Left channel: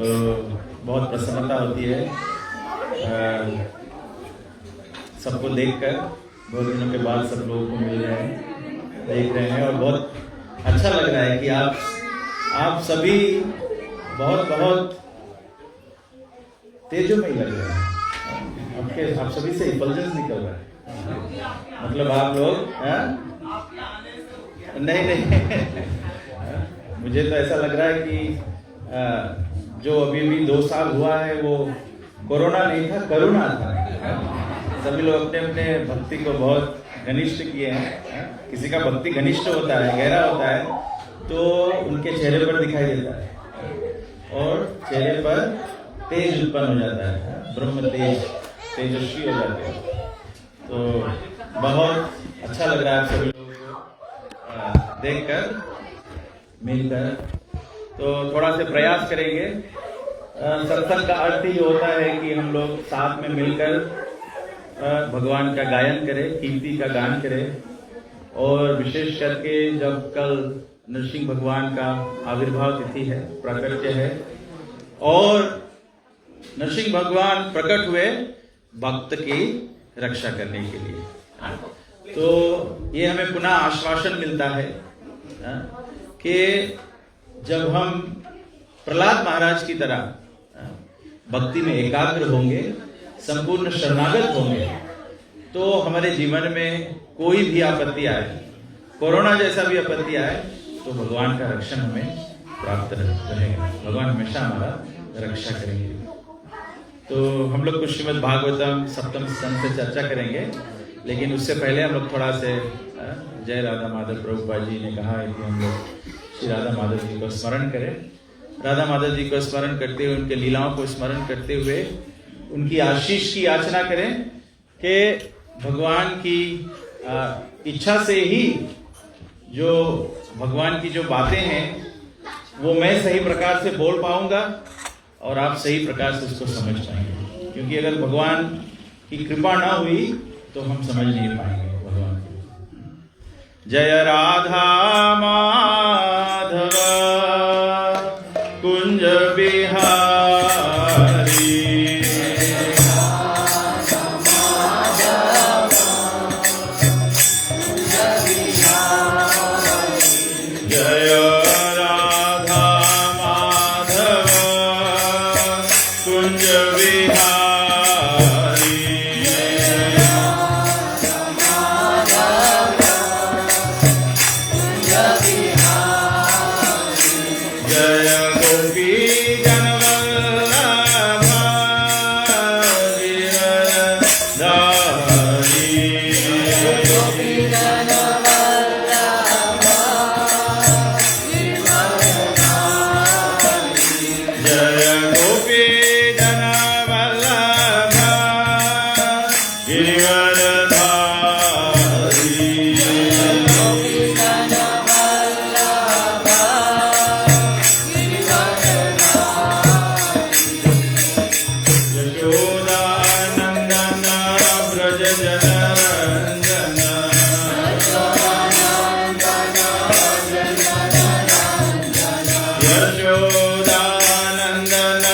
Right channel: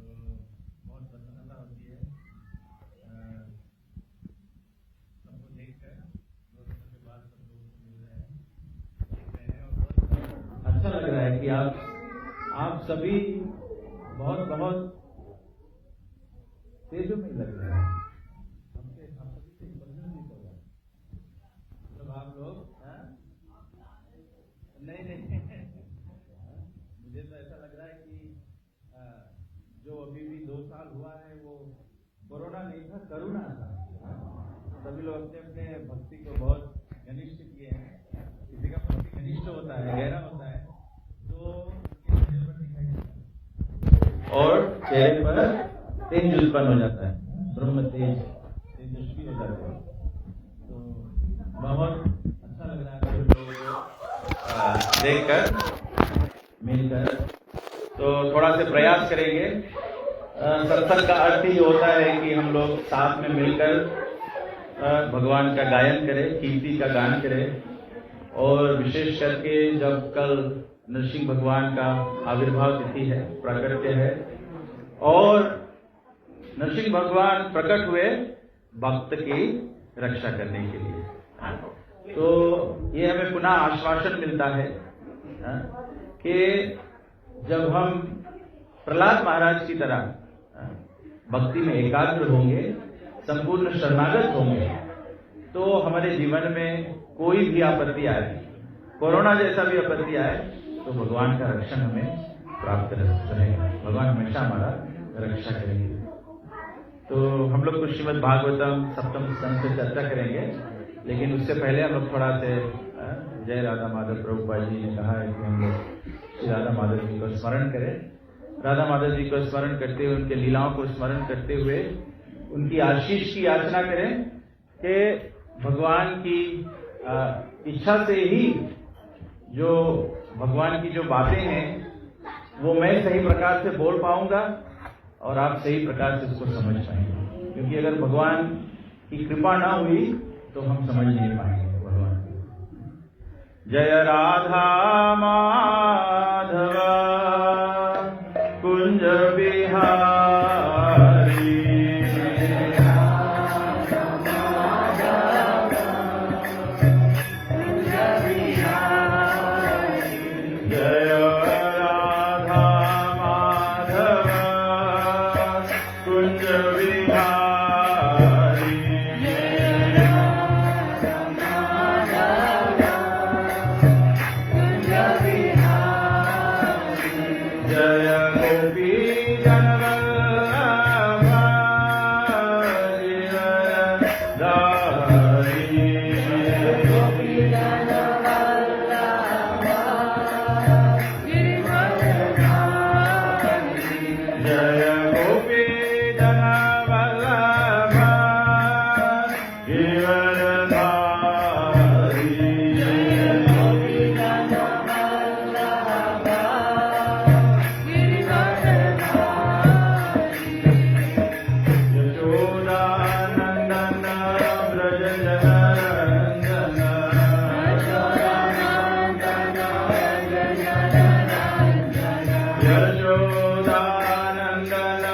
तो बहुत प्रसन्नता होती है सबको देखकर। बहुत दिनों के बाद सब लोगों को मिल रहे हैं, देख रहे हैं और बहुत अच्छा लग रहा है कि आप सभी बहुत बहुत तेजोमय लग रहे हैं। आप सभी से इफल्जेंस निकल रहा है, मतलब आप लोग नहीं मुझे तो ऐसा लग रहा है कि जो अभी 2 साल हुआ है वो कोरोना नहीं था, करुणा था। सभी लोग अपने अपने भक्ति को बहुत घनिष्ठ किए हैं। किसी का भक्ति घनिष्ठ होता है, गहरा होता है, तो उनके चेहरे पर दिखाई देता है और चेहरे पर तेज उत्पन्न हो जाता है, ब्रह्म तेज, तेजस्वी हो जाते हैं। तो बहुत अच्छा लग रहा है सभी लोगों को देखकर, मिलकर। तो थोड़ा से प्रयास करेंगे। सत्संग का अर्थ ही होता है कि हम लोग साथ में मिलकर भगवान का गायन करें, कीर्ति का गान करें। और विशेष करके जब कल नरसिंह भगवान का आविर्भाव तिथि है, प्राकट्य है, और नरसिंह भगवान प्रकट हुए भक्त की रक्षा करने के लिए, तो ये हमें पुनः आश्वासन मिलता है कि जब हम प्रहलाद महाराज की तरह भक्ति में एकाग्र होंगे, संपूर्ण शरणागत होंगे, तो हमारे जीवन में कोई भी आपत्ति आए, कोरोना जैसा भी आपत्ति आए, तो भगवान का रक्षण हमें प्राप्त रहेगा। भगवान हमेशा हमारा रक्षा करेंगे। तो हम लोग कुछ श्रीमद् भागवतम सप्तम स्कंद से चर्चा करेंगे, लेकिन उससे पहले हम लोग थोड़ा से जय राधा माधव प्रभुपाद जी ने कहा है कि हम लोग श्री राधा माधव जी को स्मरण करें। राधा माधव जी को स्मरण करते हुए, उनके लीलाओं को स्मरण करते हुए उनकी आशीष की याचना करें कि भगवान की इच्छा से ही जो भगवान की जो बातें हैं वो मैं सही प्रकार से बोल पाऊंगा और आप सही प्रकार से उसको समझ पाएंगे। क्योंकि अगर भगवान की कृपा ना हुई तो हम समझ नहीं पाएंगे भगवान को। जय राधा माधव कुंज बिहारी, Nandana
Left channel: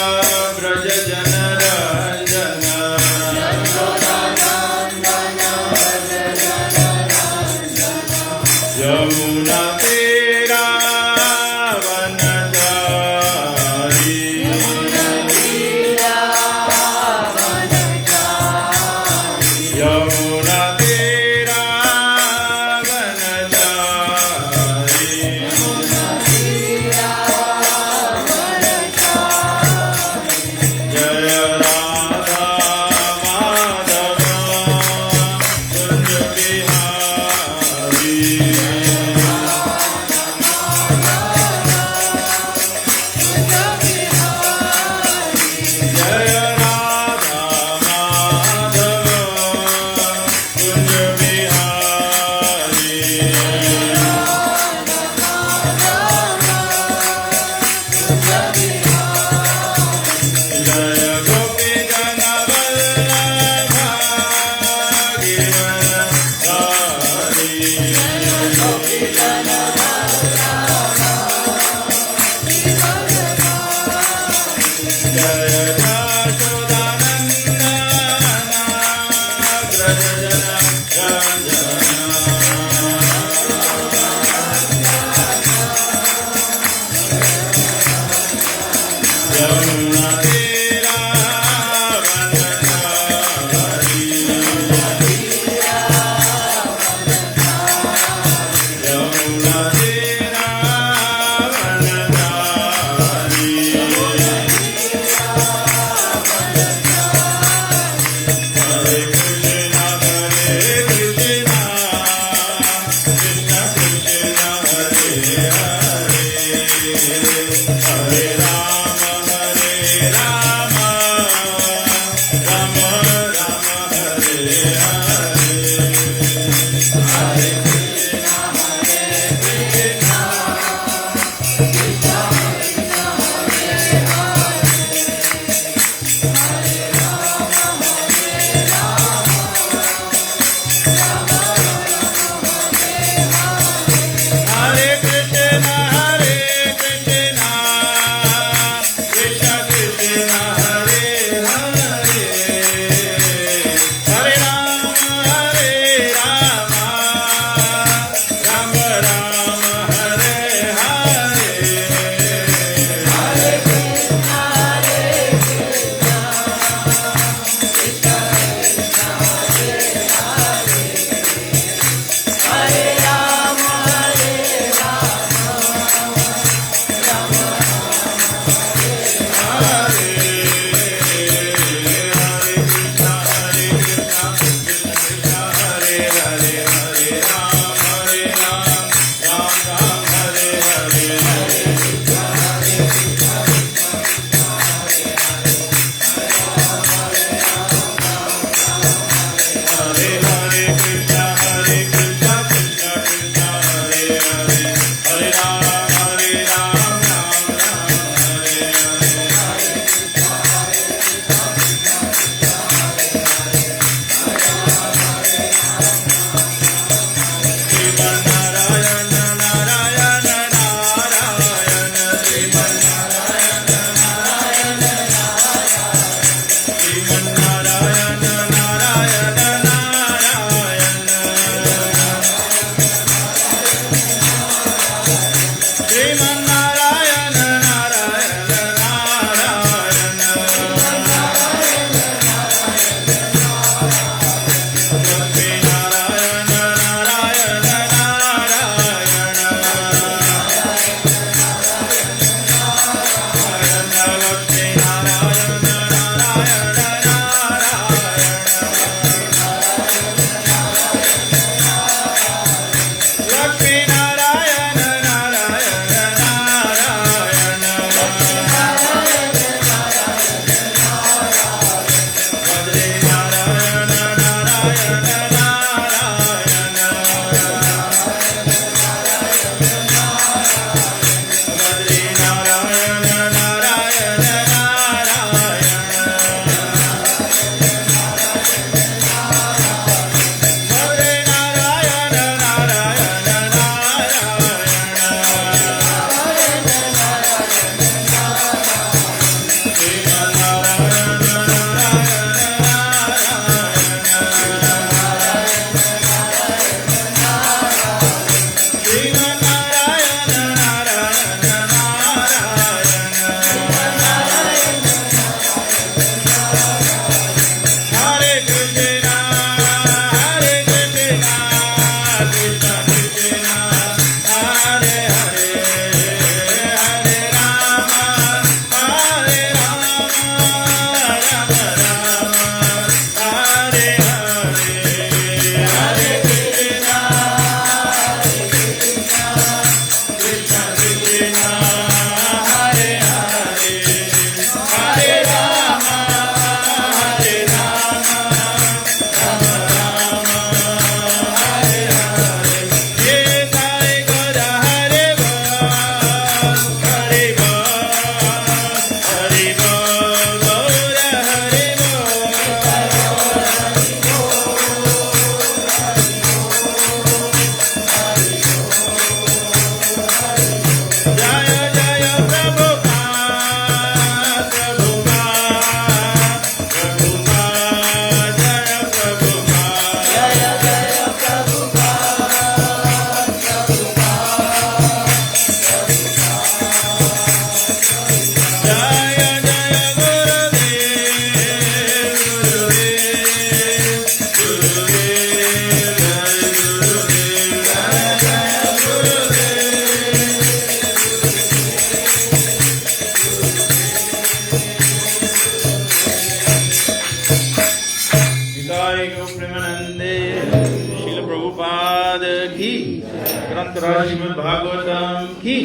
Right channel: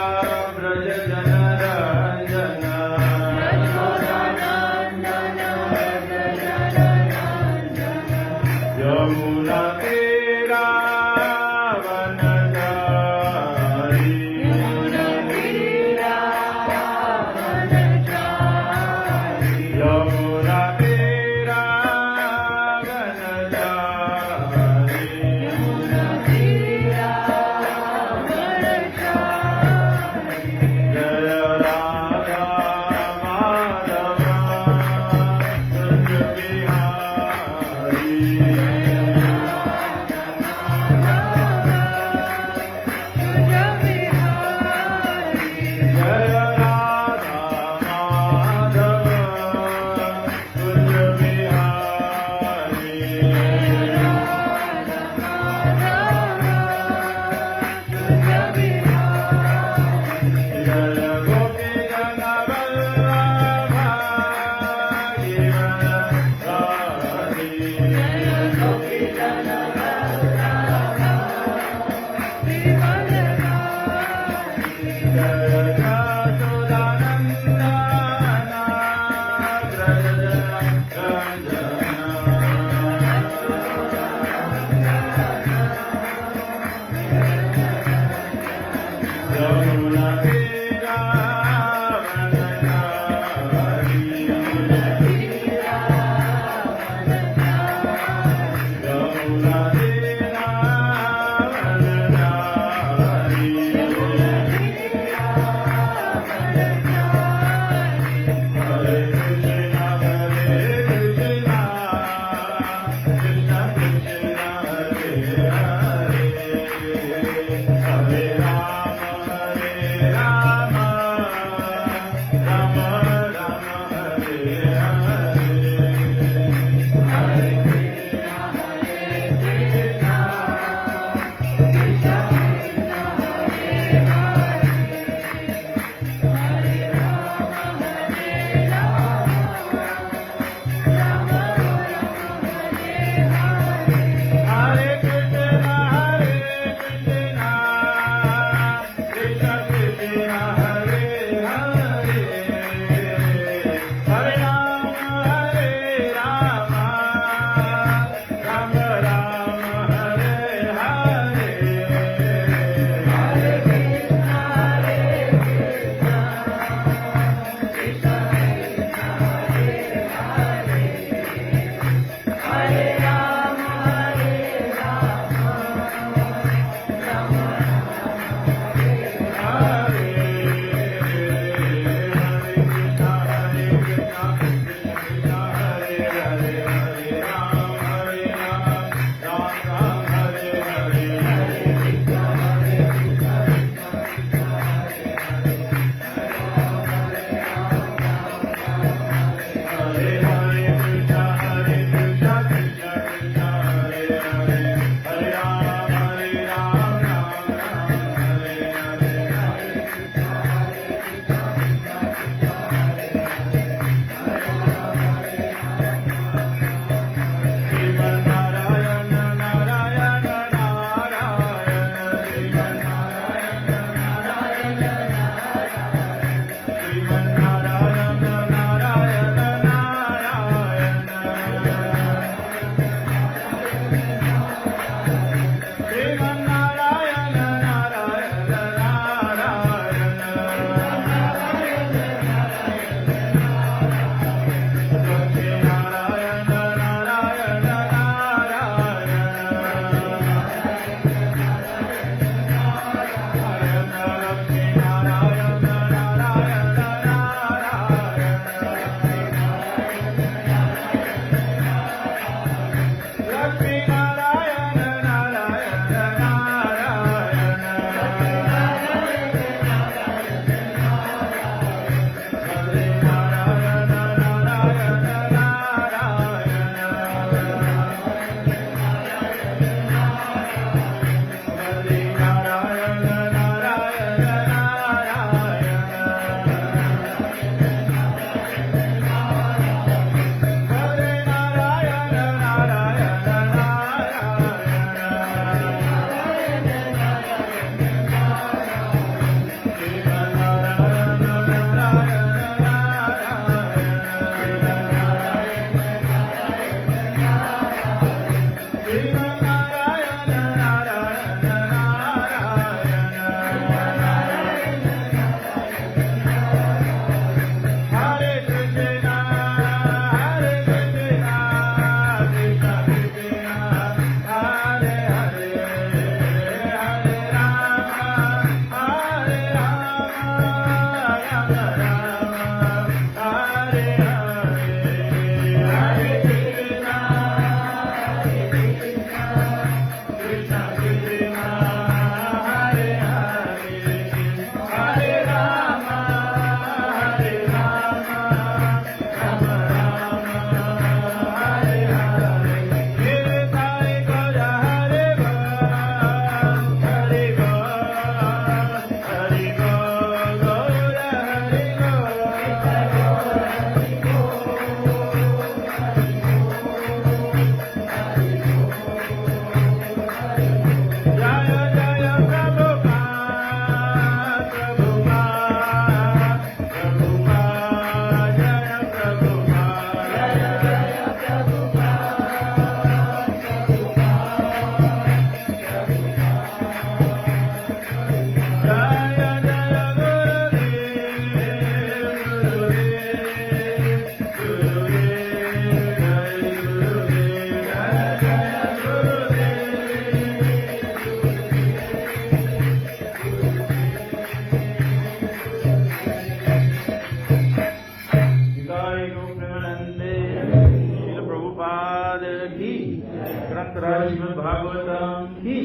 कथा श्रीमद् भागवतम की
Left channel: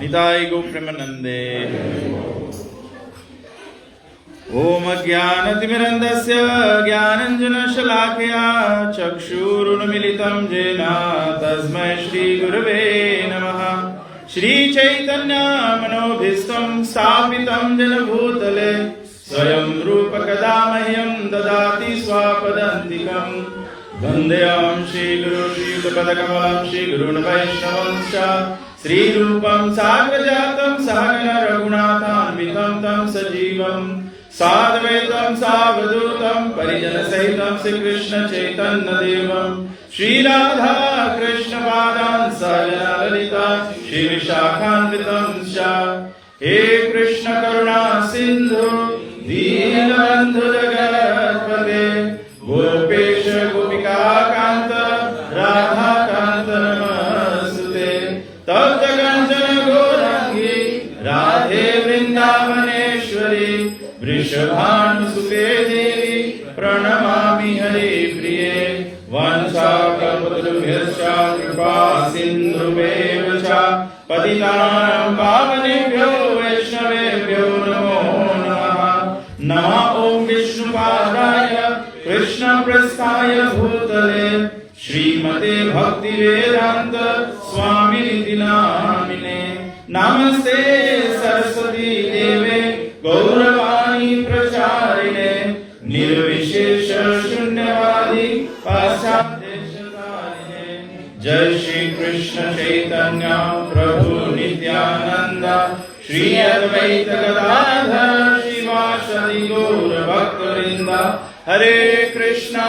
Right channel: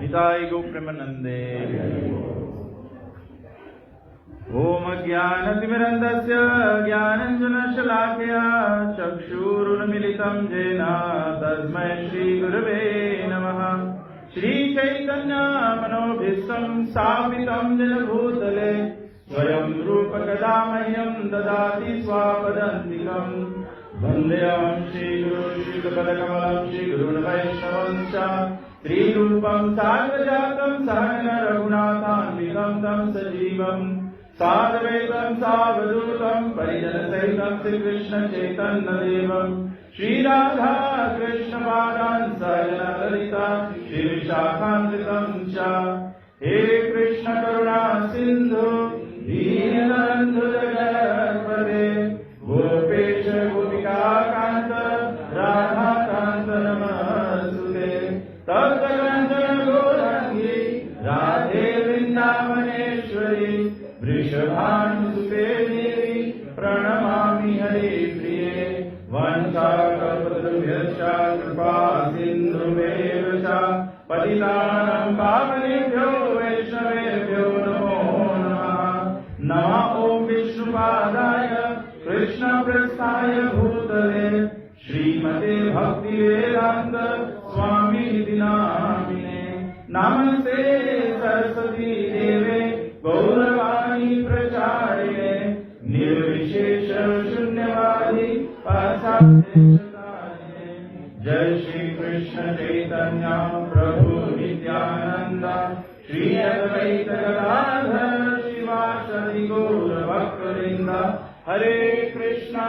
निताय गो प्रेमानंदे। ओम ज्ञानतिमिरन्धस्य ज्ञानञ्जनशलाकया चक्षुरुन्मीलितं येन तस्मै श्रीगुरवे नमः। श्रीचैतन्यमनोभीष्टं स्थापितं येन भूतले स्वयं रूपकदा मह्यं ददाति स्वापदान्तिकं। वन्देऽहं श्रीगुरुं श्रीयुतपदकमलं श्रीगुरून् वैष्णवंश्च श्रीरूपं साग्रजातं सहगण रघुनाथान्वितं तं सजीवम् साद्वैतं सावधूतं परिजनसहितं श्रीकृष्ण चैतन्यदेवं श्रीराधा कृष्णपादान् सहगण ललिता श्रीविशाखान्वितं च। हे कृष्ण करुणा सिन्धु दीनबन्धु जगत्पते गोपेश गोपिकान्त राधाकान्त नमस्तुते। तप्त कंचन गौरांगी राधे वृंदावनेश्वरी वृषभानुसुते देवी प्रणमामि हरे प्रिये। वंशाकल्पतरुभ्यश्च कृपा सिन्धुभ्येव च पतितानां पावनेभ्यो वैष्णवेभ्यो नमो नमः। नमः ॐ विष्णुपादाय कृष्णप्रस्थाय भूतले श्रीमते भक्तिवेदान्त स्वामिनिति नामिने। नमस्ते सरस्वती देवे गौरवाणी प्रचारिणे निर्विशेष शून्यवादी पाश्चात्यदेशतारिणे। जय श्री कृष्ण चैतन्य प्रभु नित्यानंद श्री अद्वैत गदाधर श्रीवासदि गौर भक्तवृंद। हरे कृष्णा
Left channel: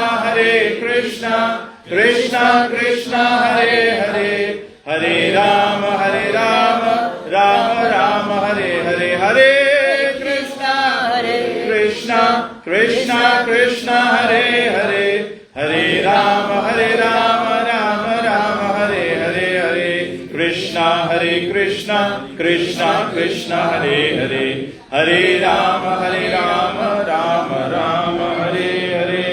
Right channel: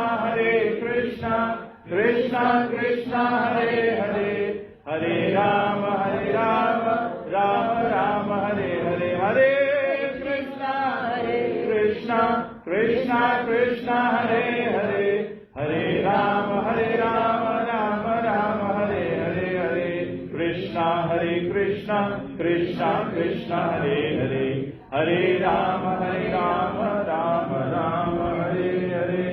कृष्णा कृष्णा हरे हरे हरे राम राम राम हरे हरे। हरे कृष्णा कृष्णा हरे हरे हरे राम राम राम हरे हरे। हरे कृष्णा कृष्णा कृष्णा हरे हरे हरे राम राम राम हरे हरे।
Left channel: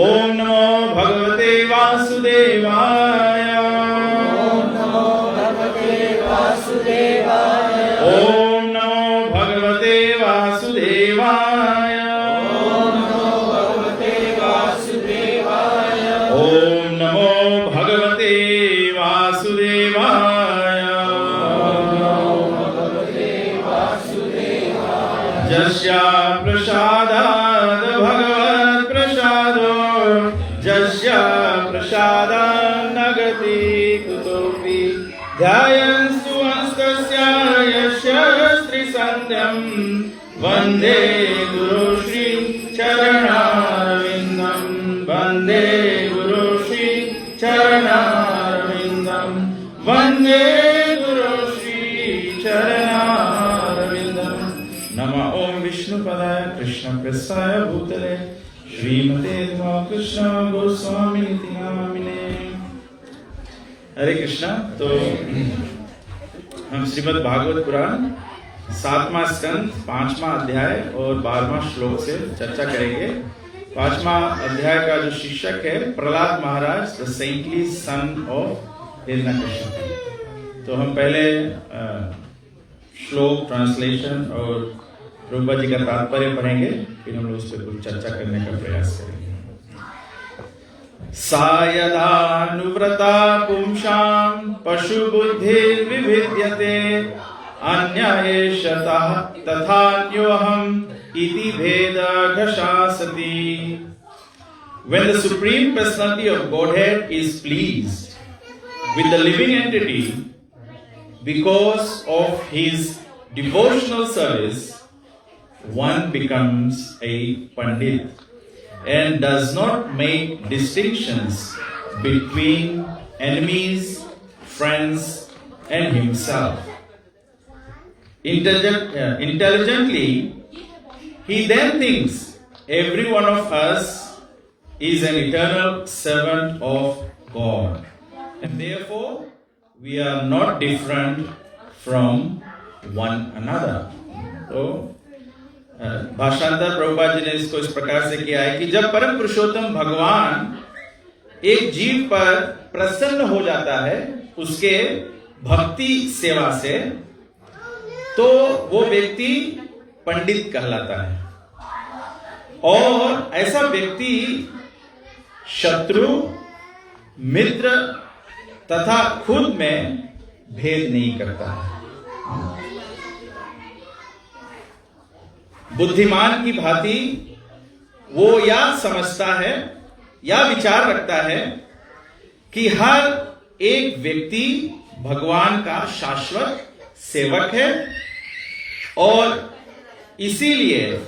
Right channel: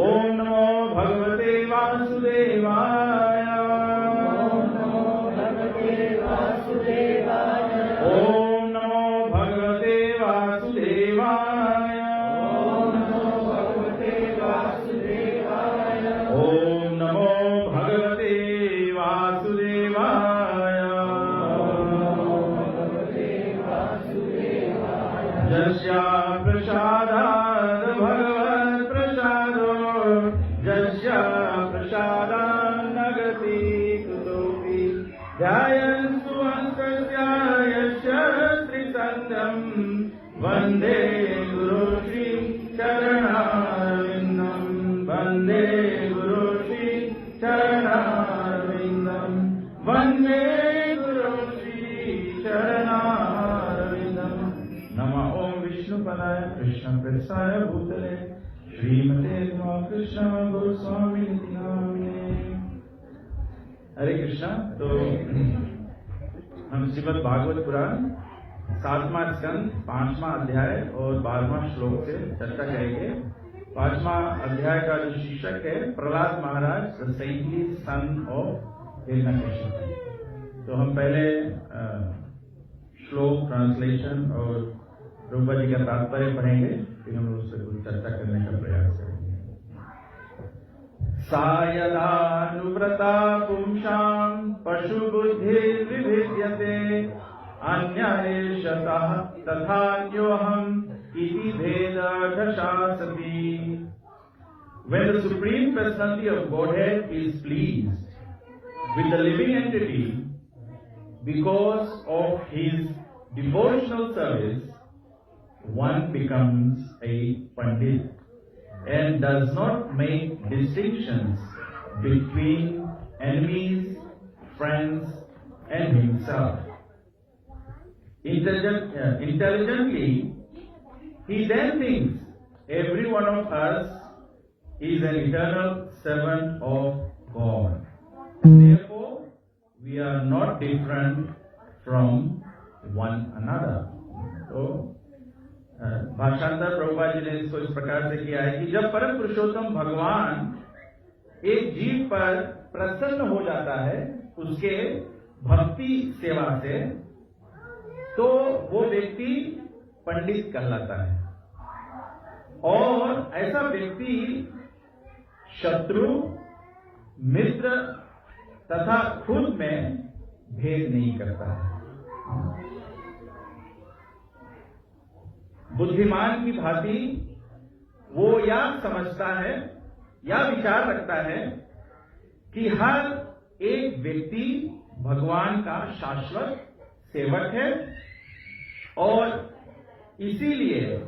ओम नमो भगवते वासुदेवाय। ओम नमो भगवते वासुदेवाय। ओम नमो भगवते वासुदेवाय। ओम नमो भगवते वासुदेवाय। ओम नमो भगवते वासुदेवाय। ओम नमो भगवते वासुदेवाय। जस्या प्रसादाद् भगवत् प्रसादो जस्या प्रसादान्न गति कुतोऽपि। ध्यायन्तु हस्तस्य यस्य श्रीसन्ध्यं वन्दे गुरु श्री चरणारविन्दं। वन्दे गुरु श्री चरणारविन्दं। वन्दे गुरु श्री चरणारविन्दं। नमः ॐ विष्णुपदाय कृष्णप्रस्थाय भूतले श्रीमते कृष्ण गोस्वामिनिति नामिने। हरे कृष्णा। तो हम श्रीमद् भागवत पुराण 7वां स्कंद 5वां अध्याय और 12वां श्लोक से चर्चा करेंगे। 5वां अध्याय का जो शीर्षक है Prahlad Maharaj the saintly son of Hiranyakashipu. तो हम पहले श्लोक ट्रांसलेशन और प्रभुपाद जी का तात्पर्य पढ़ेंगे, फिर हम लोग उस पर कुछ चर्चा करने का प्रयास करेंगे। सायदानुव्रता पुंसां पशुबुद्धिर्विभिद्यते अन्येषतः तथान्योऽहम् इति भेदघशासति। When the Supreme Personality of Godhead is pleased with the living entity because of his devotional service, one becomes a Pandit and does not make distinctions between enemies, friends, and himself. Intelligently, he then thinks every one of us is an eternal servant of God, and therefore we are not different from one another. तो भाषांतर प्रभुपाद जी ने इसको इस प्रकार से किया है कि जब परम पुरुषोत्तम भगवान एक जीव पर प्रसन्न हो जाता है उसके भक्ति सेवा से, तो वो व्यक्ति पंडित कहलाता है। और ऐसा व्यक्ति शत्रु, मित्र तथा खुद में भेद नहीं करता है। बुद्धिमान की भांति वो या समझता है या विचार रखता है कि हर एक व्यक्ति भगवान का शाश्वत सेवक है और इसीलिए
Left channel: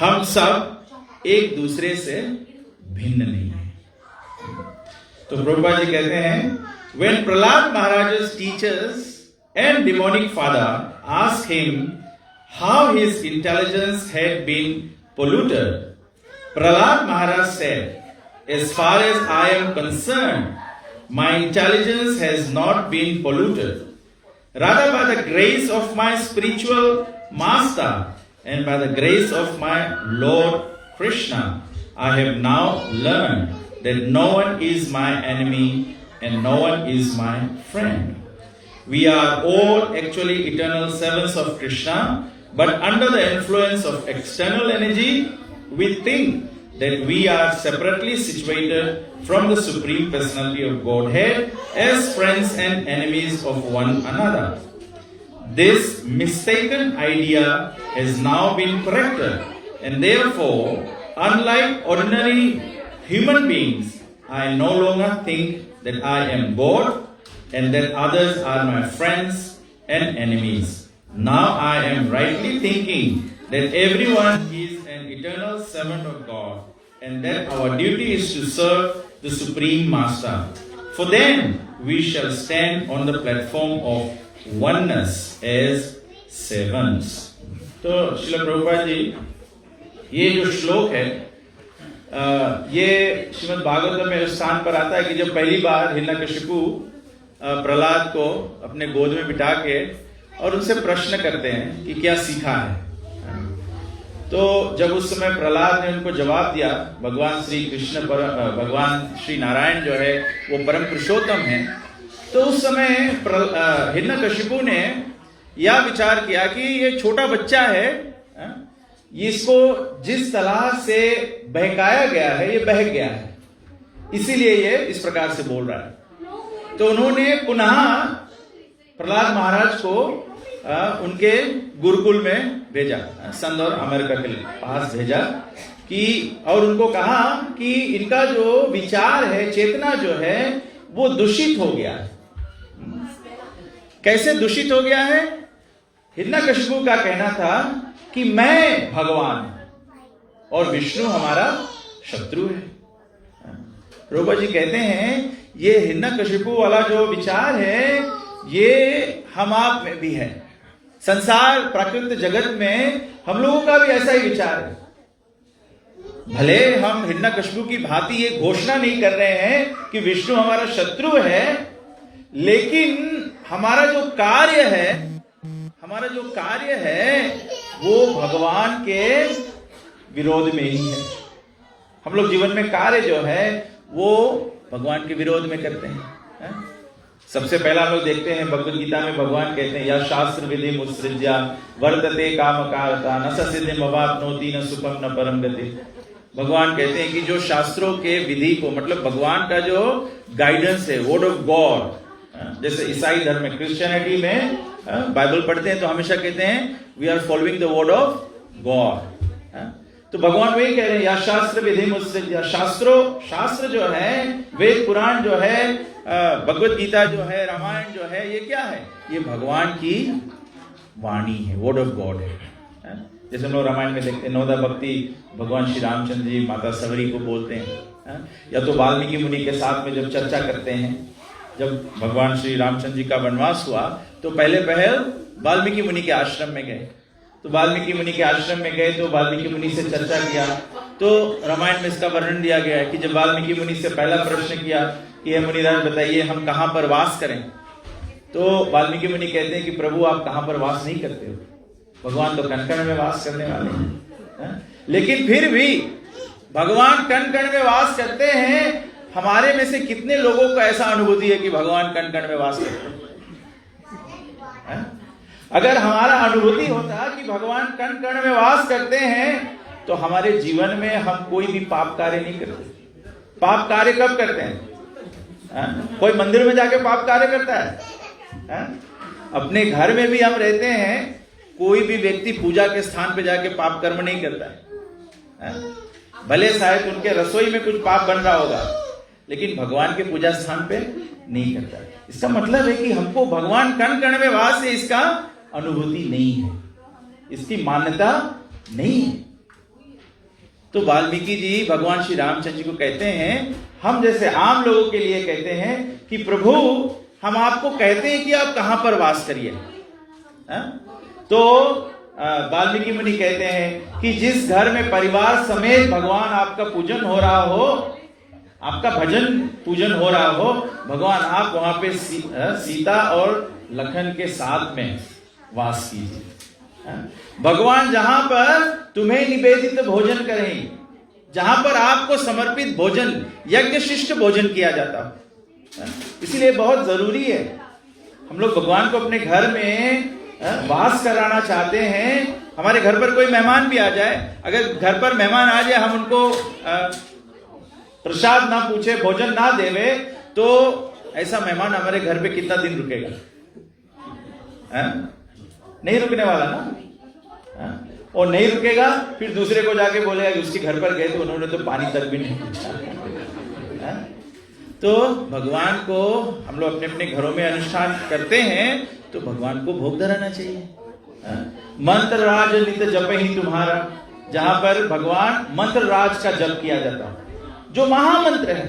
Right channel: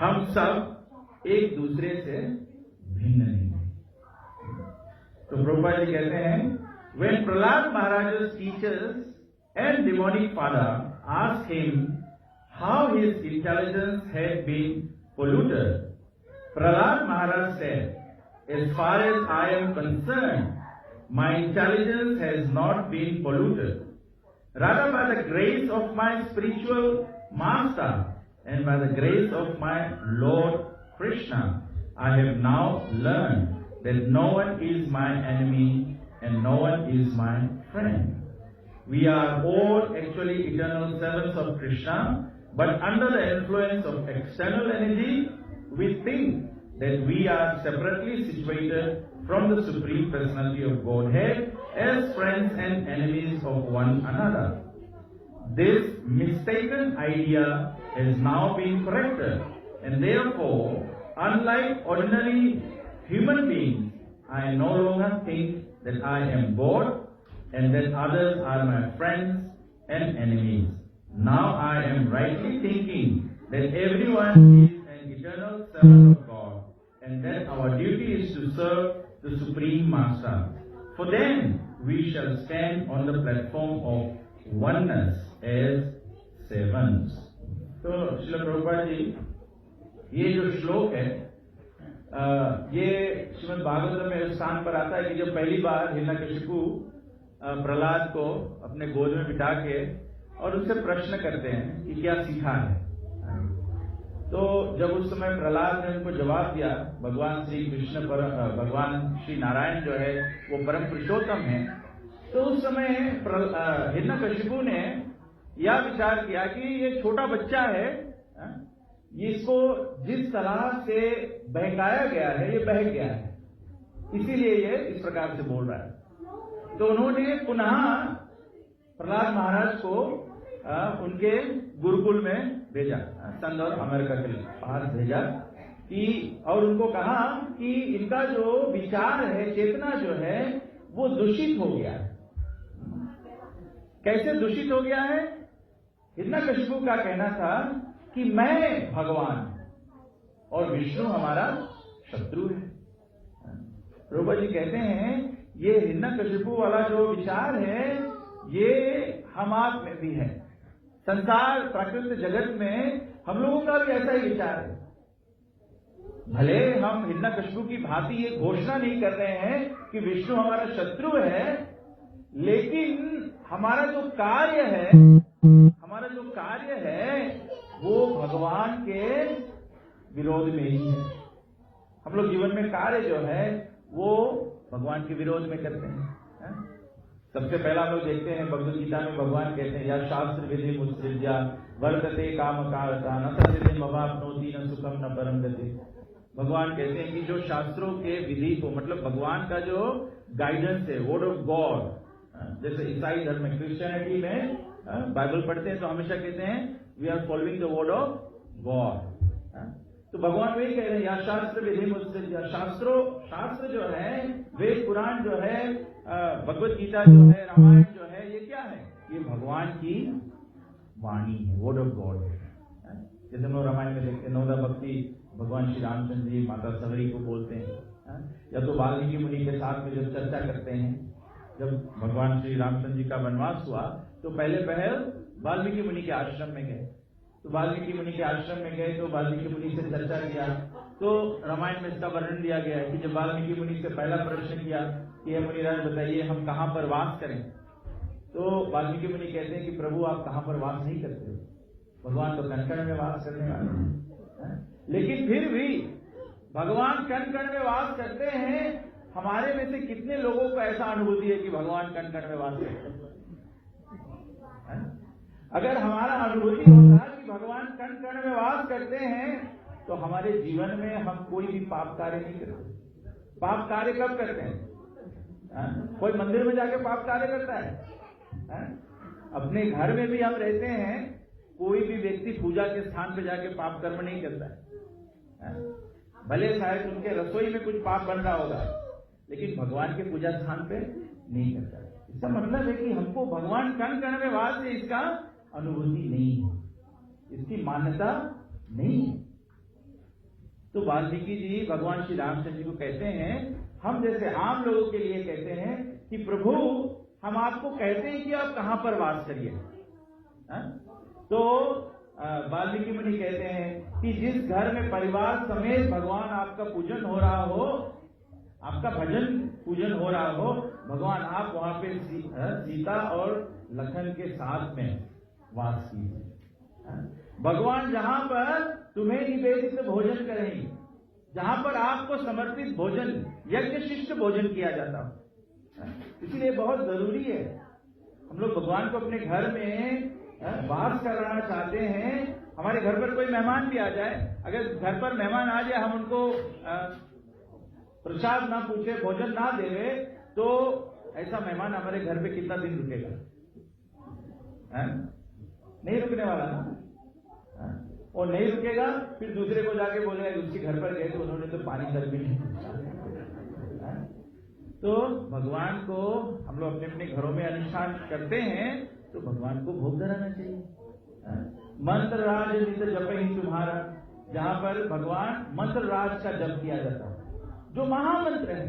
हम सब एक दूसरे से भिन्न नहीं है। तो प्रभुपाद जी कहते हैं, when Prahlad Maharaj's teachers and demonic father asked him how his intelligence had been polluted, Prahlad Maharaj said, as far as I am concerned, my intelligence has not been polluted. Rather, by the grace of my spiritual master and by the grace of my Lord Krishna, I have now learned that no one is my enemy and no one is my friend. We are all actually eternal servants of Krishna, but under the influence of external energy, we think that we are separately situated from the Supreme Personality of Godhead as friends and enemies of one another. This mistaken idea has now been corrected, and therefore, unlike ordinary human beings, I no longer think that I am God and that others are my friends and enemies. Now I am rightly thinking that everyone is an eternal servant of God and that our duty is to serve the Supreme Master. For then we shall stand on the platform of oneness as servants. तो श्रील प्रभुपाद जी, ये जो श्लोक है ये श्रीमद् भागवत में उस स्थान पर आता है कि जब पहली बार हिरण्यकशिपु प्रहलाद को अपने गोद में बिठा के और उनसे प्रश्न करते हैं कि क्या सीखा है। तो जब उस समय प्रहलाद ने उनको जवाब दिया, भगवान श्री कृष्ण भगवान श्री नारायण जो है वो परम पुरुषोत्तम है, तो उस समय हिरण्यकशिपु ने यह विचार किया कि ये छोटा बच्चा है, इसको जिस तरह से बहकाया गया है ये बहक गया है, इसीलिए ये इस प्रकार से बोल रहा है। तो उन्होंने पुनः प्रहलाद महाराज को उनके गुरुकुल में भेजा, संत और अमेरिका के पास भेजा कि और उनको कहा कि इनका जो विचार है, चेतना जो है वो दूषित हो गया है। कैसे दूषित हो गया है? हिरण्यकशिपु का कहना था कि मैं भगवान और विष्णु हमारा शत्रु है। प्रभुपा जी कहते हैं ये हिरण्यकशिपु वाला जो विचार है ये हम आप में भी है। संसार प्राकृतिक जगत में हम लोगों का भी ऐसा ही विचार है। भले हम हिरण्यकशिपु की भांति ये घोषणा नहीं कर रहे हैं कि विष्णु हमारा शत्रु है, लेकिन हमारा जो कार्य है वो भगवान के विरोध में ही है। हम लोग जीवन में कार्य जो है वो भगवान के विरोध में करते हैं। सबसे पहला हम लोग देखते हैं भगवद गीता में भगवान कहते हैं, या शास्त्र विधि मुत्सृज्या वर्तते काम कारता न सिद्धिम अवाप्नोति न सुखम न परम गति। भगवान कहते हैं कि जो शास्त्रों के विधि को, मतलब भगवान का जो गाइडेंस है, वर्ड ऑफ गॉड, जैसे ईसाई धर्म में, क्रिश्चियनिटी में बाइबल पढ़ते हैं तो हमेशा कहते हैं we are following the word of God. तो भगवान वही कह रहे हैं, या शास्त्र विधि मुत्सृज्या, शास्त्र जो है, वेद पुराण जो है, भगवत गीता जो है, रामायण जो है, ये क्या है? ये भगवान की वाणी है, वर्ड ऑफ गॉड है। जैसे हम लोग रामायण में देखते हैं नवदा भक्ति भगवान श्री रामचंद्र जी माता सवरी को बोलते हैं, या तो वाल्मीकि मुनि के साथ में जब चर्चा करते हैं, जब भगवान श्री रामचंद्र जी का वनवास हुआ तो पहले पहल वाल्मीकि मुनि के आश्रम में गए। तो वाल्मीकि मुनि के आश्रम में गए तो वाल्मीकि मुनि से चर्चा किया। तो रामायण में इसका वर्णन दिया गया है कि जब वाल्मीकि मुनि से पहला प्रश्न किया कि हे मुनिराज बताइए हम कहाँ पर वास करें, तो वाल्मीकि मुनि कहते हैं कि प्रभु आप कहाँ पर वास नहीं करते हो, भगवान तो कण कण में वास करने वाले हैं। लेकिन फिर भी भगवान कण कण में वास करते हैं, हमारे में से कितने लोगों को ऐसा अनुभूति है कि भगवान कण कण में वास करते हैं? अगर हमारा अनुभूति होता कि भगवान कण कण में वास करते हैं तो हमारे जीवन में हम कोई भी पाप कार्य नहीं करते। पाप कार्य कब करते हैं? कोई मंदिर में जाके पाप कार्य करता है? अपने घर में भी हम रहते हैं, कोई भी व्यक्ति पूजा के स्थान पे जाके पाप कर्म नहीं करता है। भले शायद उनके रसोई में कुछ पाप बन रहा होगा, लेकिन भगवान के पूजा स्थान पे नहीं करता। इसका मतलब है कि हमको भगवान कण कण में वास है, इसका अनुभूति नहीं है, इसकी मान्यता नहीं है। तो वाल्मीकि जी भगवान श्री रामचंद्र जी को कहते हैं, हम जैसे आम लोगों के लिए कहते हैं कि प्रभु हम आपको कहते हैं कि आप कहां पर वास करिए। तो वाल्मीकि मुनि कहते हैं कि जिस घर में परिवार समेत भगवान आपका पूजन हो रहा हो, आपका भजन पूजन हो रहा हो, भगवान आप वहां पे सीता और लखन के साथ में वास कीजिए। भगवान जहां पर तुम्हें निवेदित भोजन करें, जहां पर आपको समर्पित भोजन, यज्ञ शिष्ट भोजन किया जाता हो। इसीलिए बहुत जरूरी है, हम लोग भगवान को अपने घर में वास कराना चाहते हैं। हमारे घर पर कोई मेहमान भी आ जाए, अगर घर पर मेहमान आ जाए, हम उनको प्रसाद ना पूछे, भोजन ना देवे, तो ऐसा मेहमान हमारे घर पे कितना दिन रुकेगा? नहीं रुकने वाला ना। और नहीं रुकेगा, फिर दूसरे को जाके बोलेगा कि उसके घर पर गए तो उन्होंने तो पानी तक भी नहीं पूछा। तो भगवान को हम लोग अपने अपने घरों में अनुष्ठान करते हैं, तो भगवान को भोग धराना चाहिए। मंत्र राज नित जप ही तुम्हारा, जहां पर भगवान मंत्र राज का जप किया जाता है, जो महामंत्र है।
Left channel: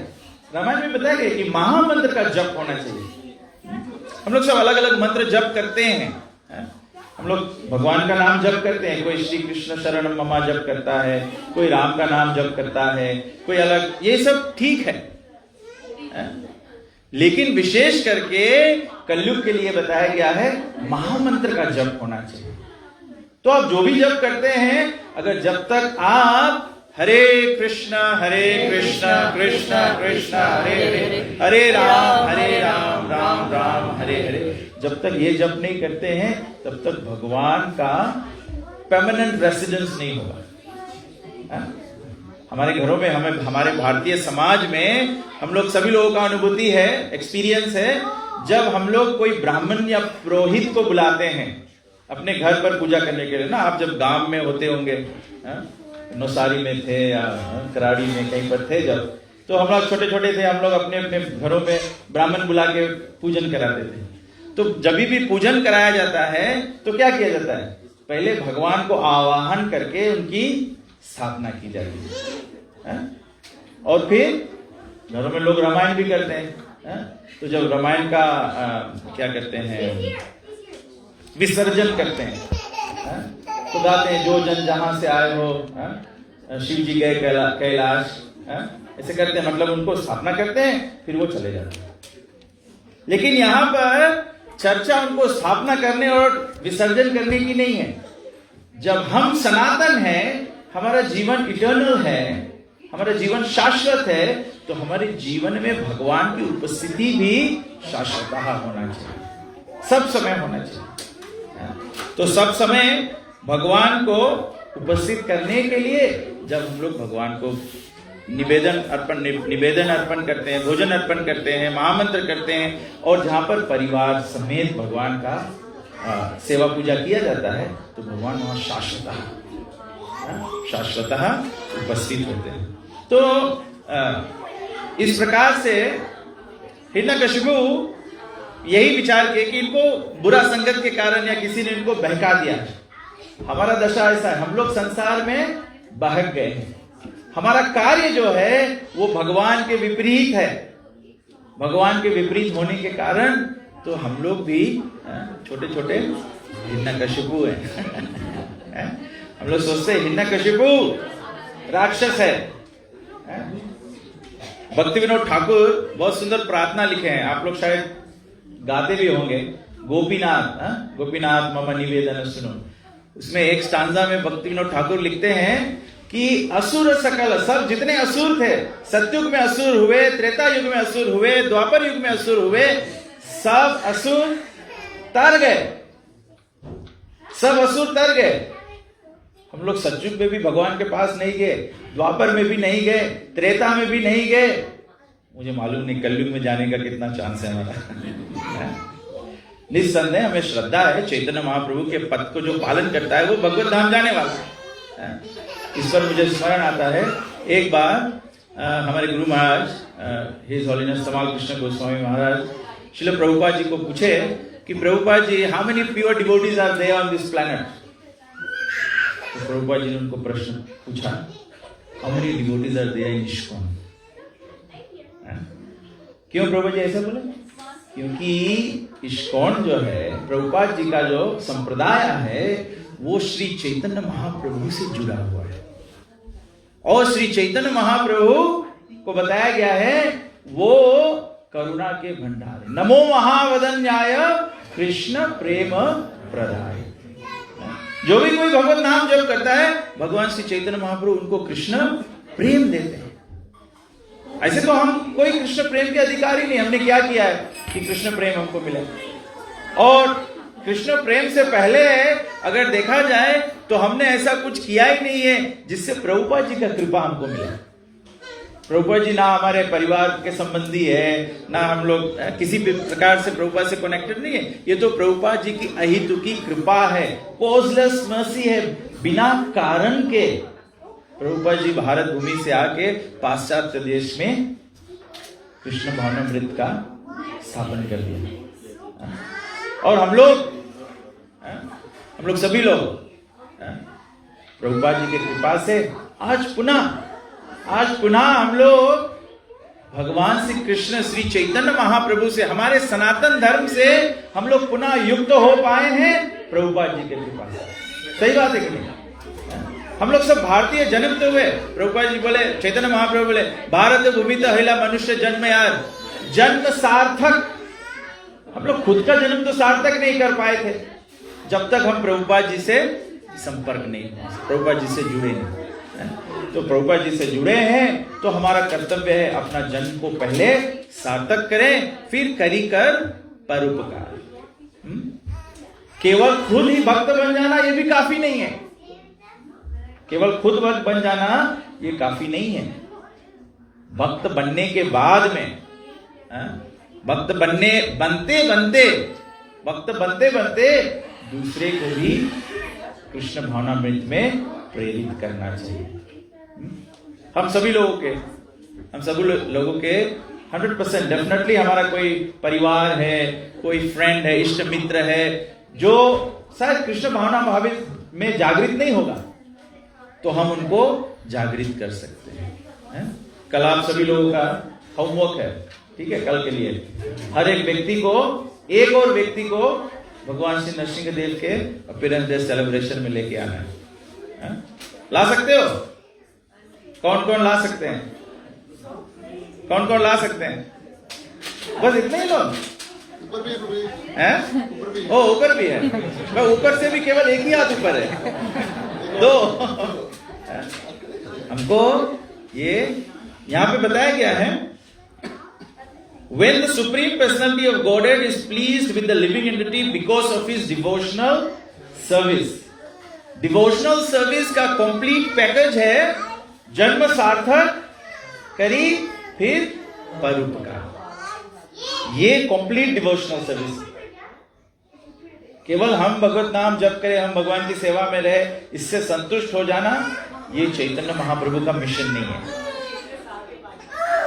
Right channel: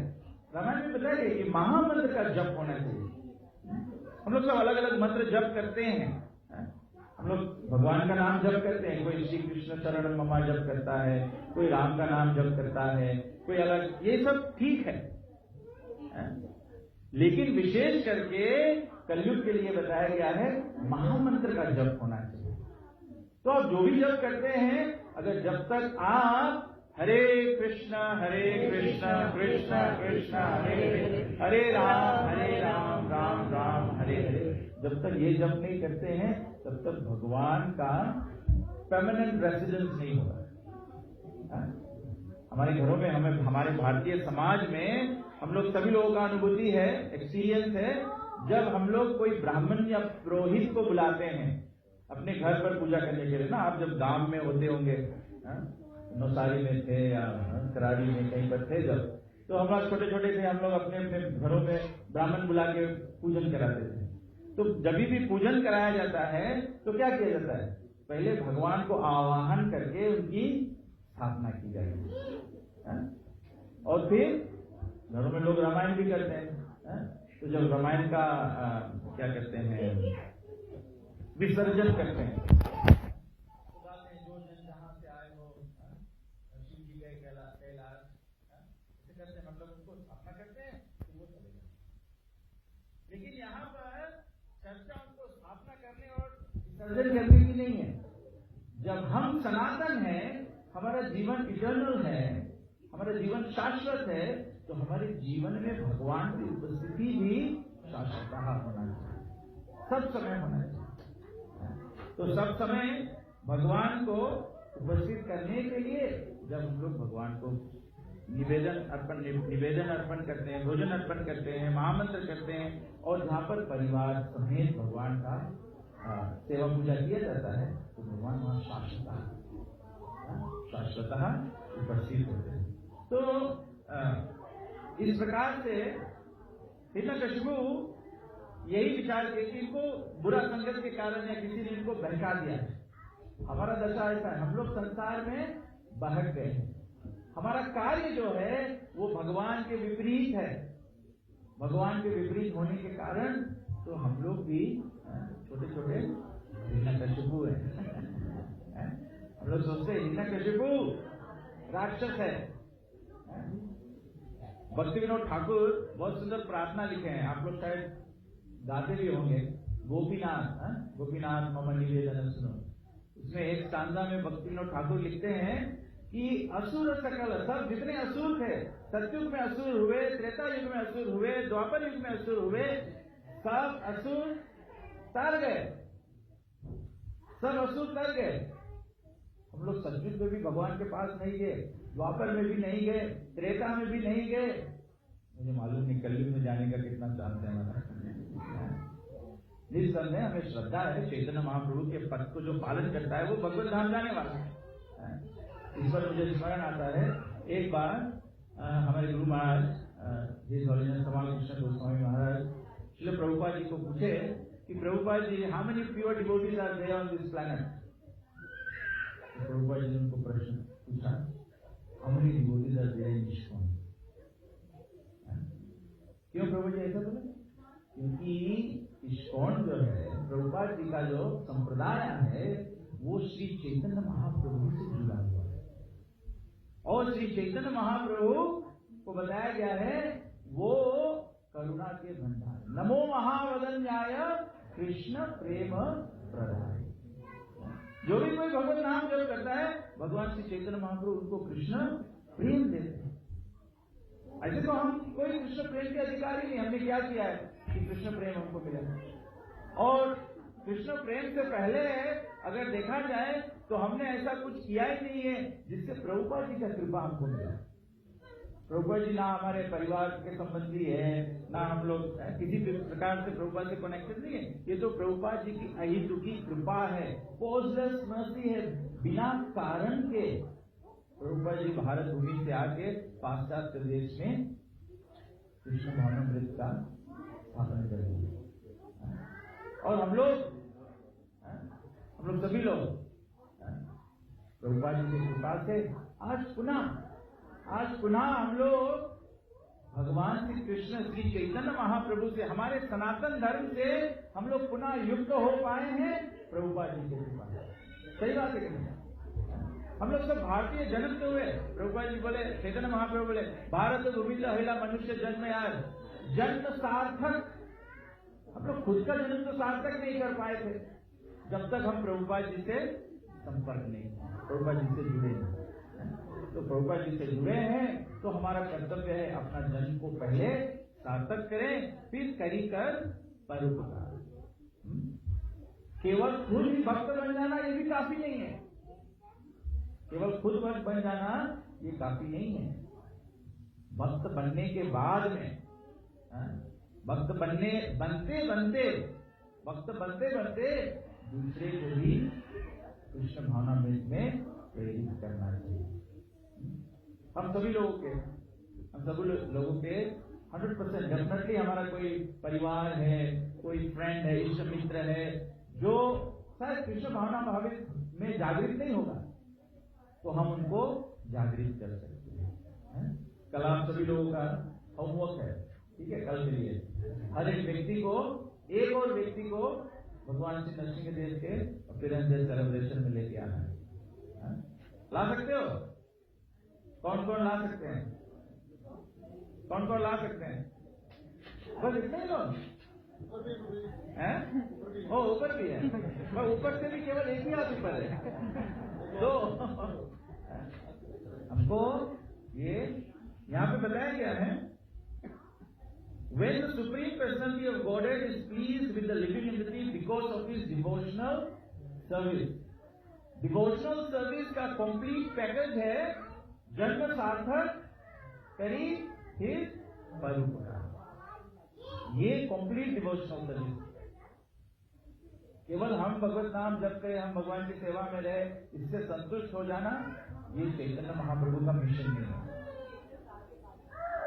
रामायण में बताया गया कि महामंत्र का जप होना चाहिए। हम लोग सब अलग अलग मंत्र जप करते हैं। हम लोग भगवान का नाम जप करते हैं, कोई श्री कृष्ण शरणम ममा जप करता है, कोई राम का नाम जप करता है, कोई अलग, ये सब ठीक है। लेकिन विशेष करके कलयुग के लिए बताया गया है महामंत्र का जप होना चाहिए। तो आप जो भी जप करते हैं, अगर जब तक आप हरे कृष्णा कृष्णा कृष्णा हरे हरे, हरे राम राम राम हरे हरे, जब तक ये जप नहीं करते हैं, तब तक भगवान का परमानेंट रेसिडेंस नहीं होगा। हमारे घरों में, हमें, हमारे भारतीय समाज में हम लोग सभी लोगों का अनुभूति है, एक्सपीरियंस है, जब हम लोग कोई ब्राह्मण या पुरोहित को बुलाते हैं अपने घर पर पूजा करने के लिए ना। आप जब गांव में होते होंगे, नौसारी में थे या कराड़ी में कहीं पर थे जब, तो हम लोग छोटे छोटे थे, हम लोग अपने अपने घरों में ब्राह्मण बुला के पूजन कराते थे। तो जब भी पूजन कराया जाता है तो क्या किया जाता है? पहले भगवान को आवाहन करके उनकी स्थापना की जाती है, और फिर घरों में लोग रामायण भी करते हैं। तो जब रामायण का क्या करते हैं, विसर्जन करते हैं, तो गाते हैं, जो जन जहां से आए हो, शिव जी गए कैलाश, ऐसे करते हैं, मतलब उनको स्थापना करते हैं, फिर वो चले जाते हैं। लेकिन यहां पर चर्चा उनको स्थापना करने और विसर्जन करने की नहीं है। जब हम सनातन हैं, हमारा जीवन इटर्नल है, हमारा जीवन शाश्वत है, तो हमारे जीवन में भगवान की उपस्थिति भी शाश्वत होना चाहिए, सब समय होना चाहिए। तो सब समय भगवान को उपस्थित करने के लिए जब हम लोग भगवान को निवेदन अर्पण करते हैं, भोजन अर्पण करते हैं, महामंत्र करते हैं, और जहां पर परिवार समेत भगवान का सेवा पूजा किया जाता है, तो भगवान वहां शाश्वतः उपस्थित होते हैं। तो इस प्रकार से हिरण्यकशिपु यही विचार किए कि इनको बुरा संगत के कारण या किसी ने इनको बहका दिया। हमारा दशा ऐसा है, हम लोग संसार में बहक गए हैं, हमारा कार्य जो है वो भगवान के विपरीत है। भगवान के विपरीत होने के कारण तो हम लोग भी छोटे छोटे हिरण्यकशिपु हैं। हम लोग सोचते हैं हिरण्यकशिपु राक्षस है। भक्ति विनोद ठाकुर बहुत सुंदर प्रार्थना लिखे हैं, आप लोग शायद गाते भी होंगे, गोपीनाथ मम निवेदन सुनो। उसमें एक स्टांजा में भक्ति विनोद ठाकुर लिखते हैं कि असुर सकल, सब जितने असुर थे, सतयुग में असुर हुए, त्रेता युग में असुर हुए, द्वापर युग में असुर हुए, सब असुर तर गए, सब असुर तर गए। हम लोग सतयुग में भी भगवान के पास नहीं गए, द्वापर में भी नहीं गए, त्रेता में भी नहीं गए। मुझे मालूम नहीं कलयुग में जाने का कितना चांस है हमारा। निस्संदेह हमें श्रद्धा है चैतन्य महाप्रभु के पद को जो पालन करता है वो भगवत धाम जाने वाला है। इस पर मुझे स्मरण आता है, एक बार हमारे गुरु महाराज हिज होलिनेस तमाल कृष्ण गोस्वामी महाराज श्रील प्रभुपाद जी को पूछे कि Prabhupada ji, how many pure devotees are there on this planet? तो प्रभुपाद जी ने उनको प्रश्न पूछा, how many devotees are there in ISKCON? क्यों प्रभुपाद जी ऐसा बोले? क्योंकि इस्कॉन जो है, प्रभुपाद जी का जो संप्रदाय है, वो श्री चैतन्य महाप्रभु से जुड़ा हुआ है। और श्री चैतन्य महाप्रभु को बताया गया है वो करुणा के भंडार, नमो महावदन्याय कृष्ण प्रेम प्रदाय। जो भी कोई भगवत नाम जप करता है, भगवान श्री चैतन्य महाप्रभु उनको कृष्ण प्रेम देते हैं। ऐसे तो हम कोई कृष्ण प्रेम के अधिकारी नहीं। हमने क्या किया है कि कृष्ण प्रेम हमको मिले? और कृष्ण प्रेम से पहले अगर देखा जाए तो हमने ऐसा कुछ किया ही नहीं है जिससे प्रभुपाद जी का कृपा हमको मिले। प्रभुपाद जी ना हमारे परिवार के संबंधी है, ना हम लोग किसी भी प्रकार से प्रभुपाद से कनेक्टेड नहीं है। ये तो प्रभुपाद जी की अहेतुकी कृपा है, कॉजलेस मर्सी है। बिना कारण के प्रभुपाद जी भारत भूमि से आके पाश्चात्य देश में कृष्ण भावनामृत का स्थापन कर दिया। और हम लोग सभी लोग प्रभुपाद जी के कृपा से आज पुनः हम लोग भगवान श्री कृष्ण श्री चैतन्य महाप्रभु से, हमारे सनातन धर्म से हम लोग पुनः युक्त हो पाए हैं प्रभुपाद जी के कृपा से। सही बात है कि नहीं? हम लोग सब भारतीय जन्म तो हुए। प्रभुपाद जी बोले, चैतन्य महाप्रभु बोले, भारत भूमि तो हिला मनुष्य जन्म यार, जन्म सार्थक। हम लोग खुद का जन्म तो सार्थक नहीं कर पाए थे जब तक हम प्रभुपाद जी से संपर्क नहीं, प्रभुपाद जी से जुड़े नहीं। तो प्रभुपाद जी से जुड़े हैं तो हमारा कर्तव्य है अपना जन्म को पहले सार्थक करें, फिर करी कर परोपकार। केवल खुद ही भक्त बन जाना ये भी काफी नहीं है। केवल खुद भक्त बन जाना ये काफी नहीं है। भक्त बनने के बाद में, भक्त बनते बनते दूसरे को भी कृष्ण भावनामृत में प्रेरित करना चाहिए। हम सभी लोगों के 100% डेफिनेटली हमारा कोई परिवार है, कोई फ्रेंड है, इष्ट मित्र है जो शायद कृष्ण भावना भावित में जागृत नहीं होगा, तो हम उनको जागृत कर सकते हैं। कल आप सभी लोगों का होमवर्क है, ठीक है? कल के लिए हर एक व्यक्ति को भगवान श्री नरसिंह देव के अपीयरेंस डे सेलिब्रेशन में लेके आना है। ला सकते हो? कौन कौन ला सकते हैं? बस इतने ही लोग हैं? ओ, ऊपर भी है। मैं ऊपर से भी केवल एक ही हाथ ऊपर है, दो। हमको ये यहां पे बताया गया है, when the supreme personality of Godhead is pleased with the living entity because of his devotional service. Devotional service का कंप्लीट पैकेज है, जन्म सार्थक करी फिर परोपकार। ये कंप्लीट डिवोशनल सर्विस। केवल हम भगवत नाम जप करें, हम भगवान की सेवा में रहे, इससे संतुष्ट हो जाना, ये चैतन्य महाप्रभु का मिशन नहीं है।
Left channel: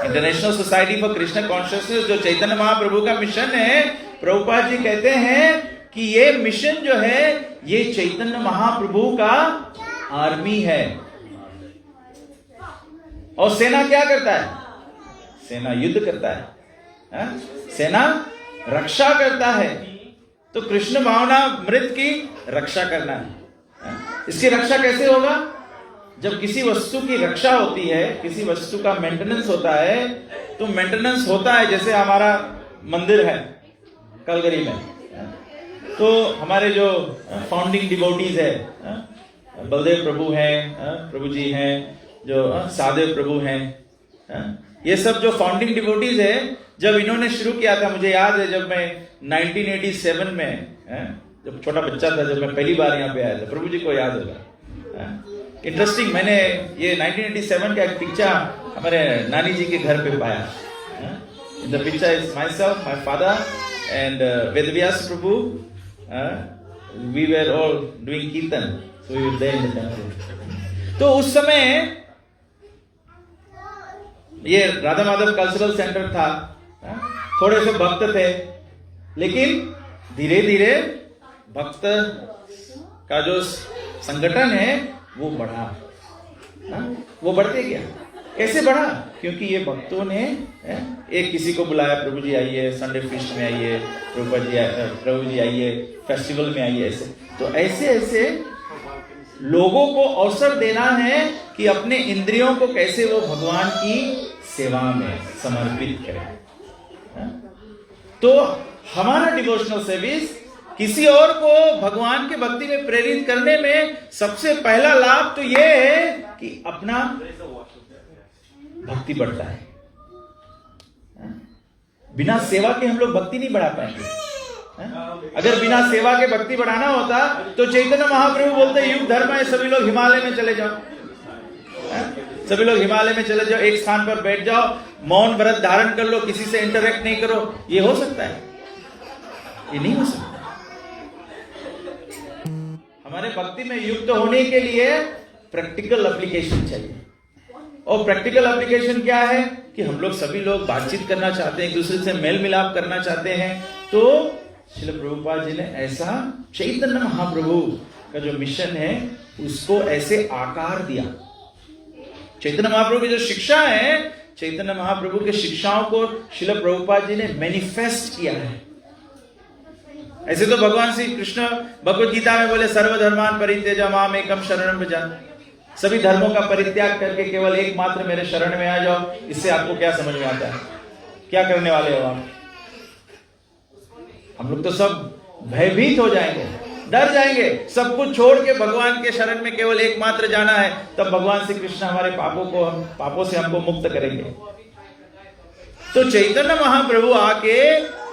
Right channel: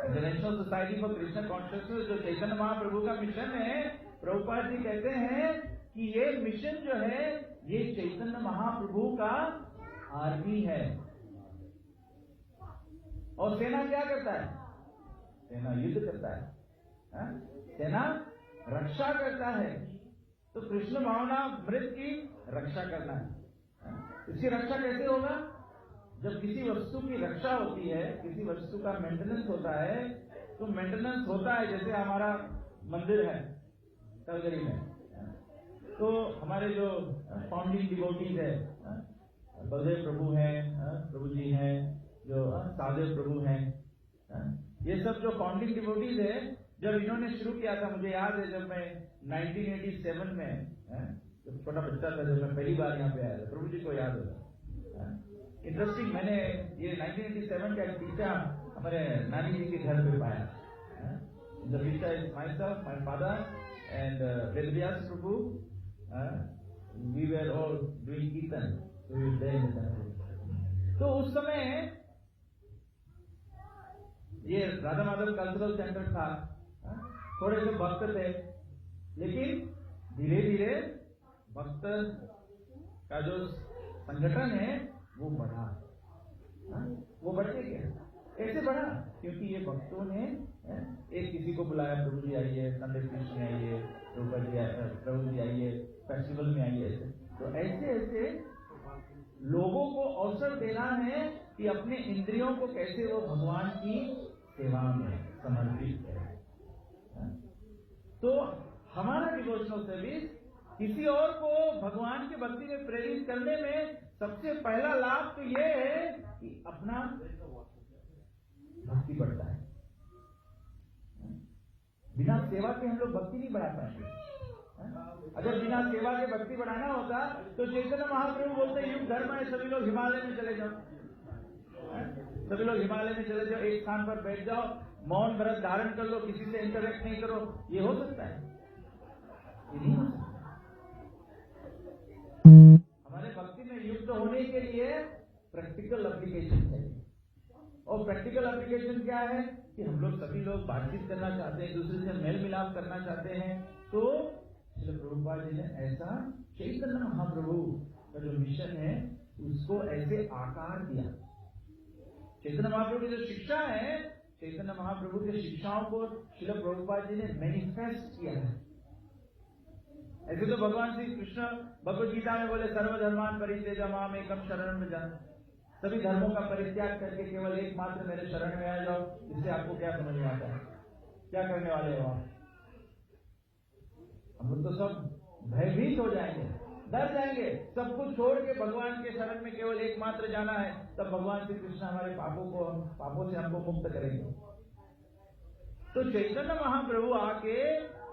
International society for Krishna consciousness जो चैतन्य महाप्रभु का मिशन है, प्रभुपाद जी कहते हैं कि ये मिशन जो है ये चैतन्य महाप्रभु का आर्मी है। और सेना क्या करता है? सेना युद्ध करता है, सेना रक्षा करता है। तो कृष्ण भावनामृत की रक्षा करना है। इसकी रक्षा कैसे होगा? जब किसी वस्तु की रक्षा होती है, किसी वस्तु का मेंटेनेंस होता है, तो मेंटेनेंस होता है, जैसे हमारा मंदिर है कलगरी में, तो हमारे जो फाउंडिंग डिवोटीज है, बलदेव प्रभु हैं, प्रभु जी हैं, जो सादेव प्रभु हैं, ये सब जो फाउंडिंग डिवोटीज है, जब इन्होंने शुरू किया था, मुझे याद है जब मैं 1987 में, जब छोटा बच्चा था, जब मैं पहली बार यहाँ पे आया था, प्रभु जी को याद होगा। इंटरेस्टिंग, मैंने ये 1987 का एक पिक्चर हमारे नानी जी के घर पे पाया। In the picture is myself, my father and Vedvyas Prabhu, we were all doing kirtan, so we were there in the temple. तो उस समय ये राधा माधव कल्चरल सेंटर था, थोड़े से भक्त थे, लेकिन धीरे धीरे भक्त का जो संगठन है वो बढ़ा, वो बढ़ते गया। कैसे बढ़ा? क्योंकि ये भक्तों ने एक किसी को बुलाया, प्रभु जी आइए, संडे फीस्ट में आइए, प्रभु जी आइए, फेस्टिवल में आइए, ऐसे। तो ऐसे ऐसे लोगों को अवसर देना है कि अपने इंद्रियों को कैसे वो भगवान की सेवा में समर्पित करें। तो हमारा डिवोशनल सर्विस किसी और को भगवान के भक्ति में प्रेरित करने में सबसे पहला लाभ तो यह है कि अपना भक्ति बढ़ता है। बिना सेवा के हम लोग भक्ति नहीं बढ़ा पाएंगे। अगर बिना सेवा के भक्ति बढ़ाना होता तो चैतन्य महाप्रभु बोलते युग धर्म है, सभी लोग हिमालय में चले जाओ, सभी लोग हिमालय में चले जाओ, एक स्थान पर बैठ जाओ, मौन व्रत धारण कर लो, किसी से इंटरेक्ट नहीं करो। ये हो सकता है? ये नहीं हो सकता। हमारे भक्ति में युक्त होने के लिए प्रैक्टिकल एप्लीकेशन चाहिए। और प्रैक्टिकल एप्लीकेशन क्या है? कि हम लोग सभी लोग बातचीत करना चाहते हैं, एक दूसरे से मेल मिलाप करना चाहते हैं। तो श्रील प्रभुपाद जी ने ऐसा चैतन्य महाप्रभु का जो मिशन है उसको ऐसे आकार दिया। चैतन्य महाप्रभु की जो शिक्षा है, चैतन्य महाप्रभु के शिक्षाओं को श्रील प्रभुपाद जी ने मैनिफेस्ट किया है। ऐसे तो भगवान श्री कृष्ण भगवद गीता में बोले सर्वधर्मान परित्यज्य माम एकम शरणं व्रज, सभी धर्मों का परित्याग करके केवल एकमात्र मेरे शरण में आ जाओ। इससे आपको क्या समझ में आता है? क्या करने वाले हो आप? हम लोग तो सब भयभीत हो जाएंगे, डर जाएंगे, सब कुछ छोड़ के भगवान के शरण में केवल एकमात्र जाना है। तब भगवान श्री कृष्ण हमारे पापों से हमको मुक्त करेंगे। तो चैतन्य महाप्रभु आके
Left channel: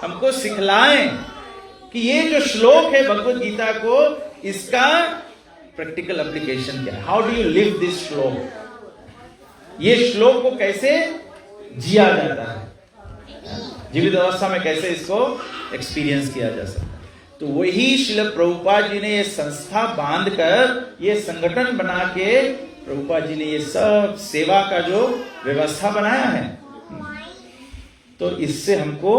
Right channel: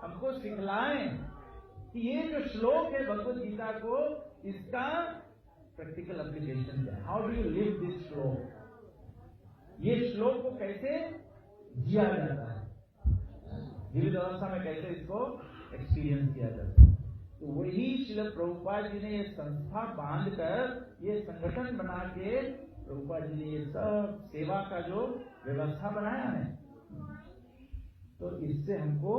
हमको सिखलाएं कि ये जो श्लोक है भगवद गीता को, इसका प्रैक्टिकल एप्लीकेशन क्या है। How do you live this श्लोक? ये श्लोक को कैसे जिया जाता है, जीवित अवस्था में कैसे इसको एक्सपीरियंस किया जा सकता है। तो वही श्रील प्रभुपाद जी ने ये संस्था बांध कर, ये संगठन बना के प्रभुपाद जी ने ये सब सेवा का जो व्यवस्था बनाया है, तो इससे हमको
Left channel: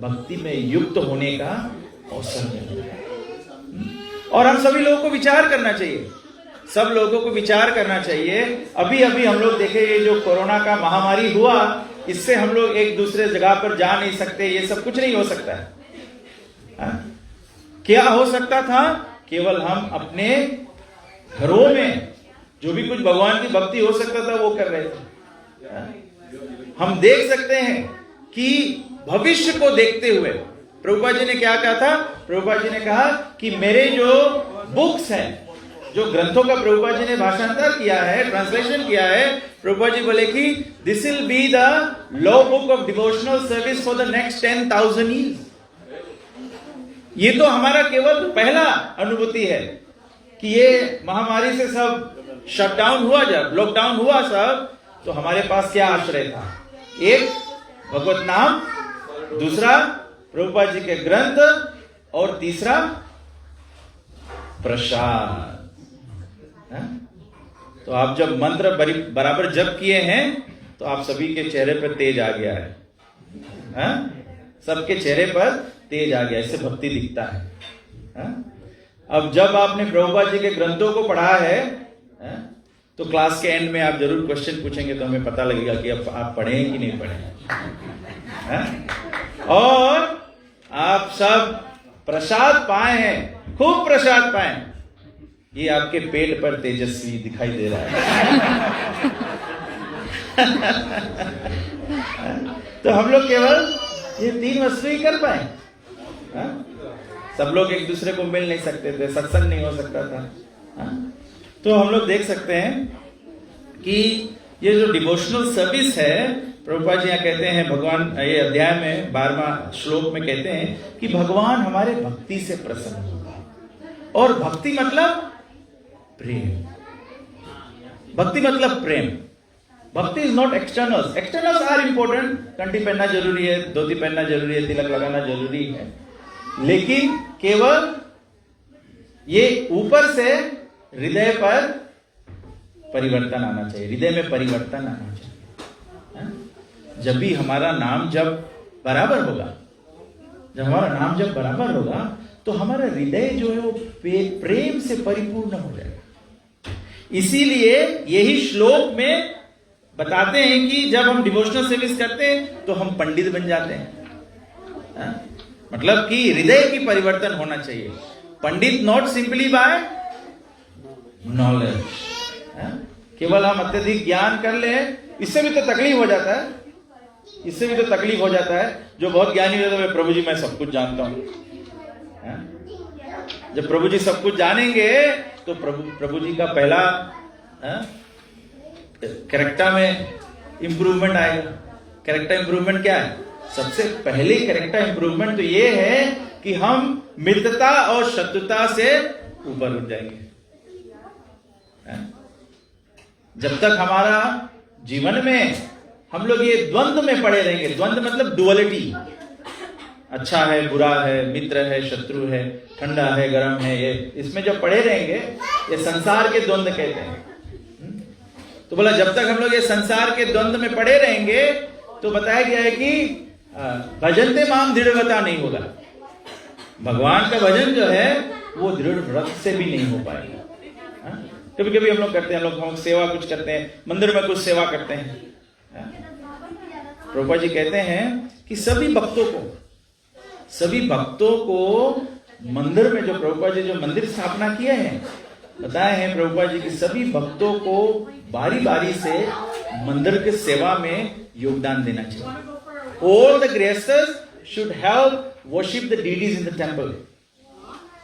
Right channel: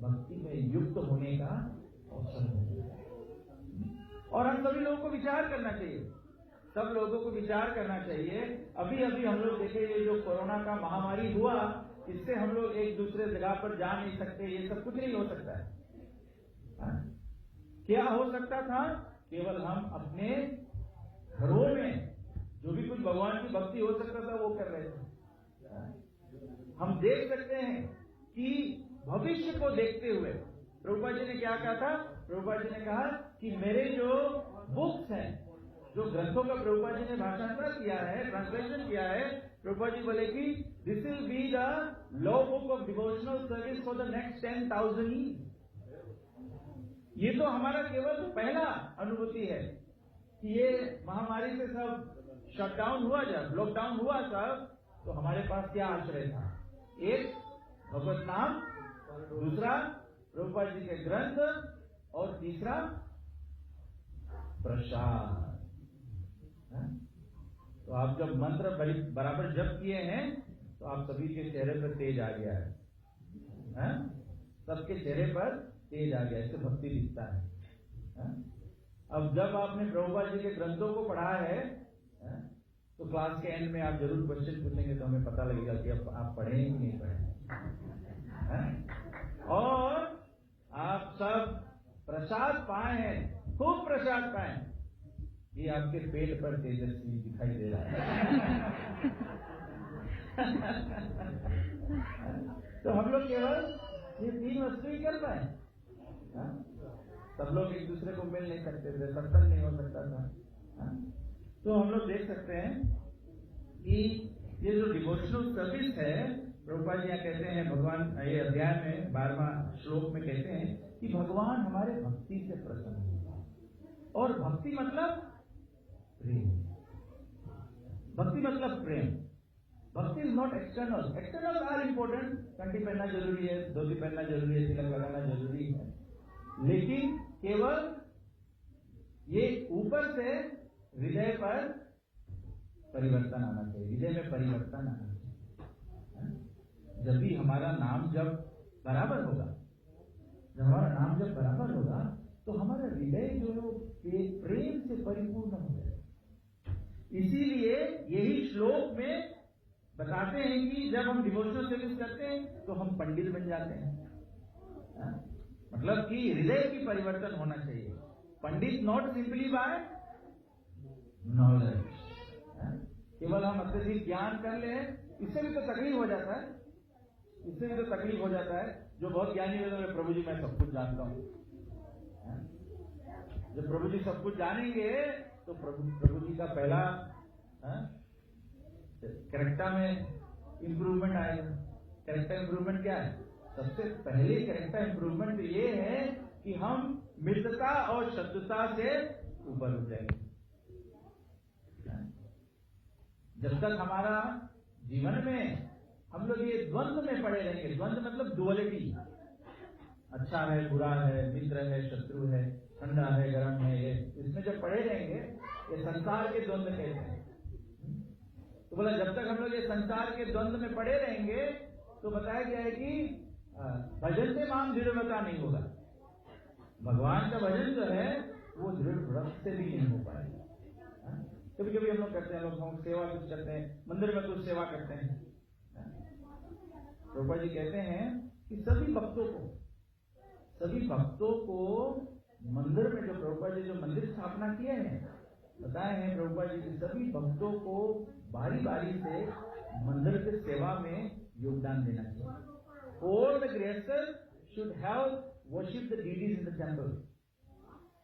भक्ति में युक्त होने का अवसर मिलता है। और हम सभी लोगों को विचार करना चाहिए, सब लोगों को विचार करना चाहिए। अभी अभी हम लोग देखे, ये जो कोरोना का महामारी हुआ, इससे हम लोग एक दूसरे जगह पर जा नहीं सकते, ये सब कुछ नहीं हो सकता है। क्या हो सकता था? केवल हम अपने घरों में जो भी कुछ भगवान की भक्ति हो सकता था वो कर रहे थे। हम देख सकते हैं कि भविष्य को देखते हुए प्रभुपाद जी ने क्या कहा था? प्रभुपाद जी ने कहा कि मेरे जो बुक्स हैं, जो ग्रंथों का प्रभुपाद जी ने भाषांतर किया है, ट्रांसलेशन किया है, प्रभुपाद जी बोले कि this will be the law book of devotional service for the next 10,000 years. ये तो हमारा केवल पहला अनुभूति है कि ये महामारी से सब शटडाउन हुआ, जब लॉकडाउन हुआ सब, तो हमारे पास क्या आश्रय था? एक भगवत नाम, दूसरा प्रभुपाद जी के ग्रंथ, और तीसरा प्रसाद। तो आप जब मंत्र बराबर जप किए हैं तो आप सभी के चेहरे पर तेज आ गया है, सबके चेहरे पर तेज आ गया, इससे भक्ति दिखता है। अब जब आपने प्रभुपाद जी के ग्रंथों को पढ़ा है, तो क्लास के एंड में आप जरूर क्वेश्चन पूछेंगे, तो हमें पता लगेगा कि अब आप पढ़े हैं कि नहीं पढ़े। और आप सब प्रसाद पाए हैं, खूब प्रसाद पाए। ये आपके पेट पर तेजस्वी दिखाई दे रहा है। तो हम लोग केवल ये 3 वस्तु ही कर पाए। सब लोग एक दूसरे को मिल नहीं सकते थे, सत्संग नहीं हो सकता था, तो हम लोग देख सकते हैं कि ये जो डिवोशनल सर्विस है, प्रभुपाद जी यहाँ कहते हैं, भगवान ये अध्याय में 12वां श्लोक में कहते हैं कि भगवान हमारे भक्ति से प्रसन्न होगा। और भक्ति मतलब प्रेम, भक्ति मतलब प्रेम। Bhakti is not externals, externals are important, कंठी पहनना जरूरी है, धोती पहनना जरूरी है, तिलक लगाना जरूरी है, लेकिन केवल ये ऊपर से हृदय पर परिवर्तन आना चाहिए, हृदय में परिवर्तन आना चाहिए। जब भी हमारा नाम जब बराबर होगा, जब हमारा नाम जब बराबर होगा, तो हमारा हृदय जो है वो प्रेम से परिपूर्ण हो जाएगा। इसीलिए यही श्लोक में बताते हैं कि जब हम डिवोशनल सर्विस करते हैं तो हम पंडित बन जाते हैं। मतलब कि हृदय की परिवर्तन होना चाहिए। पंडित नॉट सिंपली बाय नॉलेज, केवल हम अत्यधिक ज्ञान कर ले, इससे भी तो तकलीफ हो जाता है, इससे भी तो तकलीफ हो जाता है। जो बहुत ज्ञानी हो जाता है, प्रभु जी मैं सब कुछ जानता हूं। जब प्रभु जी सब कुछ जानेंगे तो प्रभु जी का पहला कैरेक्टर में इंप्रूवमेंट आएगा। कैरेक्टर इंप्रूवमेंट क्या है? सबसे पहले कैरेक्टर इंप्रूवमेंट तो ये है कि हम मित्रता और शत्रुता से ऊपर उठ जाएंगे। जब तक हमारा जीवन में हम लोग ये द्वंद्व में पड़े रहेंगे, द्वंद्व मतलब डुअलिटी, अच्छा है बुरा है, मित्र है शत्रु है, ठंडा है गर्म है, ये इसमें जब पड़े रहेंगे, ये संसार के द्वंद्व कहते हैं। तो बोला जब तक हम लोग ये संसार के द्वंद्व में पड़े रहेंगे तो बताया गया है कि भजनते माम दृढ़व्रता नहीं होगा। भगवान का भजन जो है वो दृढ़ व्रत से भी नहीं हो पाएगा। कभी कभी हम लोग करते हैं, हम सेवा कुछ करते हैं, मंदिर में कुछ सेवा करते हैं। प्रभुपाद जी कहते हैं कि सभी भक्तों को मंदिर में, जो प्रभुपाद जी जो मंदिर स्थापना किए हैं, बताए हैं प्रभुपाद जी कि सभी भक्तों को बारी बारी से मंदिर के सेवा में योगदान देना चाहिए। All the grestas should help worship the deities in the temple.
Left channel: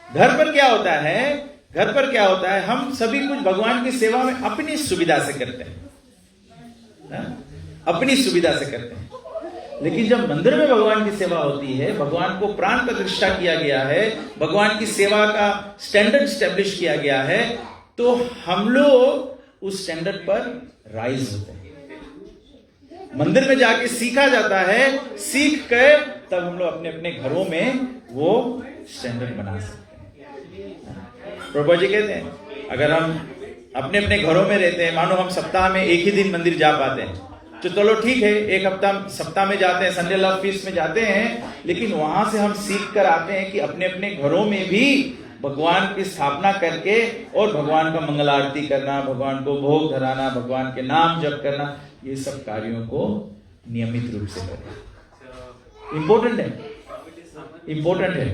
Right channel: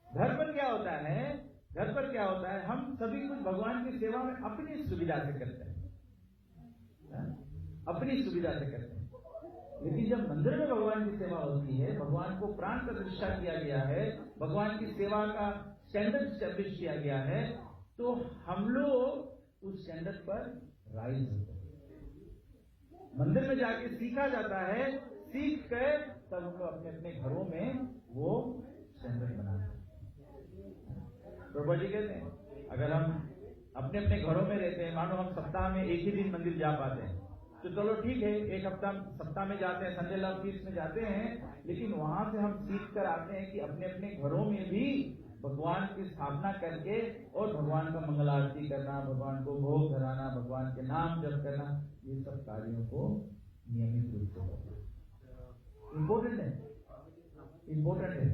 घर पर क्या होता है? घर पर क्या होता है? हम सभी कुछ भगवान की सेवा में अपनी सुविधा से करते हैं, अपनी सुविधा से करते हैं। लेकिन जब मंदिर में भगवान की सेवा होती है, भगवान को प्राण प्रतिष्ठा किया गया है, भगवान की सेवा का स्टैंडर्ड स्टैब्लिश किया गया है, तो हम लोग उस स्टैंडर्ड पर राइज होते हैं। मंदिर में जाके सीखा जाता है, सीख कर तब हम लोग अपने अपने घरों में वो स्टैंडर्ड बना सकते हैं। प्रभु जी कहते हैं अगर हम अपने अपने घरों में रहते हैं, मानो हम सप्ताह में एक ही दिन मंदिर जा पाते हैं, तो चलो ठीक है, एक हफ्ता सप्ताह में जाते हैं, संडे लव फीस्ट में जाते हैं, लेकिन वहां से हम सीख कर आते हैं कि अपने अपने घरों में भी भगवान की स्थापना करके और भगवान का मंगल आरती करना, भगवान को भोग धराना, भगवान के नाम जप करना, ये सब कार्यों को नियमित रूप से करें। इंपॉर्टेंट है, इंपॉर्टेंट है।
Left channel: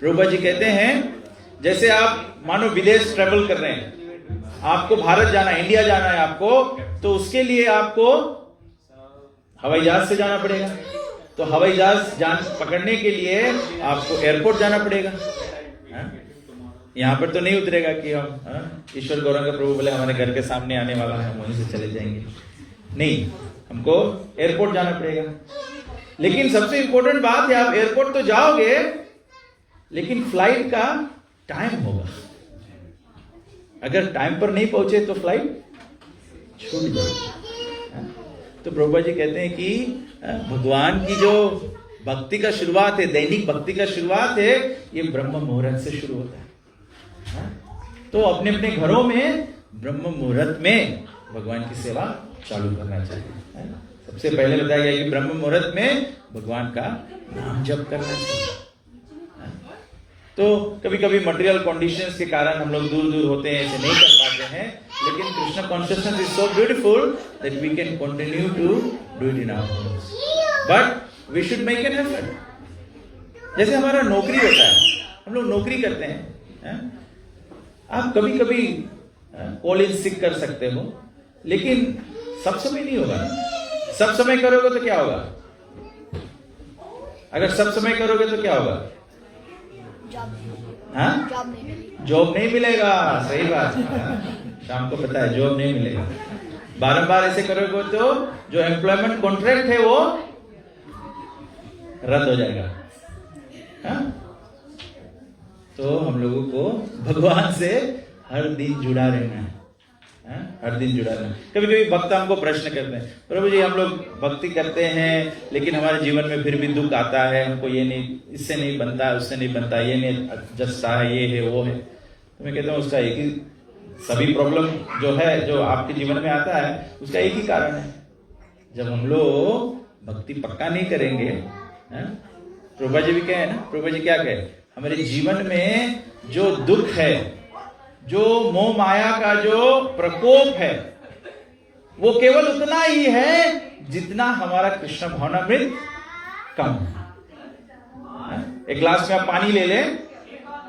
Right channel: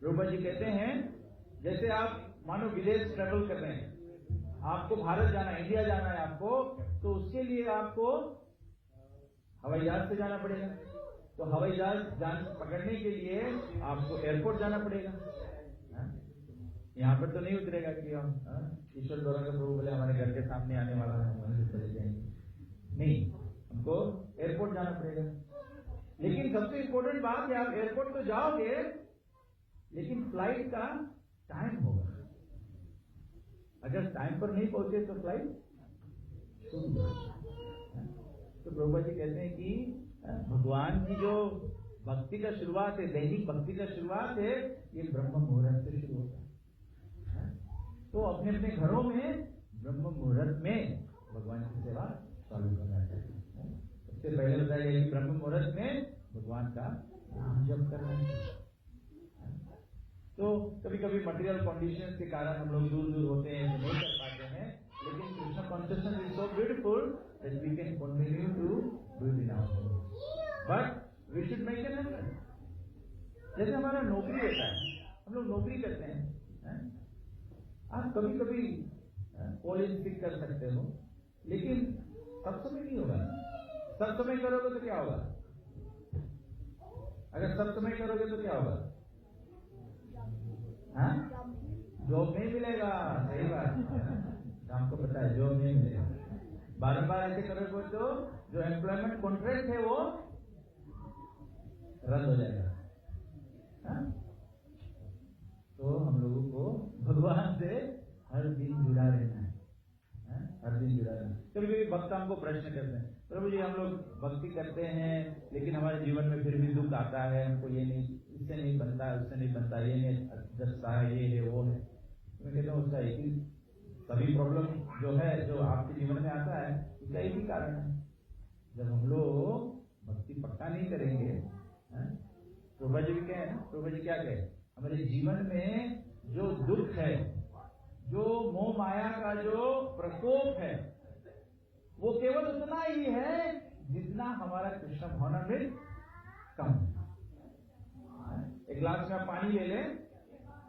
प्रभुपाद जी कहते हैं जैसे आप मानो विदेश ट्रेवल कर रहे हैं, आपको भारत जाना है, इंडिया जाना है आपको, तो उसके लिए आपको हवाई जहाज से जाना पड़ेगा। तो हवाई जहाज पकड़ने के लिए आपको एयरपोर्ट जाना पड़ेगा। यहाँ पर तो नहीं उतरेगा कि हम ईश्वर गौरंग प्रभु बोले हमारे घर के सामने आने वाला है, हम वहीं से चले जाएंगे। नहीं, हमको एयरपोर्ट जाना पड़ेगा। लेकिन सबसे इंपॉर्टेंट बात है, आप एयरपोर्ट तो जाओगे, लेकिन फ्लाइट का टाइम होगा। अगर टाइम पर नहीं पहुंचे तो फ्लाइट छूट जाएगी। तो प्रभुपाद जी कहते हैं कि भगवान की जो भक्ति का शुरुआत है, दैनिक भक्ति का शुरुआत है, ये ब्रह्म मुहूर्त से शुरू होता है। तो अपने अपने घरों में ब्रह्म मुहूर्त में भगवान की सेवा चालू करना चाहिए। सबसे पहले बताया गया कि ब्रह्म मुहूर्त में भगवान का नाम जप करना चाहिए। तो कभी कभी मटेरियल कंडीशंस के कारण हम लोग दूर दूर होते हैं, ऐसे नहीं कर पाते हैं, लेकिन Krishna consciousness is so beautiful that we can continue to do it in our homes, but we should make an effort. जैसे हमारा नौकरी होता है, हम लोग नौकरी करते हैं, आप कभी कभी कॉल इन सिक कर सकते हो, लेकिन सब समय नहीं होगा ना। सब समय करोगे तो क्या होगा? अगर सब समय करोगे तो क्या होगा? हाँ, जॉब नहीं मिलेगा, सही बात है। शाम को पता है जॉब नहीं मिलेगा। बारंबार ऐसे करोगे तो जो एम्प्लॉयमेंट कॉन्ट्रैक्ट है वो रद्द हो जाएगा। हाँ? तो हम लोगों को भगवान से हर दिन जुड़ा रहना है। हर दिन जुड़ा रहना। कभी कभी भक्त हमको प्रश्न करते हैं, प्रभु जी हम लोग भक्ति करते हैं लेकिन हमारे जीवन में फिर भी दुख आता है, हमको ये नहीं, इससे नहीं बनता, उससे नहीं बनता, ये नहीं जचता है, ये है वो है। तो मैं कहता हूँ उसका एक ही, सभी प्रॉब्लम जो है जो आपके जीवन में आता है उसका एक ही कारण है, जब हम लोग भक्ति पक्का नहीं करेंगे। प्रभुपा जी भी कहे ना, प्रभुपा जी क्या कहे, हमारे जीवन में जो दुख है, जो मोह माया का जो प्रकोप है, वो केवल उतना ही है जितना हमारा कृष्ण भावनामृत कम है। एक ग्लास में आप पानी ले लें,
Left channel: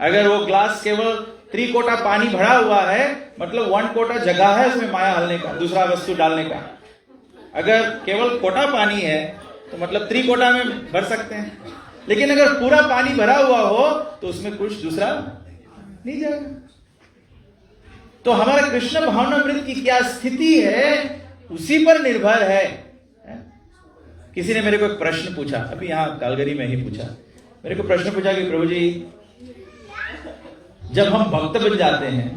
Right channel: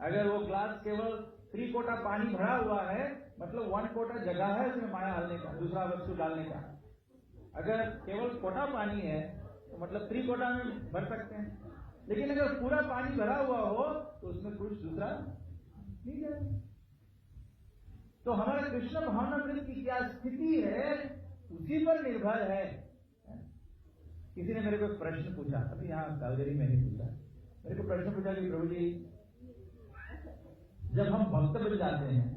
अगर वो ग्लास केवल 3 कोटा पानी भरा हुआ है, मतलब 1 कोटा जगह है उसमें माया हलने का, दूसरा वस्तु डालने का। अगर केवल कोटा पानी है तो मतलब 3 कोटा में भर सकते हैं, लेकिन अगर पूरा पानी भरा हुआ हो तो उसमें कुछ दूसरा नहीं जाएगा। तो हमारा कृष्ण भावनामृत की क्या स्थिति है उसी पर निर्भर है। किसी ने मेरे को एक प्रश्न पूछा, अभी यहाँ कालगरी में ही पूछा, मेरे को प्रश्न पूछा कि प्रभु जी जब हम भक्त बन जाते हैं,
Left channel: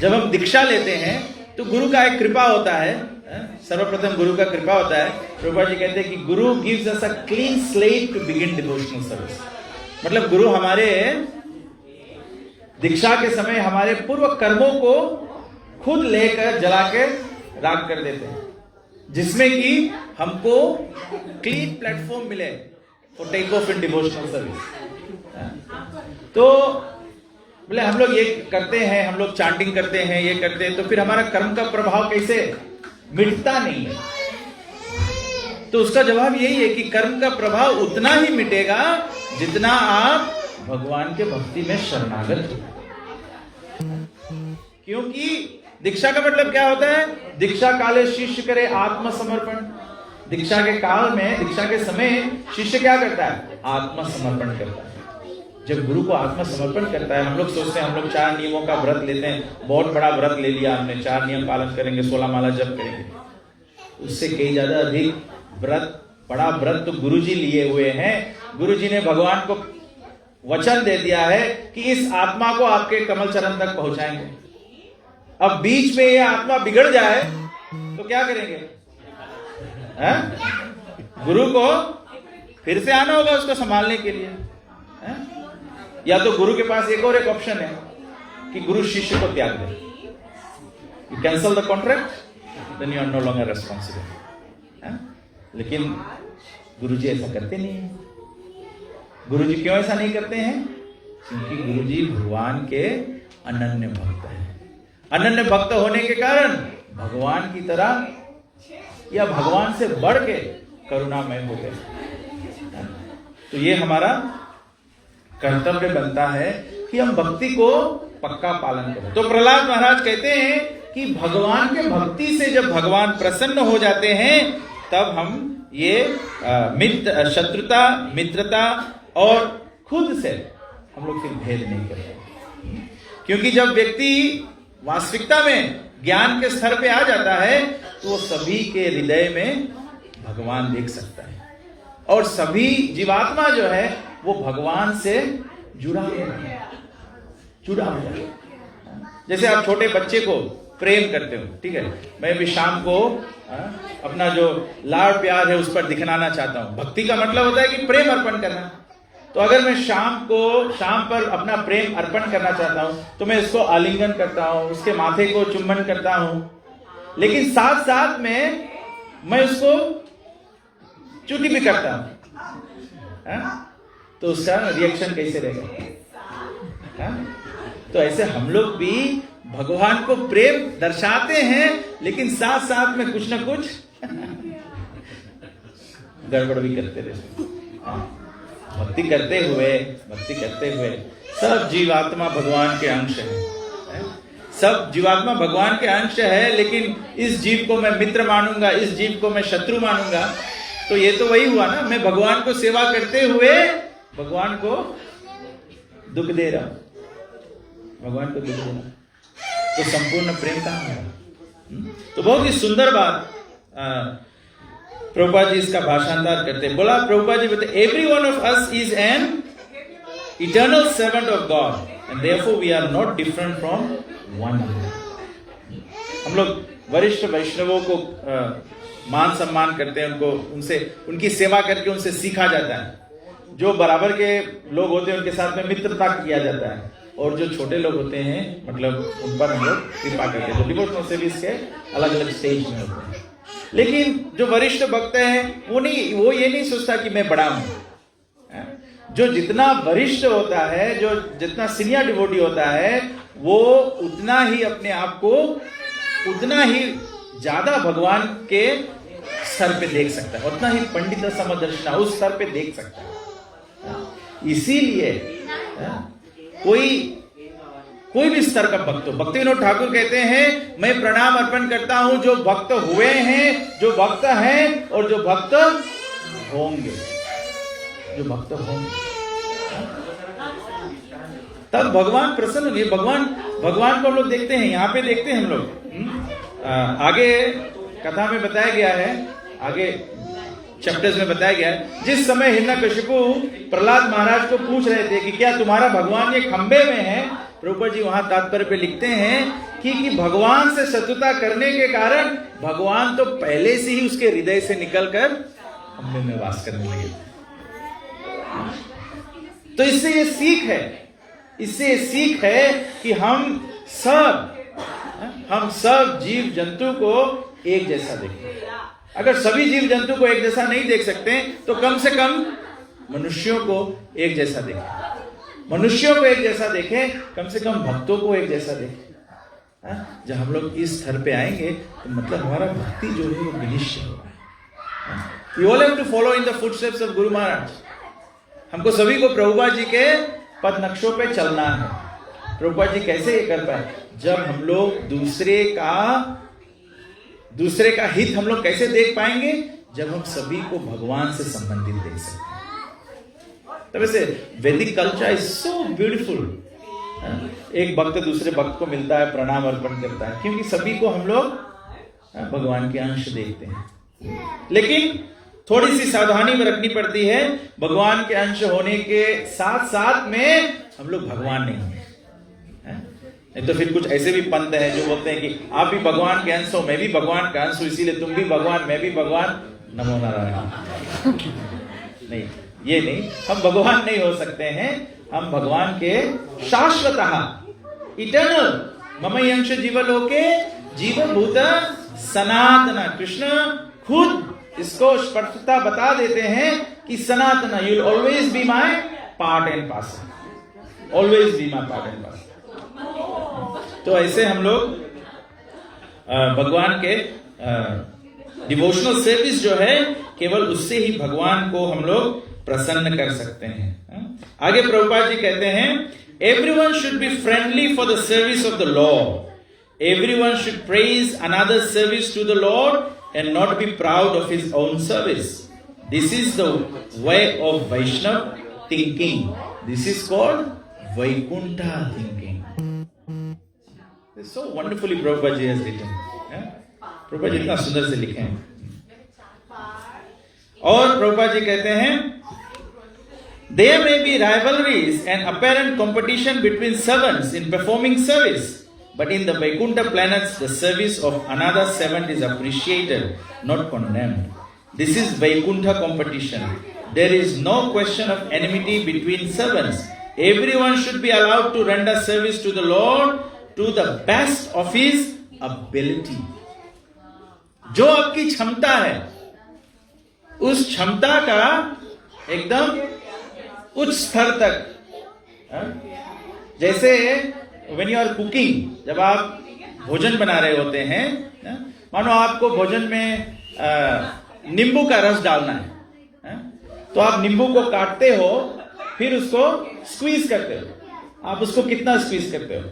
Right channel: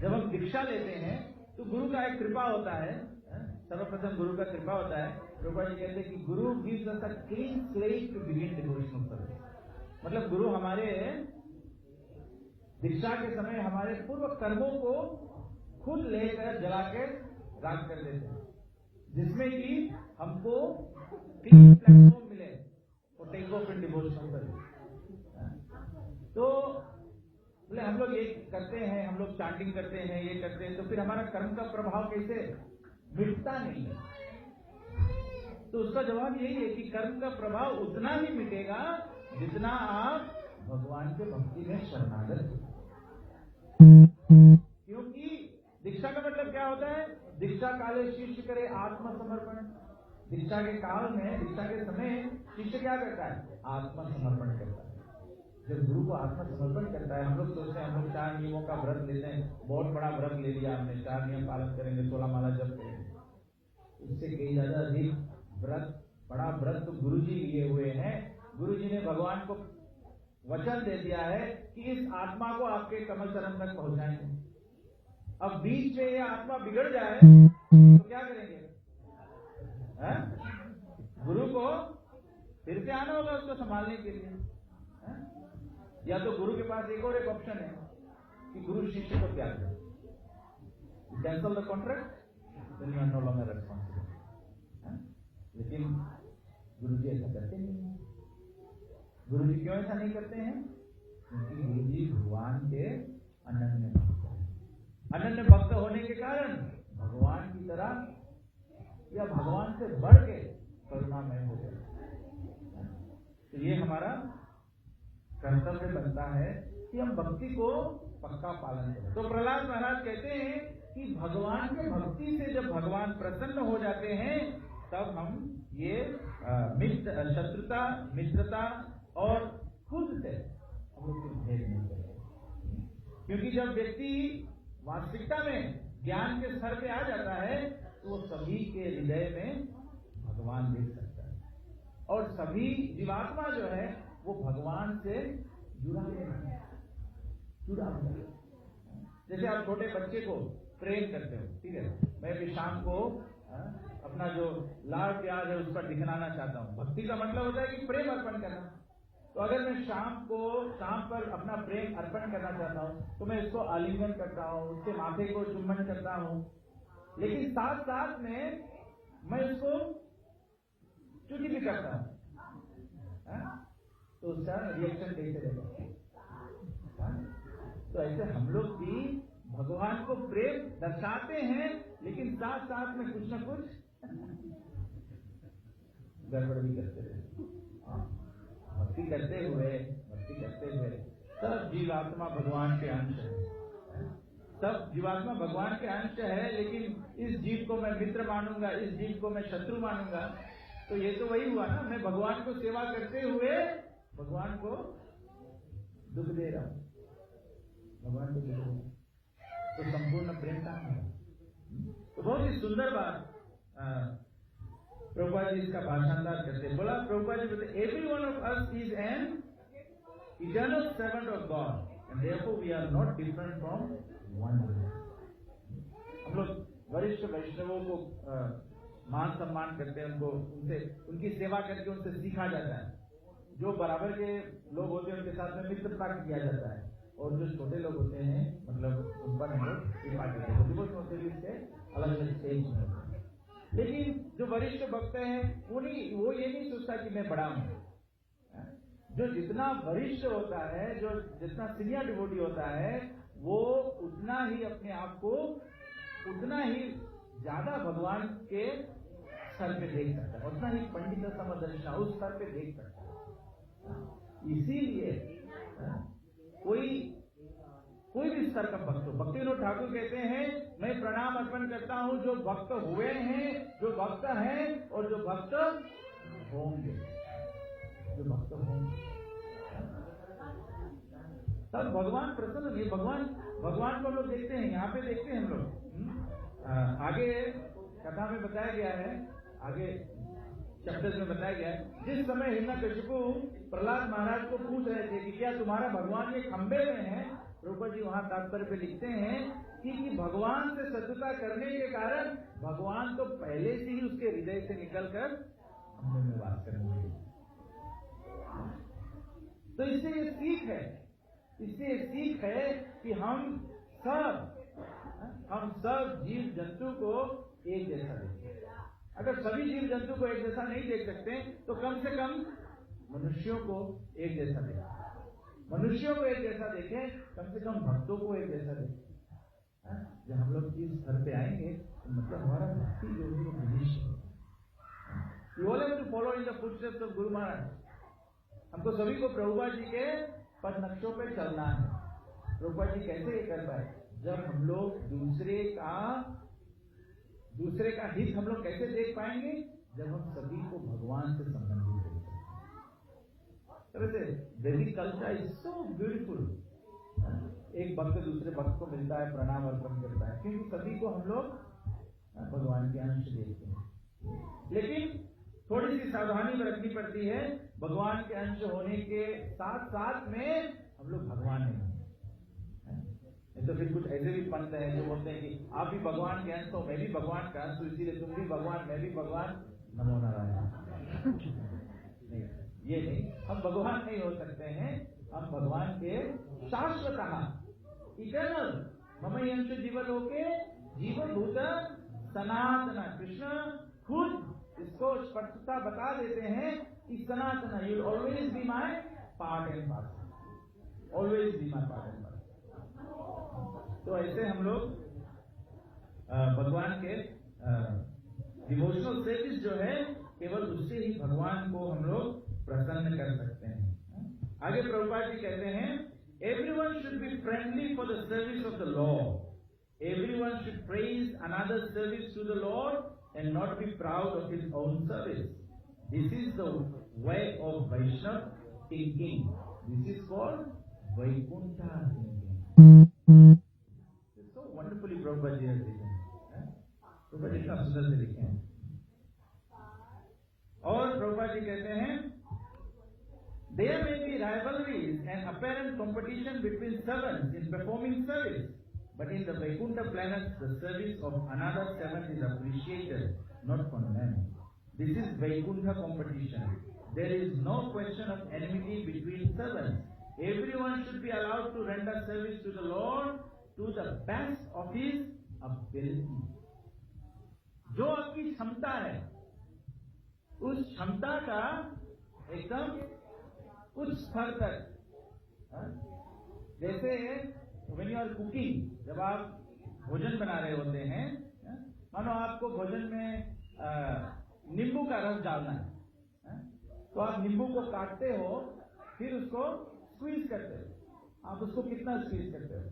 जब हम दीक्षा लेते हैं तो गुरु का एक कृपा होता है, सर्वप्रथम गुरु का कृपा होता है। प्रभुपाद जी कहते हैं कि guru gives us a clean slate to begin devotional service. मतलब गुरु हमारे दीक्षा के समय हमारे पूर्व कर्मों को खुद लेकर जला के राख कर देते हैं, जिसमें कि हमको क्लीन प्लेटफॉर्म मिले for take off in devotional service. तो बोले हम लोग ये करते हैं, हम लोग चांटिंग करते हैं, ये करते हैं, तो फिर हमारा कर्म का प्रभाव कैसे मिटता नहीं है? तो उसका जवाब यही है कि कर्म का प्रभाव उतना ही मिटेगा जितना आप भगवान के भक्ति में शरणागत हो। क्योंकि दीक्षा का मतलब क्या होता है? दीक्षा काले शिष्य करे आत्मसमर्पण। दीक्षा के काल में, दीक्षा के समय शिष्य क्या करता है? आत्मसमर्पण करता है। जब गुरु को आत्मसमर्पण करता है, हम लोग सोचते हैं हम लोग 4 नियमों का व्रत लेते हैं, बहुत बड़ा व्रत ले लिया हमने, 4 नियम पालन करेंगे, 16 माला जप करेंगे। उससे कई ज्यादा अधिक व्रत, बड़ा व्रत तो गुरुजी लिए हुए हैं। गुरुजी ने भगवान को वचन दे दिया है कि इस आत्मा को आपके कमल चरण तक पहुंचाएंगे। अब बीच में ये आत्मा बिगड़ जाए तो क्या करेंगे? गुरु को फिर से आना होगा उसको संभालने के लिए। या तो गुरु के पास एक और एक ऑप्शन है कि गुरु शिष्य को त्याग दे, you cancel the contract, then you are no longer responsible. लेकिन गुरुजी ऐसा करते नहीं है। गुरुजी क्यों ऐसा नहीं करते हैं? क्योंकि गुरुजी भगवान के अनन्य भक्त हैं। अनन्य भक्त होने के कारण भगवान की तरह या भगवान से बढ़ के करुणामय हो गए। तो ये हमारा कर्तव्य बनता है कि हम भक्ति को पक्का पालन करें। तो प्रहलाद महाराज कहते हैं कि भगवान के भक्ति से जब भगवान प्रसन्न हो जाते हैं तब हम ये शत्रुता, मित्रता और खुद से हम लोग फिर भेद नहीं करते। क्योंकि जब व्यक्ति वास्तविकता में ज्ञान के स्तर पे आ जाता है तो वो सभी के हृदय में भगवान देख सकता है, और सभी जीवात्मा जो है वो भगवान से जुड़ा हुआ है। जैसे आप छोटे बच्चे को प्रेम करते हो, ठीक है, मैं भी शाम को अपना जो लाड प्यार है उस पर दिखलाना चाहता हूं। भक्ति का मतलब होता है कि प्रेम अर्पण करना। तो अगर मैं शाम पर अपना प्रेम अर्पण करना चाहता हूं तो मैं इसको आलिंगन करता हूं, उसके माथे को चुम्बन करता हूं, लेकिन साथ साथ में मैं उसको चुटी भी करता हूं। तो उसका रिएक्शन कैसे रहेगा? तो ऐसे हम लोग भी भगवान को प्रेम दर्शाते हैं, लेकिन साथ साथ में कुछ ना कुछ गड़बड़ भी करते रहते। भक्ति करते हुए सब जीवात्मा भगवान के अंश है। सब जीवात्मा भगवान के अंश है, लेकिन इस जीव को मैं मित्र मानूंगा, इस जीव को मैं शत्रु मानूंगा, तो ये तो वही हुआ ना, मैं भगवान को सेवा करते हुए भगवान को दुख दे रहा हूं, भगवान को दुख दे रहा हूं, तो संपूर्ण प्रेम कहां होगा? तो बहुत ही सुंदर बात प्रभुपाद जी इसका भाषांतर करते हैं। बोला प्रभुपाद जी बोलते every one of us is an eternal servant of God and therefore we are not different from one another. हम लोग वरिष्ठ वैष्णवों को मान सम्मान करते हैं, उनको उनसे उनकी सेवा करके उनसे सीखा जाता है। जो बराबर के लोग होते हैं उनके साथ में मित्रता किया जाता है, और जो छोटे लोग होते हैं मतलब उन पर हम लोग कृपा करते हैं। तो डिवोशनल सर्विस के अलग अलग स्टेज में होते हैं, लेकिन जो वरिष्ठ भक्त है वो ये नहीं सोचता कि मैं बड़ा हूं। जो जितना वरिष्ठ होता है, जो जितना सीनियर डिवोटी होता है, वो उतना ही अपने आप को उतना ही ज्यादा भगवान के स्तर पे देख सकता है, उतना ही पंडित समदर्शना उस स्तर पे देख सकता है। इसीलिए कोई भी स्तर का भक्त हो, भक्ति विनोद ठाकुर कहते हैं मैं प्रणाम अर्पण करता हूं जो भक्त हुए हैं, जो भक्त हैं और जो भक्त होंगे, जो भक्त होंगे। तब भगवान प्रसन्न होंगे। भगवान को हम लोग देखते हैं, यहाँ पे देखते हैं हम लोग। आगे कथा में बताया गया है, आगे चैप्टर्स में बताया गया है, जिस समय हिरण्यकशिपु प्रहलाद महाराज को पूछ रहे थे कि क्या तुम्हारा भगवान ये खंबे में है, प्रभुपाद जी वहां तात्पर्य पे लिखते हैं कि भगवान से शत्रुता करने के कारण भगवान तो पहले से ही उसके हृदय से निकलकर खंबे में वास करने लगे। तो इससे ये सीख है कि हम सब जीव जंतु को एक जैसा देखें। अगर सभी जीव जंतु को एक जैसा नहीं देख सकते तो कम से कम मनुष्यों को एक जैसा देखें, मनुष्यों को एक जैसा देखें, कम से कम भक्तों को एक जैसा देखें। जब हम लोग इस स्तर पे आएंगे तो मतलब हमारा भक्ति जो है वो विनिश्चय होगा। We all have to follow in the footsteps of Guru Maharaj. हमको सभी को प्रभुपाद जी के पद नक्शों पे चलना है। प्रभुपाद जी कैसे ये कर पाए? जब हम लोग दूसरे का हित हम लोग कैसे देख पाएंगे? जब हम सभी को भगवान से संबंधित देख सकते हैं। तब ऐसे वैदिक कल्चर इज सो ब्यूटीफुल। एक भक्त दूसरे भक्त को मिलता है, प्रणाम अर्पण करता है, क्योंकि सभी को हम लोग भगवान के अंश देखते हैं। लेकिन थोड़ी सी सावधानी में रखनी पड़ती है, भगवान के अंश होने के साथ साथ में हम लोग भगवान नहीं है। नहीं तो फिर कुछ ऐसे भी पंथ हैं जो बोलते हैं कि आप भी भगवान के अंश हो, मैं भी भगवान का अंश हूं, इसीलिए तुम भी भगवान, मैं भी भगवान, नमो नारायण। नहीं, ये नहीं, हम भगवान नहीं हो सकते हैं। हम भगवान के शाश्वतः इटर्नल ममयंश जीवलोके जीवभूत सनातन, कृष्ण खुद इसको स्पष्टता बता देते हैं कि Sanatan, you will always be my part and parcel, always be my part and parcel. तो ऐसे हम लोग भगवान के डिवोशनल सर्विस जो है, केवल उससे ही भगवान को हम लोग प्रसन्न कर सकते हैं। आगे प्रभुपाद जी कहते हैं, everyone should be friendly for the service of the Lord, everyone should praise another service to the Lord and not be proud of his own service. This is the way of Vaishnav thinking. This is called Vaikuntha thinking. It's so wonderfully Prabhupada ji has written. Prabhupada ji इतना सुंदर से लिखे हैं। और Prabhupada ji कहते हैं, there may be rivalries and apparent competition between servants in performing service. But in the Vaikuntha planets, the service of another servant is appreciated, not condemned. This is Vaikuntha competition. There is no question of enmity between servants. Everyone should be allowed to render service to the Lord to the best of his ability. जो आपकी क्षमता है, उस क्षमता का एकदम उच्च स्तर तक। जैसे when you are cooking, जब आप भोजन बना रहे होते हैं, मानो आपको भोजन में नींबू का रस डालना है, तो आप नींबू को काटते हो, फिर उसको स्क्वीज करते हो। आप उसको कितना स्क्वीज करते हो?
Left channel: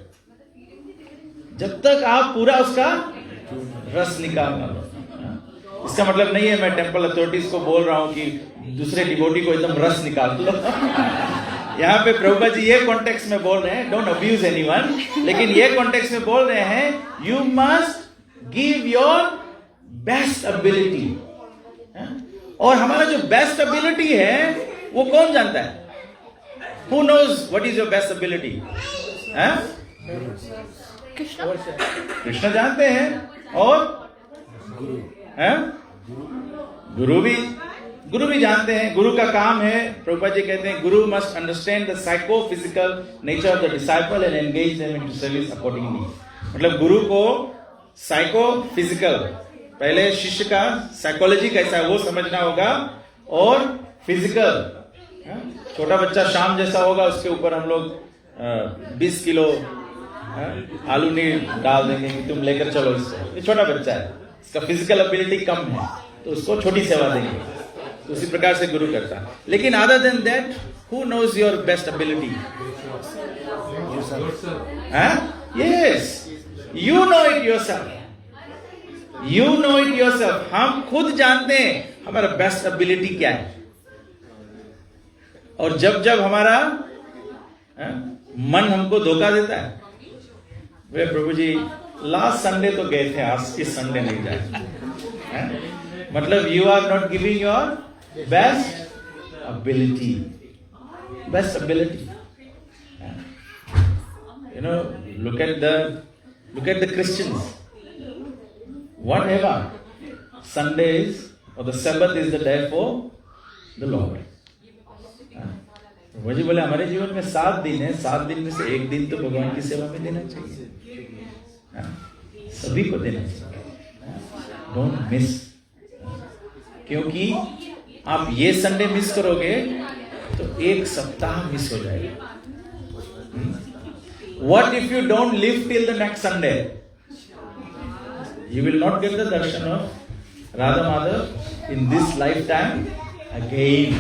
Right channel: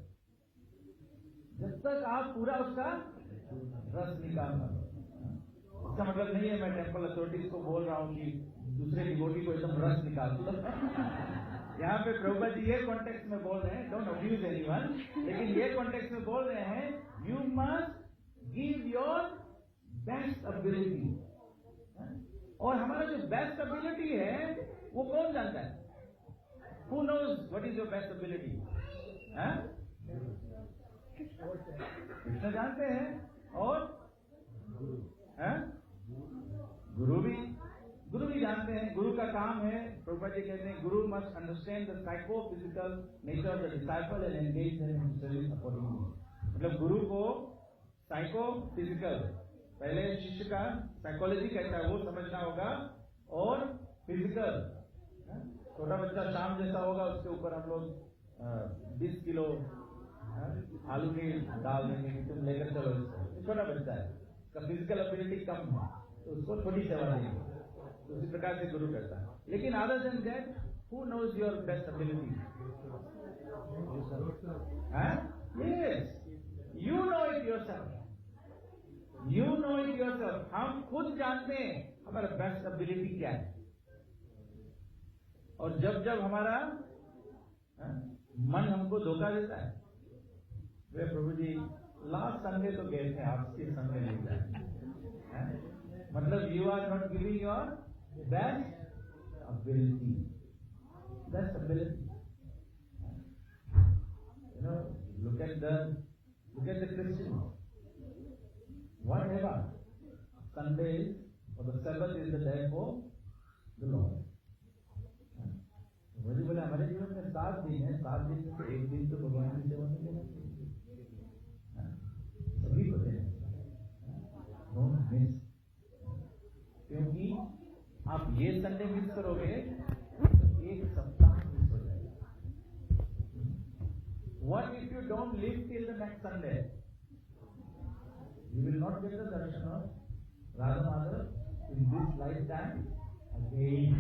जब तक आप पूरा उसका रस निकाल ना लो। इसका मतलब नहीं है मैं टेम्पल अथॉरिटीज को बोल रहा हूं कि दूसरे डिवोटी को एकदम रस निकाल लो। यहाँ पे प्रभुपाद जी ये कॉन्टेक्स्ट में बोल रहे हैं, डोंट अब्यूज एनीवन, लेकिन ये कॉन्टेक्स्ट में बोल रहे हैं you must give your best ability. और हमारा जो बेस्ट एबिलिटी है वो कौन जानता है? Who knows what is your best ability? Krishna जानते हैं, और गुरु भी जानते हैं। गुरु का काम है, प्रभुपाद जी कहते हैं, गुरु must understand the psycho physical nature of the disciple and engage them into service accordingly. मतलब गुरु को साइको फिजिकल, पहले शिष्य का साइकोलॉजी कैसा है वो समझना होगा, और फिजिकल, छोटा बच्चा शाम जैसा होगा, उसके ऊपर हम लोग 20 किलो आलू नहीं डाल देंगे कि तुम लेकर चलो इसको, ये छोटा बच्चा है, इसका फिजिकल एबिलिटी कम है, तो उसको छोटी सेवा देंगे। तो उसी प्रकार से गुरु करता है। लेकिन other than that, who knows your best ability? Yes, you know it yourself, you know it yourself. हम खुद जानते हैं हमारा बेस्ट एबिलिटी क्या है। और जब जब हमारा मन हमको धोखा देता है, वे प्रभु जी लास्ट संडे तो गए थे, आज इस संडे नहीं जाए, मतलब you are not giving your best ability, best ability. You know, look at the Christians, whatever Sunday is, or the Sabbath is the day for the Lord. वही बोले हमारे जीवन में 7 दिन है, 7 दिन में से एक दिन तो भगवान की सेवा में देना चाहिए, सभी को देना चाहिए, डोंट मिस। क्योंकि आप ये संडे मिस करोगे तो एक सप्ताह मिस हो जाएगा। What if you don't live till the next Sunday? You will not get the darshan of Radha Madhav in this lifetime again.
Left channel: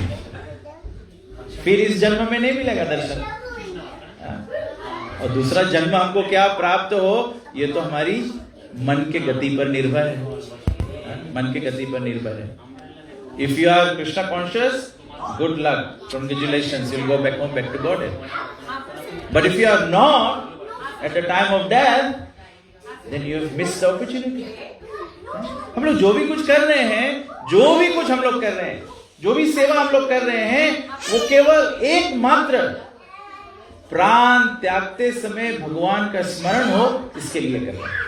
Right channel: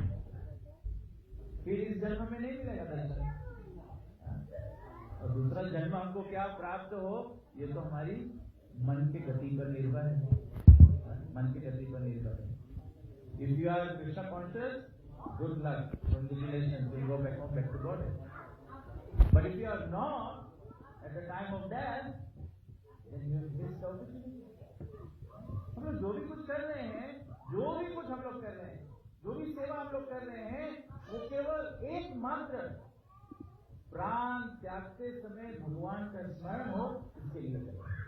फिर इस जन्म में नहीं मिलेगा दर्शन। और दूसरा जन्म हमको क्या प्राप्त हो, ये तो हमारी मन के गति पर निर्भर है, मन के गति पर निर्भर है। If you are Krishna conscious, good luck, congratulations, you will go back home, back to Godhead. But if you are not at the time of death, then you have missed the opportunity. हम लोग जो भी कुछ कर रहे हैं, जो भी कुछ हम लोग कर रहे हैं, जो भी सेवा हम लोग कर रहे हैं, वो केवल एकमात्र प्राण त्यागते समय भगवान का स्मरण हो, इसके लिए कर रहे हैं,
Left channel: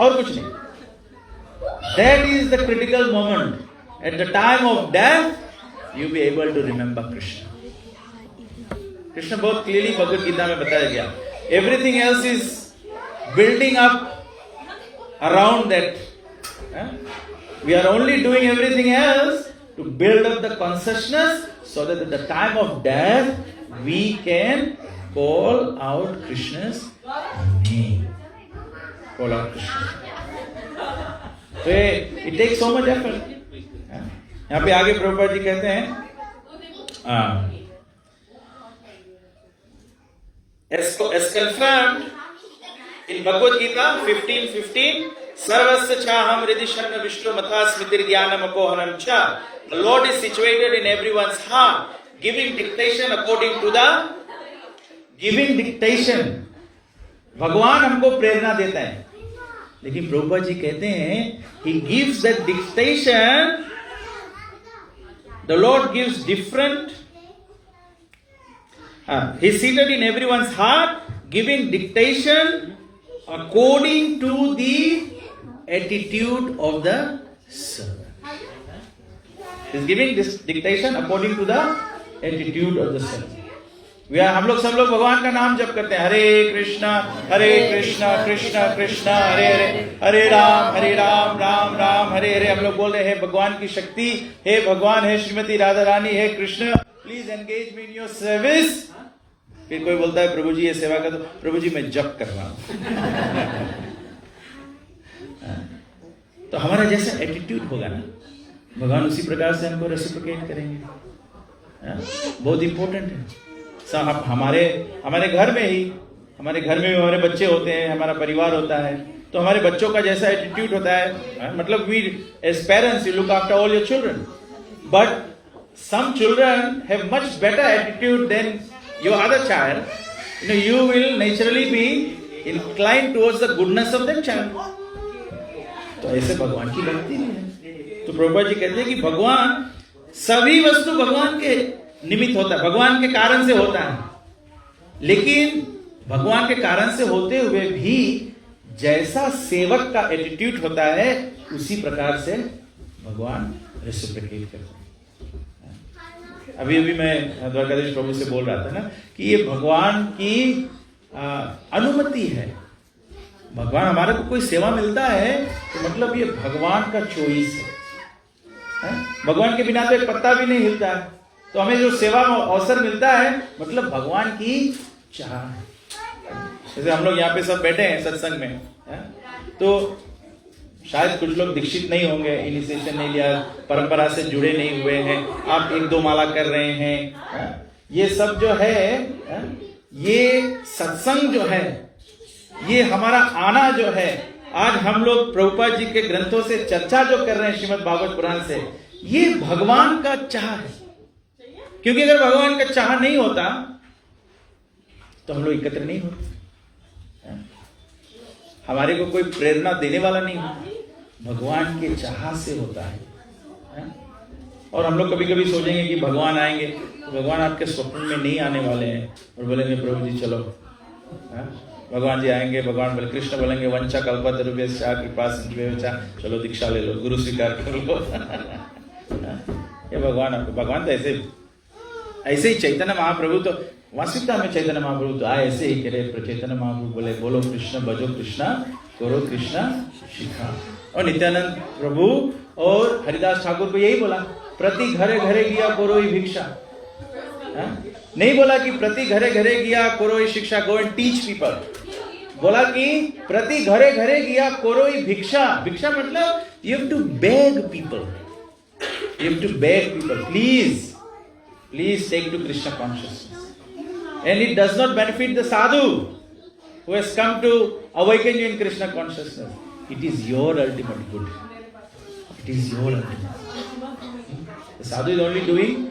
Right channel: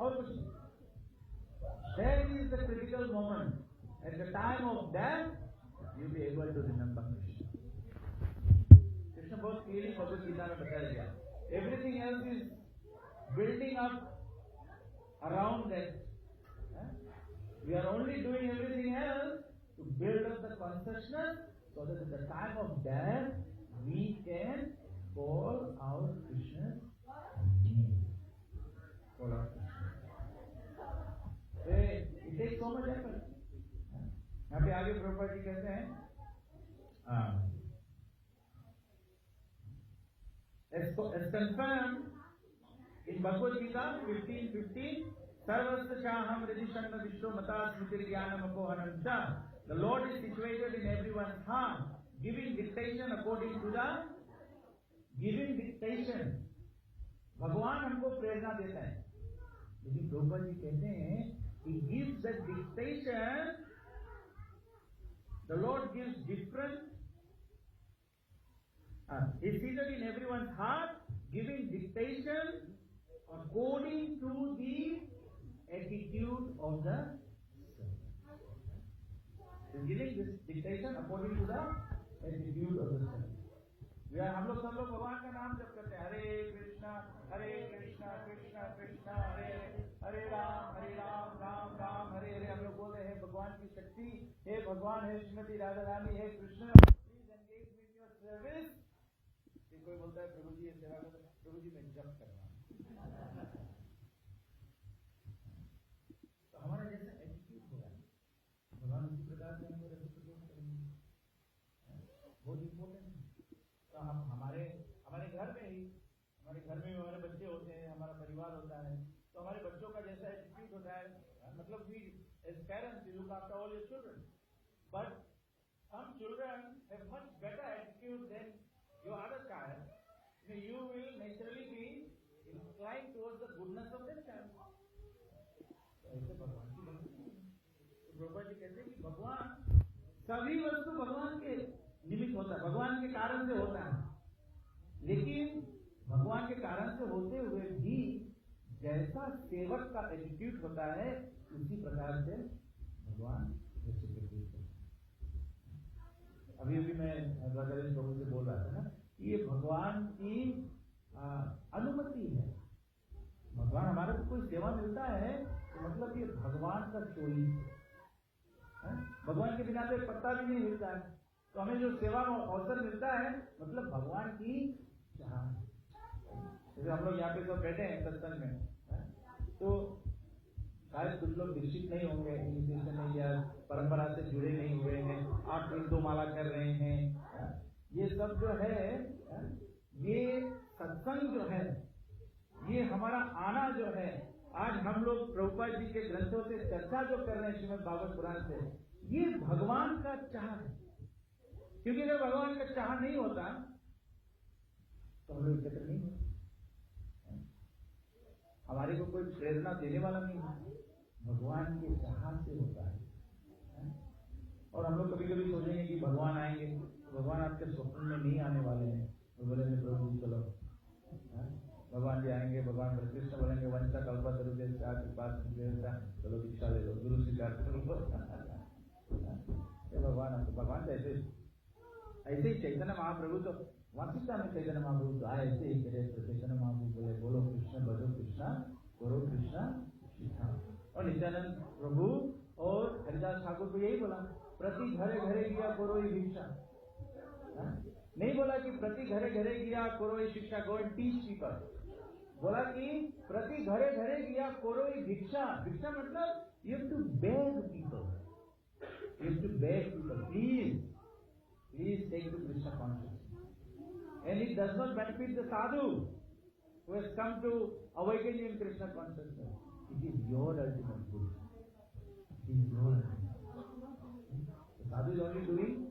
और कुछ नहीं। That is the critical moment. At the time of death, you be able to remember Krishna. Krishna बहुत क्लियरली भगवत गीता में बताया गया। Everything else is building up around that. We are only doing everything else to build up the consciousness so that at the time of death we can call out Krishna's name, call out Krishna. तो it takes so much effort. यहाँ पे आगे प्रभुपाद जी कहते हैं, as confirmed in Bhagavad Gita 15:15, sarvasya chaham hridhi shanna vishnu matha smritir jnanam apohanam cha. The Lord is situated in everyone's heart, giving dictation according to the giving dictation. भगवान हमको प्रेरणा देता है, लेकिन प्रभुपाद जी कहते हैं he gives that dictation. The Lord gives different. He's seated in everyone's heart, giving dictation according to the attitude of the servant. He's giving this dictation according to the attitude of the servant. हम लोग सब लोग भगवान का नाम जप करते हैं, हरे कृष्णा कृष्णा कृष्णा हरे हरे, हरे राम राम राम हरे हरे। हम लोग बोल रहे हैं भगवान की शक्ति, हे भगवान, हे श्रीमती राधा रानी, हे Krishna, please engage me in your service. फिर कोई बोलता है प्रभु जी ये सेवा कर दो, प्रभु जी मैं जप कर रहा हूं। तो हमारा जैसा एटीट्यूड होगा ना, भगवान उसी प्रकार से हमको रेसिप्रोकेट करेंगे। बहुत इंपॉर्टेंट है। हमारे घर में ही, हमारे घर में भी हमारे बच्चे होते हैं, हमारा परिवार होता है, तो हमारे बच्चों का जैसा एटीट्यूड होता है, मतलब we as parents you look after all your children, but some children have much better attitude than your other child, you will naturally be inclined towards the goodness of that child. तो ऐसे भगवान की भक्ति नहीं है। तो प्रभुपाद जी कहते हैं कि भगवान, सभी वस्तु भगवान के निमित्त होता है, भगवान के कारण से होता है, लेकिन भगवान के कारण से होते हुए भी जैसा सेवक का एटीट्यूड होता है उसी प्रकार से भगवान रेसिप्रोकेट करते हैं। अभी मैं द्वारकाधीश प्रभु से बोल रहा था ना कि ये भगवान की अनुमति है। भगवान हमारे को कोई सेवा मिलता है तो मतलब ये भगवान का चॉइस है। भगवान के बिना तो एक पत्ता भी नहीं हिलता है, तो हमें जो सेवा अवसर मिलता है मतलब भगवान की चाह है। जैसे हम लोग यहाँ पे सब बैठे हैं सत्संग में, तो शायद कुछ लोग दीक्षित नहीं होंगे, इनिशिएशन नहीं लिया, परंपरा से जुड़े नहीं हुए हैं, आप 1-2 माला कर रहे हैं। ये सब जो है, ये सत्संग जो है, ये हमारा आना जो है, आज हम लोग प्रभुपाद जी के ग्रंथों से चर्चा जो कर रहे हैं श्रीमद् भागवत पुराण से, ये भगवान का चाह है। क्योंकि अगर भगवान का चाह नहीं होता तो हम लोग एकत्र नहीं होते, हमारे को कोई प्रेरणा देने वाला नहीं होता, भगवान के चाह से होता है। और हम लोग कभी कभी सोचेंगे कि भगवान आएंगे, तो भगवान आपके स्वप्न में नहीं आने वाले हैं और बोलेंगे प्रभु जी चलो। भगवान जी आएंगे, भगवान बोले, कृष्ण बोलेंगे वंचा कल्पतरुभ्यश्च कृपा सिन्धुभ्यश्च, चलो दीक्षा ले लो, गुरु स्वीकार कर लो। ये भगवान तो ऐसे ही चैतन्य महाप्रभु तो वास्तविकता में चैतन्य महाप्रभु तो आए ऐसे ही करे। चैतन्य महाप्रभु बोले बोलो कृष्ण भजो कृष्ण करो कृष्ण शिखा। और नित्यानंद प्रभु और हरिदास ठाकुर को यही बोला, प्रति घरे घरे गया करो ही भिक्षा। नहीं बोला कि प्रति घरे घरे गया करो ही शिक्षा, गो एंड टीच पीपल। बोला कि प्रति घरे घरे गया करो ही भिक्षा। भिक्षा मतलब you have to beg people, you have to beg people, please take to Krishna consciousness. And it does not benefit the sadhu who has come to awaken you in Krishna consciousness. It is your ultimate good. It is your ultimate. The sadhu is only doing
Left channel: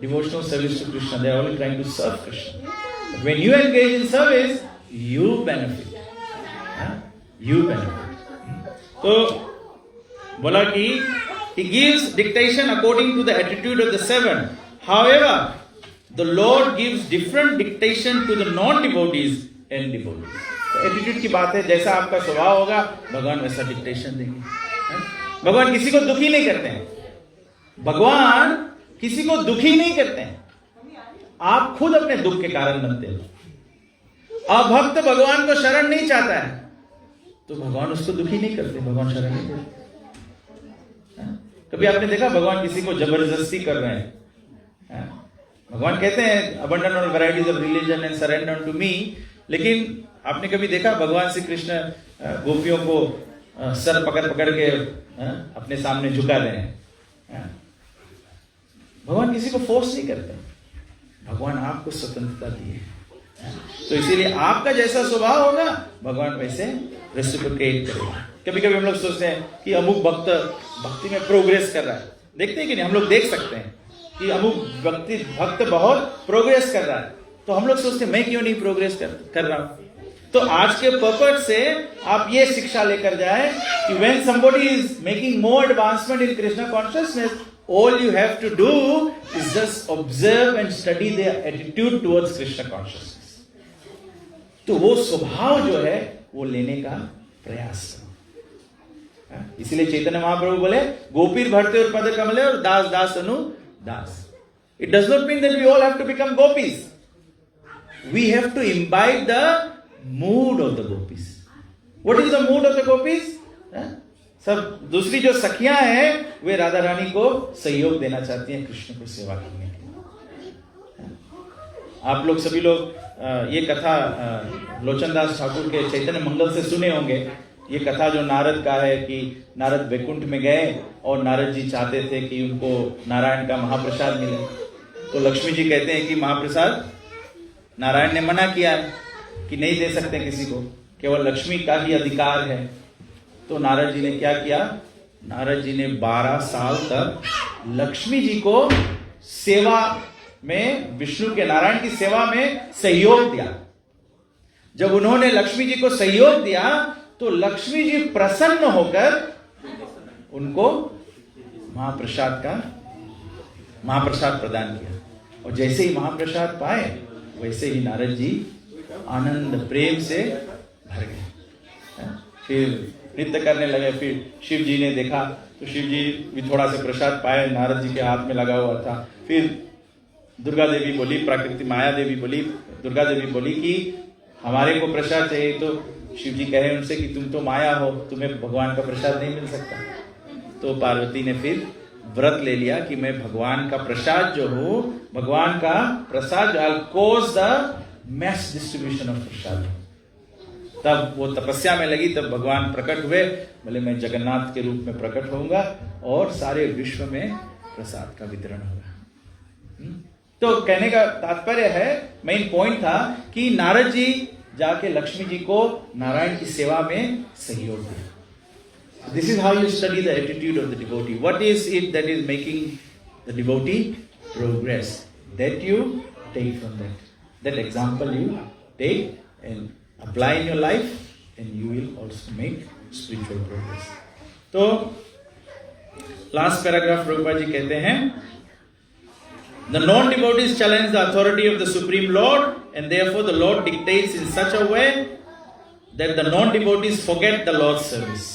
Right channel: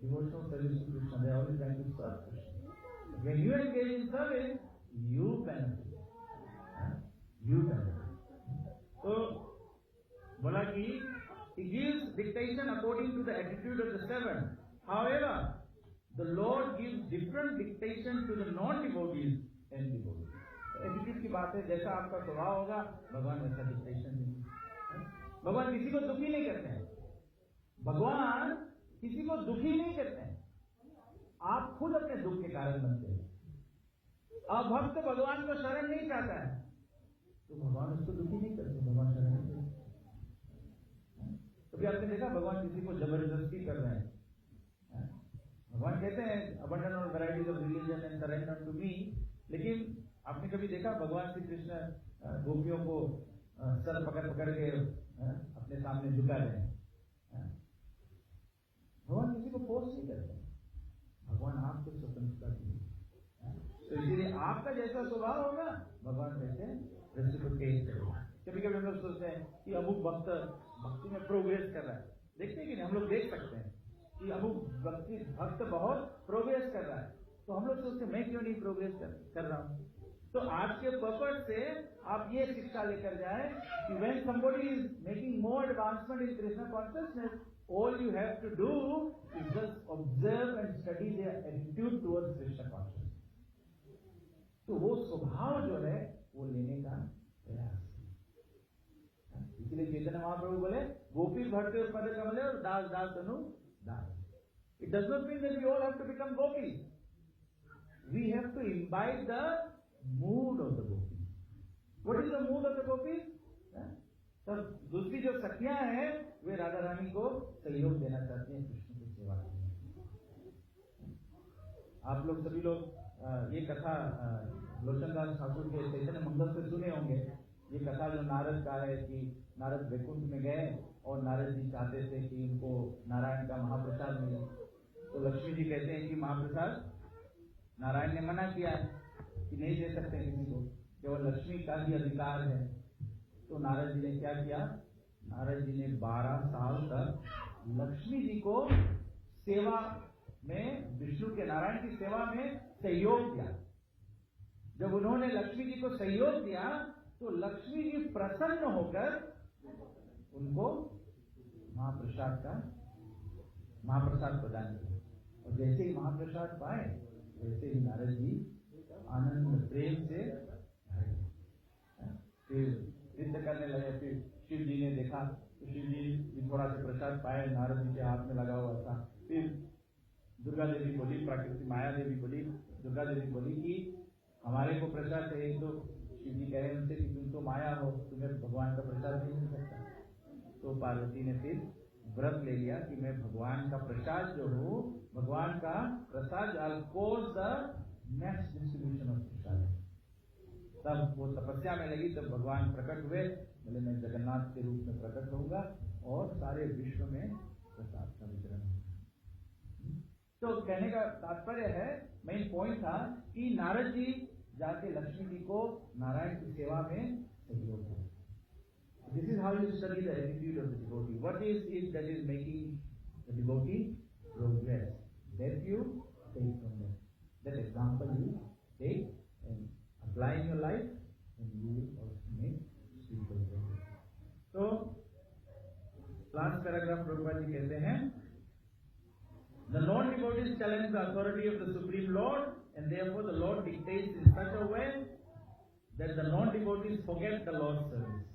devotional service to Krishna. They are only trying to serve Krishna. But when you engage in service, you benefit. You benefit. So, बोला कि he gives dictation according to the attitude of the 7. However, the Lord gives different dictation to the non-devotees and devotees. तो attitude की बात है, जैसा आपका स्वभाव होगा भगवान वैसा डिक्टेशन देंगे। भगवान किसी को दुखी नहीं करते हैं, भगवान किसी को दुखी नहीं करते हैं, आप खुद अपने दुख के कारण बनते हो। अभक्त भगवान को शरण नहीं चाहता है तो भगवान उसको दुखी नहीं करते, भगवान शरण नहीं देते। कभी आपने देखा भगवान किसी को जबरदस्ती कर रहे हैं? भगवान कहते हैं abandon all varieties of religion and surrender to me, लेकिन आपने कभी देखा भगवान श्री कृष्ण गोपियों को सर पकड़ पकड़ के अपने सामने झुका रहे हैं? भगवान किसी को फोर्स नहीं करते, भगवान आपको स्वतंत्रता दी है। तो इसीलिए आपका जैसा स्वभाव होगा भगवान वैसे रेसिप्रोकेट करेगा। कभी कभी हम लोग सोचते हैं कि अमुक भक्त भक्ति में प्रोग्रेस कर रहा है, देखते हैं कि नहीं, हम लोग देख सकते हैं कि अमुक भक्त बहुत प्रोग्रेस कर रहा है, तो हम लोग सोचते हैं मैं क्यों नहीं प्रोग्रेस कर रहा हूं। तो आज के पर्पस से आप ये शिक्षा लेकर जाए कि when somebody is making more advancement in Krishna consciousness, all you have to do is just observe and study their attitude towards Krishna consciousness. तो वो स्वभाव जो है वो लेने का प्रयास करो। इसलिए चैतन्य महाप्रभु बोले गोपीर भरते और पद कमले और दास दास अनु दास। It does not mean that we all have to become gopis. We have to imbibe the mood of the gopis. What is the mood of the gopis? सब दूसरी जो सखियां हैं वे राधा रानी को सहयोग देना चाहती हैं कृष्ण को सेवा करने के लिए। आप लोग सभी लोग ये कथा लोचनदास ठाकुर के चैतन्य मंगल से सुने होंगे। ये कथा जो नारद का है कि नारद वैकुंठ में गए और नारद जी चाहते थे कि उनको नारायण का महाप्रसाद मिले, तो लक्ष्मी जी कहते हैं कि महाप्रसाद नारायण ने मना किया है कि नहीं दे सकते किसी को, केवल लक्ष्मी का ही अधिकार है। तो नारद जी ने क्या किया? नारद जी ने 12 साल तक लक्ष्मी जी को सेवा में, विष्णु के, नारायण की सेवा में सहयोग दिया। जब उन्होंने लक्ष्मी जी को सहयोग दिया तो लक्ष्मी जी प्रसन्न होकर उनको महाप्रसाद प्रदान किया। और जैसे ही महाप्रसाद पाए वैसे ही नारद जी आनंद प्रेम से भर गए। फिर नृत्य करने लगे। फिर शिव जी ने देखा तो शिव जी भी थोड़ा सा प्रसाद पाए, नारद जी के हाथ में लगा हुआ था। फिर दुर्गा देवी बोली, प्रकृति माया देवी बोली, दुर्गा देवी बोली कि हमारे को प्रसाद चाहिए। तो शिव जी कहे उनसे कि तुम तो माया हो, तुम्हें भगवान का प्रसाद नहीं मिल सकता। तो पार्वती ने फिर व्रत ले लिया कि मैं भगवान का प्रसाद जो हूं, भगवान का प्रसाद I'll cause the mass distribution of प्रसाद। तब वो तपस्या में लगी, तब भगवान प्रकट हुए, बोले मैं जगन्नाथ के रूप में प्रकट होऊंगा और सारे विश्व में प्रसाद का वितरण होगा। तो कहने का तात्पर्य है, मेन पॉइंट था कि नारद जी जाके लक्ष्मी जी को नारायण की सेवा में सहयोग दिया। This is how you study the attitude of the devotee. What is it that is making the devotee progress? That you take from that. That example you take and apply in your life, and you will also make spiritual progress. तो last paragraph Prabhupada जी कहते हैं, the non-devotees challenge the authority of the Supreme Lord, and therefore the Lord dictates in such a way that the non-devotees forget the Lord's service.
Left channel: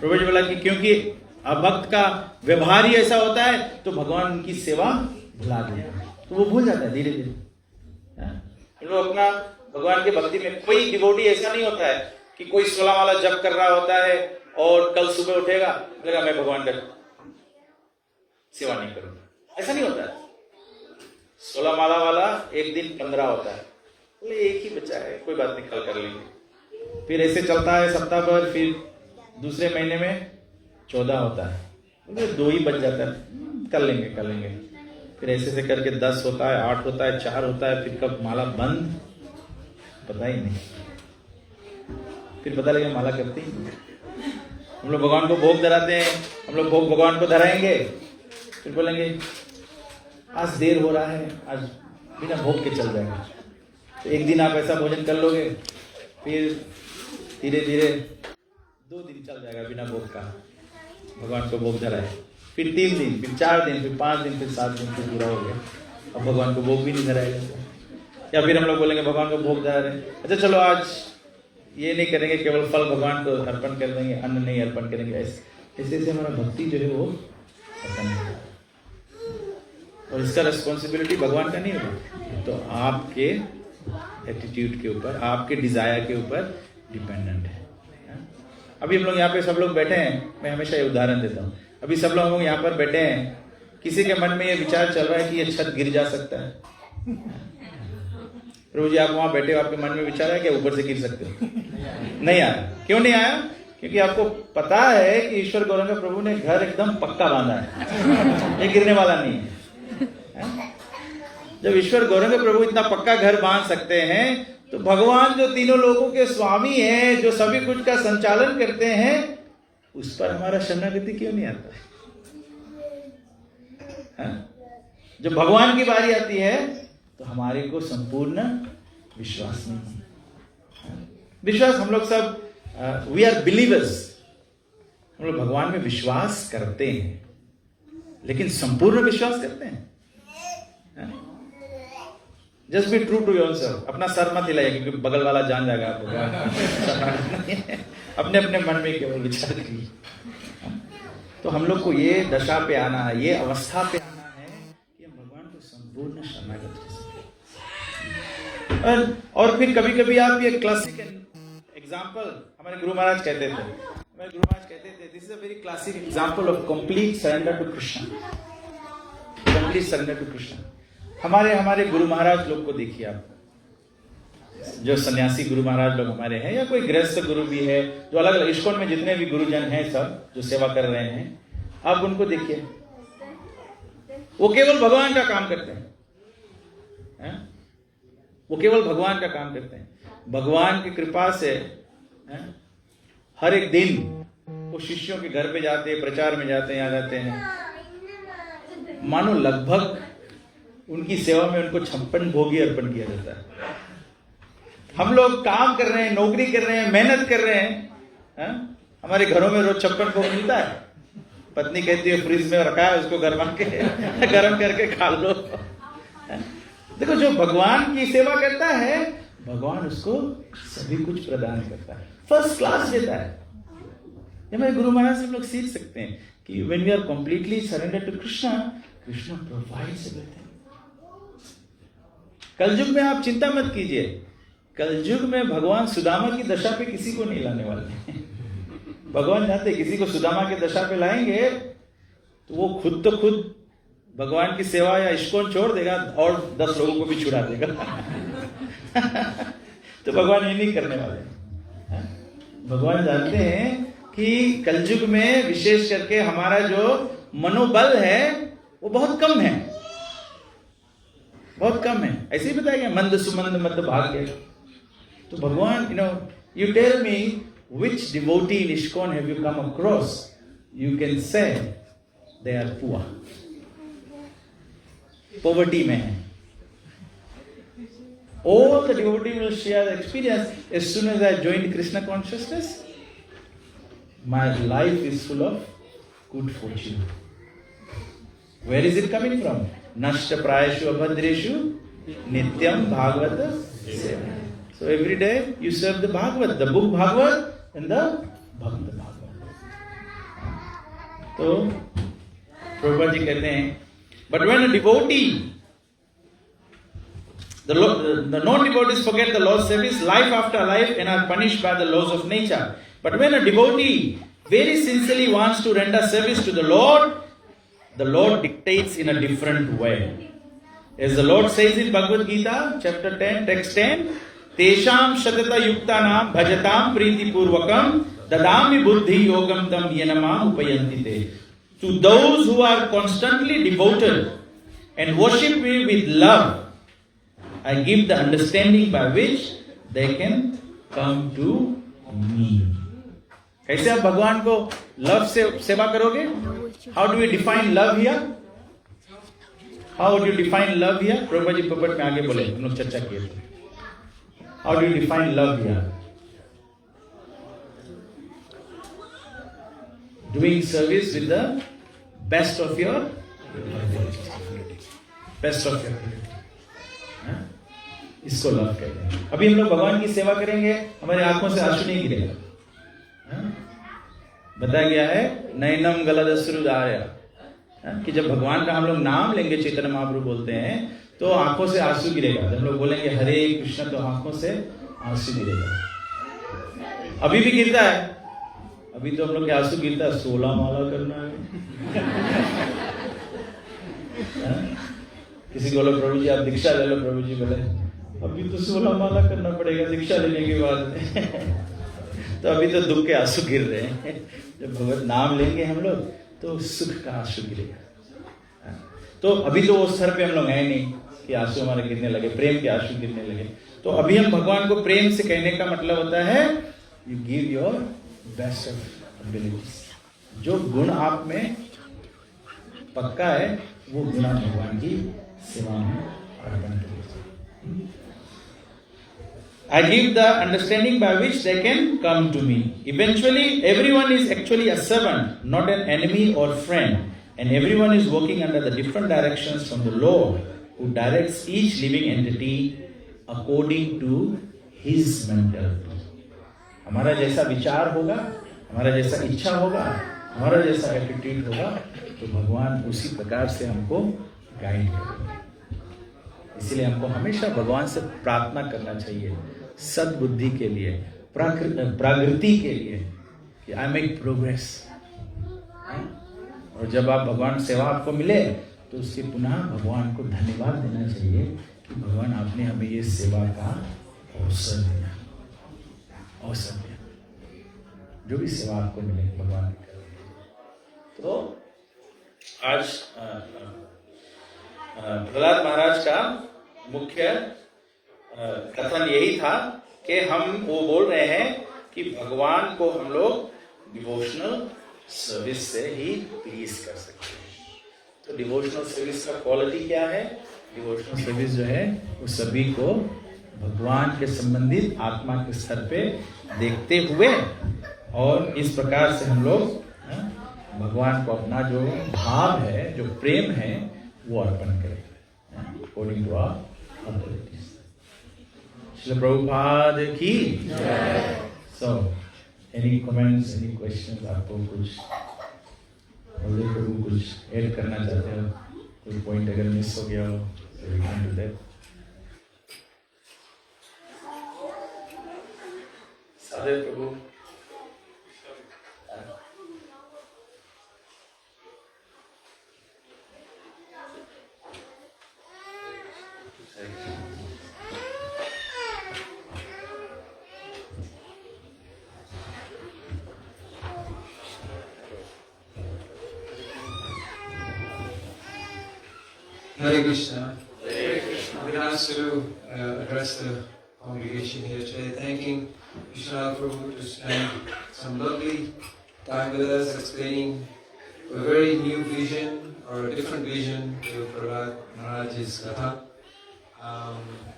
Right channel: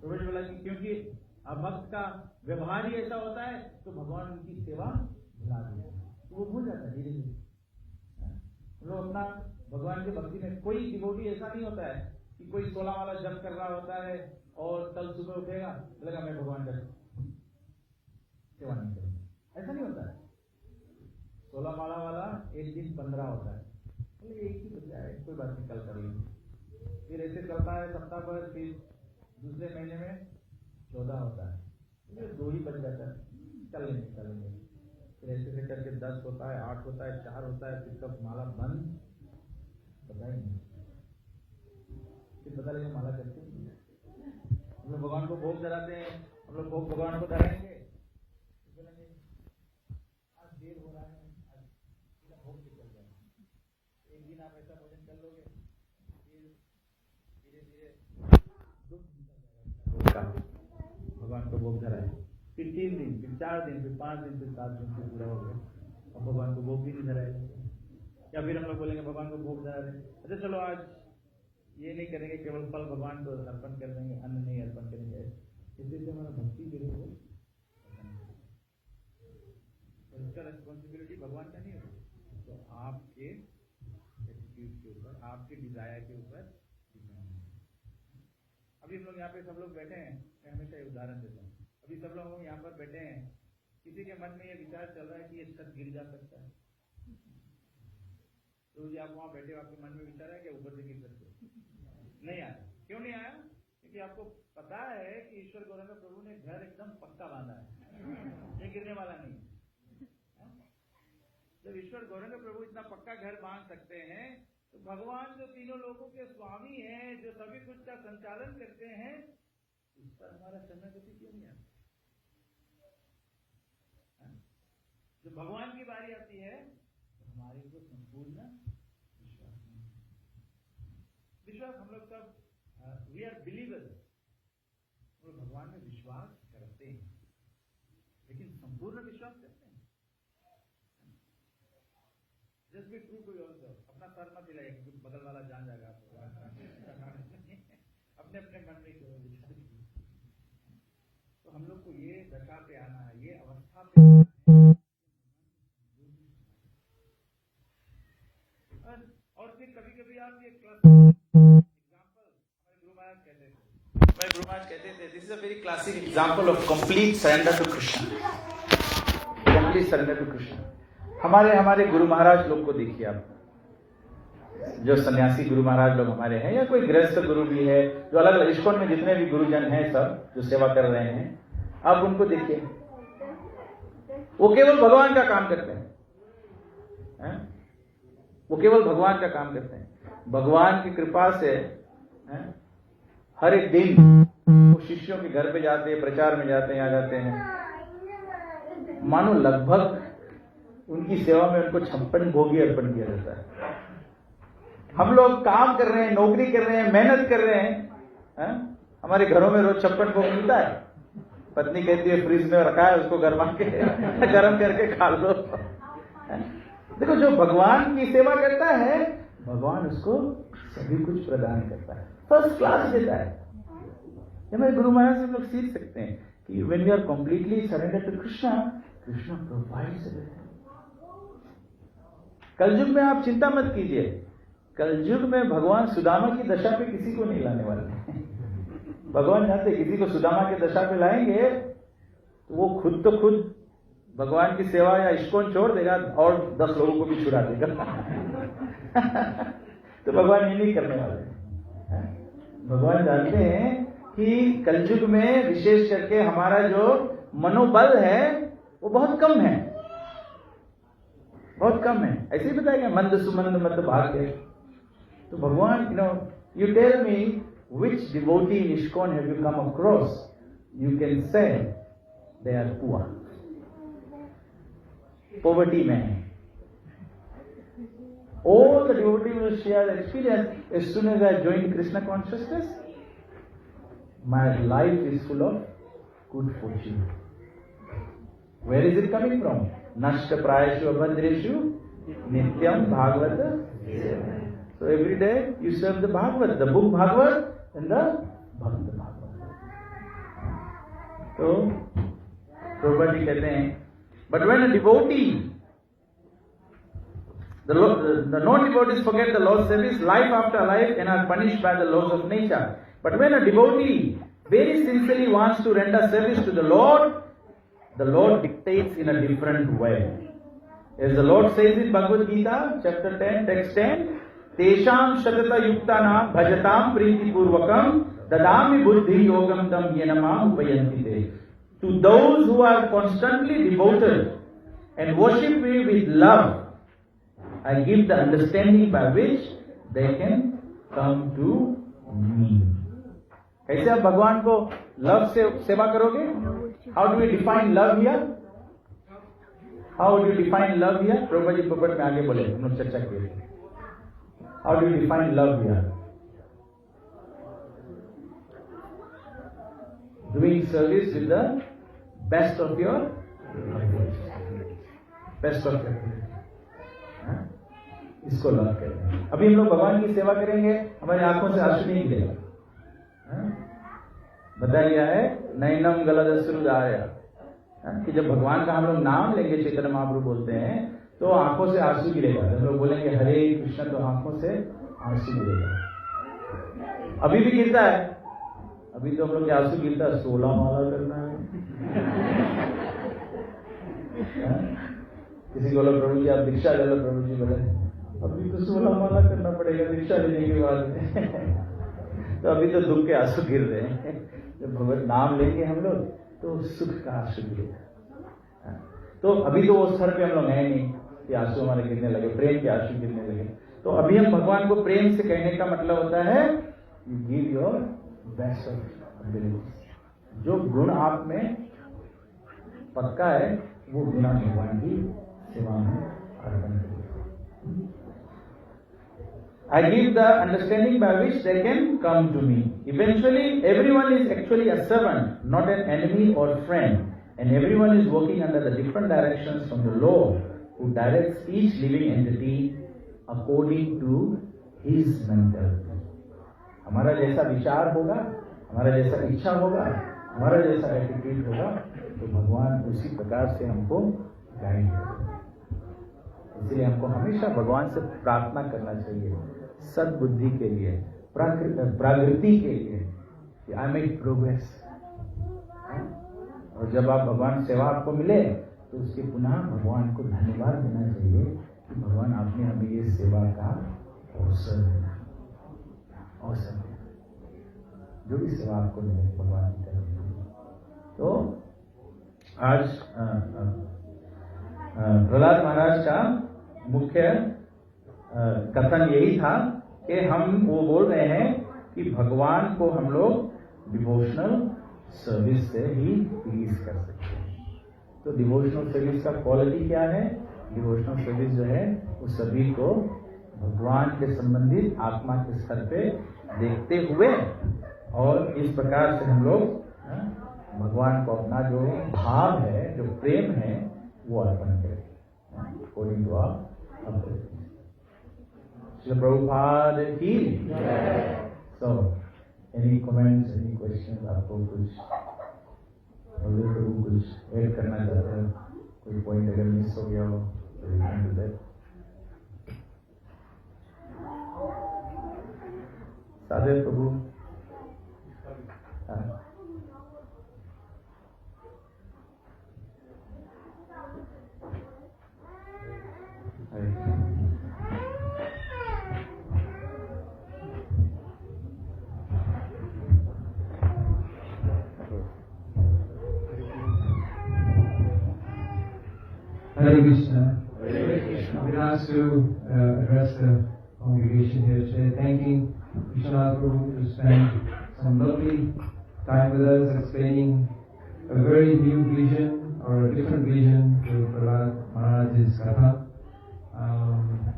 प्रभु जी बोला कि क्योंकि अभक्त का व्यवहार ही ऐसा होता है तो भगवान उनकी सेवा भुला देता है, तो वो भूल जाता है धीरे धीरे। लोग अपना भगवान के भक्ति में, कोई डिवोटी ऐसा नहीं होता है कि कोई 16 माला जप कर रहा होता है और कल सुबह उठेगा बोलेगा मैं भगवान का सेवा नहीं करूंगा, ऐसा नहीं होता है। 16 माला वाला एक दिन 15 होता है, बोले एक ही बच्चा है, कोई बात नहीं, कल कर लेंगे। फिर ऐसे चलता है सप्ताह भर, फिर दूसरे महीने में 14 होता है, बोले 2 ही बच जाता है, कर लेंगे। फिर ऐसे से करके 10 होता है, 8 होता है, 4 होता है, फिर कब माला बंद पता ही नहीं। फिर पता लगे माला करते ही नहीं। हम लोग भगवान को भोग धराते हैं, हम लोग भोग भगवान को धराएंगे, फिर बोलेंगे आज देर हो रहा है, आज बिना भोग के चल जाएगा। तो एक दिन आप ऐसा भोजन कर लोगे, फिर धीरे धीरे 2 दिन चल जाएगा बिना भोग का, भगवान को भोग धराए, फिर 3 दिन, फिर 4 दिन, फिर 5 दिन, फिर 7 दिन, फिर पूरा हो गया, अब भगवान को भोग भी नहीं धराएगा। या फिर हम लोग बोलेंगे भगवान को भोग धरा रहे, अच्छा चलो आज ये नहीं करेंगे, केवल फल भगवान को अर्पण कर देंगे, अन्न नहीं अर्पण करेंगे। ऐसे से हमारा भक्ति जो है वो खत्म हो जाता है, और इसका रिस्पॉन्सिबिलिटी भगवान का नहीं होगा, तो आपके एटीट्यूड के ऊपर, आपके डिजायर के ऊपर डिपेंडेंट है। अभी हम लोग यहाँ पे सब लोग बैठे हैं, मैं हमेशा ये उदाहरण देता हूँ, अभी सब लोग यहाँ पर बैठे हैं, किसी के मन में ये विचार चल रहा है कि ये छत गिर जा सकता है। प्रभु जी आप वहां बैठे हो, आपके मन में विचार है कि ऊपर से गिर सकते हो? नहीं आया। क्यों नहीं आया? क्योंकि आपको पता है कि ईश्वर गौरंग प्रभु ने घर एकदम पक्का बांधा है, ये गिरने वाला नहीं है। जब ईश्वर गौरंग प्रभु इतना पक्का घर बांध सकते हैं, तो भगवान जो तीनों लोगों के स्वामी हैं, जो सभी कुछ का संचालन करते हैं, उस पर हमारा शरणागति क्यों नहीं आता है? जब भगवान की बारी आती है तो हमारे को संपूर्ण विश्वास नहीं है। विश्वास हम लोग सब वी आर बिलीवर्स, हम लोग भगवान में विश्वास करते हैं, लेकिन संपूर्ण विश्वास करते हैं? Just be true to yourself. अपना सर मत हिलाइए, क्योंकि बगल वाला जान जाएगा आप भगवान। अपने अपने मन में केवल विचार करिए। तो हम लोग को ये दशा पे आना है, ये अवस्था पे आना है कि हम भगवान को संपूर्ण शरणागत कर सकें। और फिर कभी कभी आप ये क्लासिक एग्जाम्पल, हमारे गुरु महाराज कहते थे, this is a very classic example of complete surrender to Krishna, complete surrender to Krishna. हमारे गुरु महाराज लोग को देखिए आप, जो सन्यासी गुरु महाराज लोग हमारे हैं, या कोई गृहस्थ गुरु भी है, जो अलग अलग इस्कॉन में जितने भी गुरुजन हैं सब जो सेवा कर रहे हैं, आप उनको देखिए, वो केवल भगवान का काम करते हैं, वो केवल भगवान का काम करते हैं। भगवान की कृपा से हर एक दिन वो शिष्यों के घर पे जाते हैं, प्रचार में जाते हैं, आ जाते हैं, मानो लगभग उनकी सेवा में उनको 56 भोगी अर्पण किया जाता है। हम लोग काम कर रहे हैं, नौकरी कर रहे हैं, मेहनत कर रहे हैं, हमारे घरों में रोज 56 भोग मिलता है। पत्नी कहती है फ्रिज में रखा है, उसको गर्म करके खा लो। देखो, जो भगवान की सेवा करता है, भगवान उसको सभी कुछ प्रदान करता है, फर्स्ट क्लास देता है। हमारे गुरु महाराज से हम लोग सीख सकते हैं कि when we are completely surrendered to Krishna, Krishna provides everything. कलयुग में आप चिंता मत कीजिए, कलयुग में भगवान सुदामा की दशा पे किसी को नहीं लाने वाले। भगवान जानते किसी को सुदामा की दशा पे लाएंगे तो वो खुद भगवान की सेवा या इस्कॉन छोड़ देगा और 10 लोगों को भी छुड़ा देगा। तो भगवान ये नहीं करने वाले। भगवान जानते हैं कि कलयुग में विशेष करके हमारा जो मनोबल है वो बहुत कम है, बहुत कम है। ऐसे ही बताया गया, मंद सुमंद मत भाग्य। तो भगवान, you tell me which devotee in ISKCON have you come across, you can say they are poor, poverty में है। All the devotee will share the experience as soon as I joined Krishna consciousness, my life is full of good fortune. Where is it coming from? Nashta prayashu abhadreshu nityam bhagavata seva. So every day you serve the Bhagavad, the book Bhagavad and the Bhagavad Bhagavad. तो प्रभुपाद जी कहते हैं, but when a devotee, the non-devotees forget the Lord's service life after life and are punished by the laws of nature. But when a devotee very sincerely wants to render service to the Lord dictates in a different way. As the Lord says in Bhagavad Gita, chapter 10, text 10, Tesham shatata yuktanam bhajatam priti purvakam dadami buddhi yogam tam yenamam upayantite. To those who are constantly devoted and worship me with love, I give the understanding by which they can come to me. कैसे आप भगवान को love से सेवा करोगे? How do we define love here? How do you define love here? Prabhupada ji पपट में आगे बोले, हम लोग चर्चा किए थे। How do you define love here? Doing service with the best of your ability. Best of your ability. इसको लव कहते हैं। अभी हम लोग भगवान की सेवा करेंगे, हमारी आंखों से आंसू नहीं गिरेगा। बताया गया है नैनम गलदश्रुदार्य, कि जब भगवान का हम लोग नाम लेंगे, चैतन्य महाप्रभु बोलते हैं, तो आंखों से आंसू गिरेगा। जब लोग बोलेंगे हरे कृष्ण, तो आंखों से आंसू गिरेगा। अभी भी गिरता है, अभी तो हम लोग के आंसू गिरता है, 16 माला करना है। किसी को बोलो प्रभु जी आप दीक्षा ले लो, प्रभु जी बोले अभी तो 16 माला करना पड़ेगा दीक्षा लेने के बाद। तो अभी तो दुख के आंसू गिर रहे हैं। जब भगवत नाम लेंगे हम लोग तो सुख का आंसू गिरेगा। तो अभी तो वो स्तर पे हम लोग हैं नहीं कि आंसू हमारे गिरने लगे, प्रेम के आंसू गिरने लगे। तो अभी हम भगवान को प्रेम से कहने का मतलब होता है you give your best of abilities. जो गुण आप में पक्का है वो गुण आप भगवान की सेवा में अर्पण करिए। I give the understanding by which they can come to me. Eventually, everyone is actually a servant, not an enemy or friend. And everyone is working under the different directions from the Lord, who directs each living entity according to his mentality. हमारा जैसा विचार होगा, हमारा जैसा इच्छा होगा, हमारा जैसा एटीट्यूड होगा, तो भगवान उसी प्रकार से हमको गाइड करेंगे। इसलिए हमको हमेशा भगवान से प्रार्थना करना चाहिए सद्बुद्धि के लिए, प्राकृति के लिए, कि आई मेक प्रोग्रेस। और जब आप भगवान सेवा आपको मिले तो उससे पुनः भगवान को धन्यवाद देना चाहिए कि भगवान आपने हमें ये सेवा का अवसर दिया, अवसर दिया। जो भी सेवा आपको मिले भगवान की करें। तो आज प्रहलाद महाराज का मुख्य कथन यही था कि हम वो बोल रहे हैं कि भगवान को हम लोग डिवोशनल सर्विस से ही प्लीज कर सकते हैं। तो डिवोशनल सर्विस का क्वालिटी क्या है? डिवोशनल सर्विस जो है वो सभी को भगवान के संबंधित आत्मा के स्तर पे देखते हुए, और इस प्रकार से हम लोग भगवान को अपना जो भाव है, जो प्रेम है, वो अर्पण करें according to our abilities. Srila Prabhupada की। So any comments, any questions? आपको कुछ प्रभु कुछ ऐड करना चाहते हो? कोई पॉइंट अगर मिस हो गया हो तो वी कैन डू दैट। सादर प्रभु। Hare Krishna. Hare Krishna. I've been asked to address the congregation here today, thanking Vishwanath Prabhu to spend some lovely time with us, explaining a very new vision or a different vision to Prahlad Maharaj's Katha.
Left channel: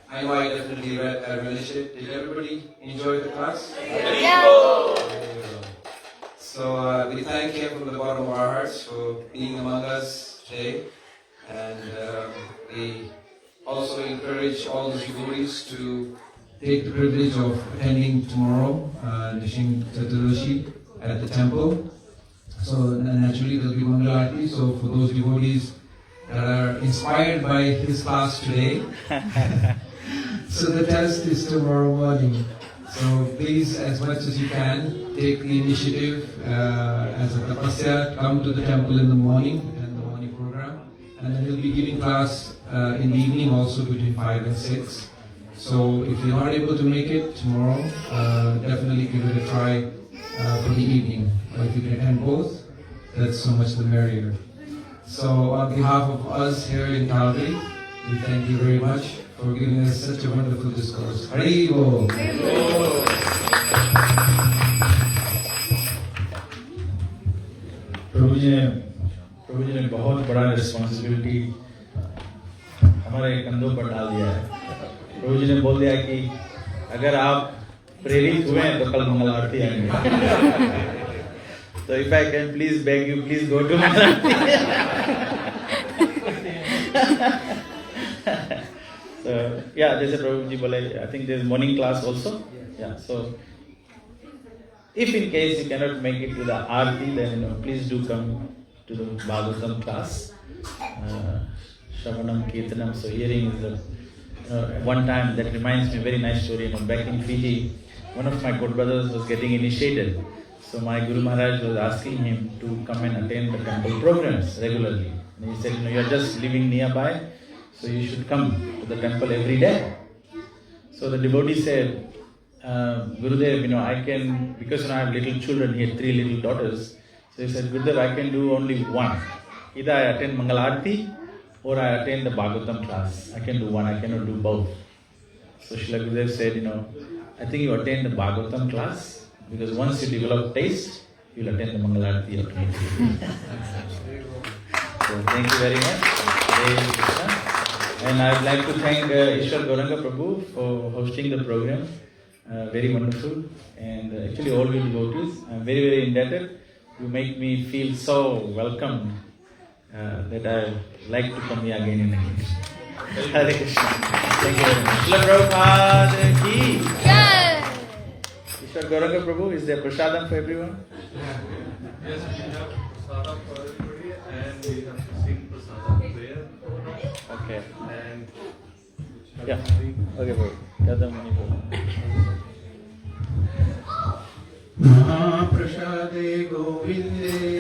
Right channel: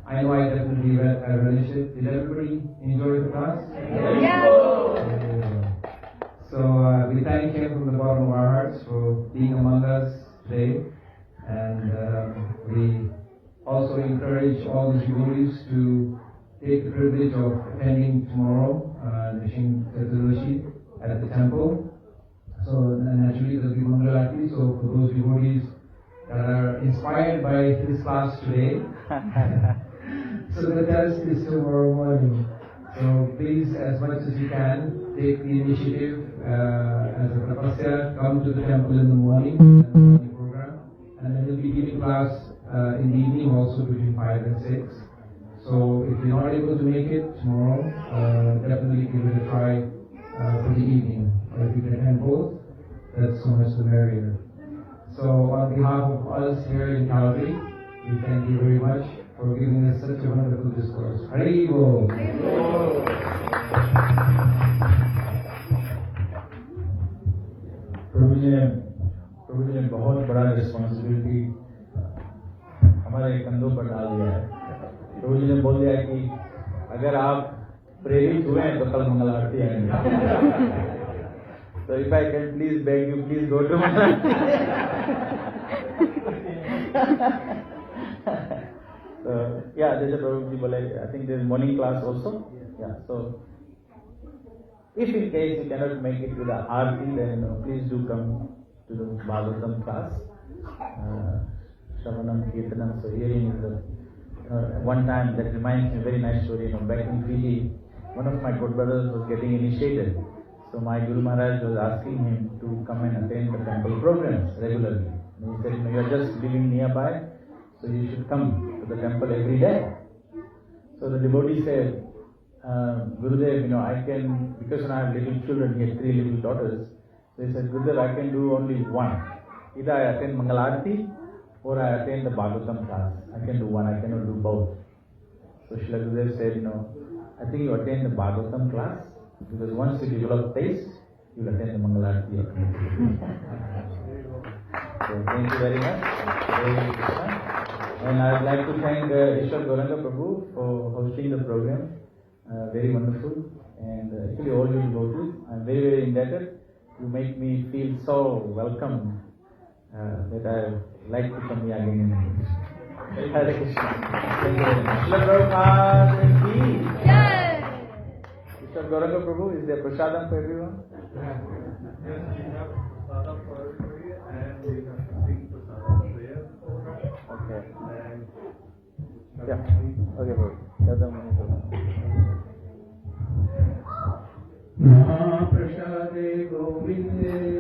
I know I definitely relished it. Did everybody enjoy the class? So we thank him from the bottom of our hearts for being among us today. And we also encourage all the devotees to take the privilege of attending tomorrow, Nishing Chaturdashi at the temple. So naturally there will be Mangal Aarti. So for those devotees that are inspired by his class today, so the test is tomorrow morning. So please, as much as you can, take the initiative as a tapasya, come to the temple in the morning, and the morning program. And then we'll be giving class in the evening also between 5 and 6. So if you're not able to make it tomorrow, definitely give it a try for the evening. But if you can attend both, that's so much the merrier. So on behalf of us here in Calgary, we thank you very much for giving us such a wonderful discourse. Hari Bol. प्रभु जी ने बहुत बड़ा responsibility हमारे कंधों पर डाल दिया है। प्रभु जी ने बोल दिया कि अगर आप प्रेरित हुए हैं तो कल मंगल आरती आएंगे। So if I can please beg you, please go to Mangal Aarti. So yeah, जैसे प्रभु जी बोले, I think there is morning class also. Yeah, so if in case you cannot make it to the Aarti, then please do come to the Bhagavatam class. Shravanam, Kirtanam, so hearing is the one time that reminds me a very nice story. Back in Fiji, one of my good brothers was getting initiated. So my Guru Maharaj was asking him to come and attend the temple programs regularly. And he said, you are just living nearby, so you should come to the temple every day. So the devotee said, Gurudev, I can, because I have little children, he had 3 little daughters. So he said, Gurudev, I can do only one. Either I attend Mangal Aarti or I attend the Bhagavatam class. I can do one, I cannot do both. So Srila Gurudev said, I think you attend the Bhagavatam class, because once you develop taste, you will attend the Mangal Aarti automatically. So thank you very much. And I would like to thank Ishwar Gauranga Prabhu for hosting the program. Very wonderful. And actually all you devotees, I'm very, very indebted. You make me feel so welcome that I like to come here again and again. Hare Krishna. Thank you very much. Srila Prabhupada ki. Ishwar Gauranga Prabhu, is there prasadam for everyone? Yes, we have prasadam for everybody and we have to sing prasadam prayer. Okay. And Yeah. Okay, Prabhu. Yadam Muni Prabhu. Mahaprasade Govinde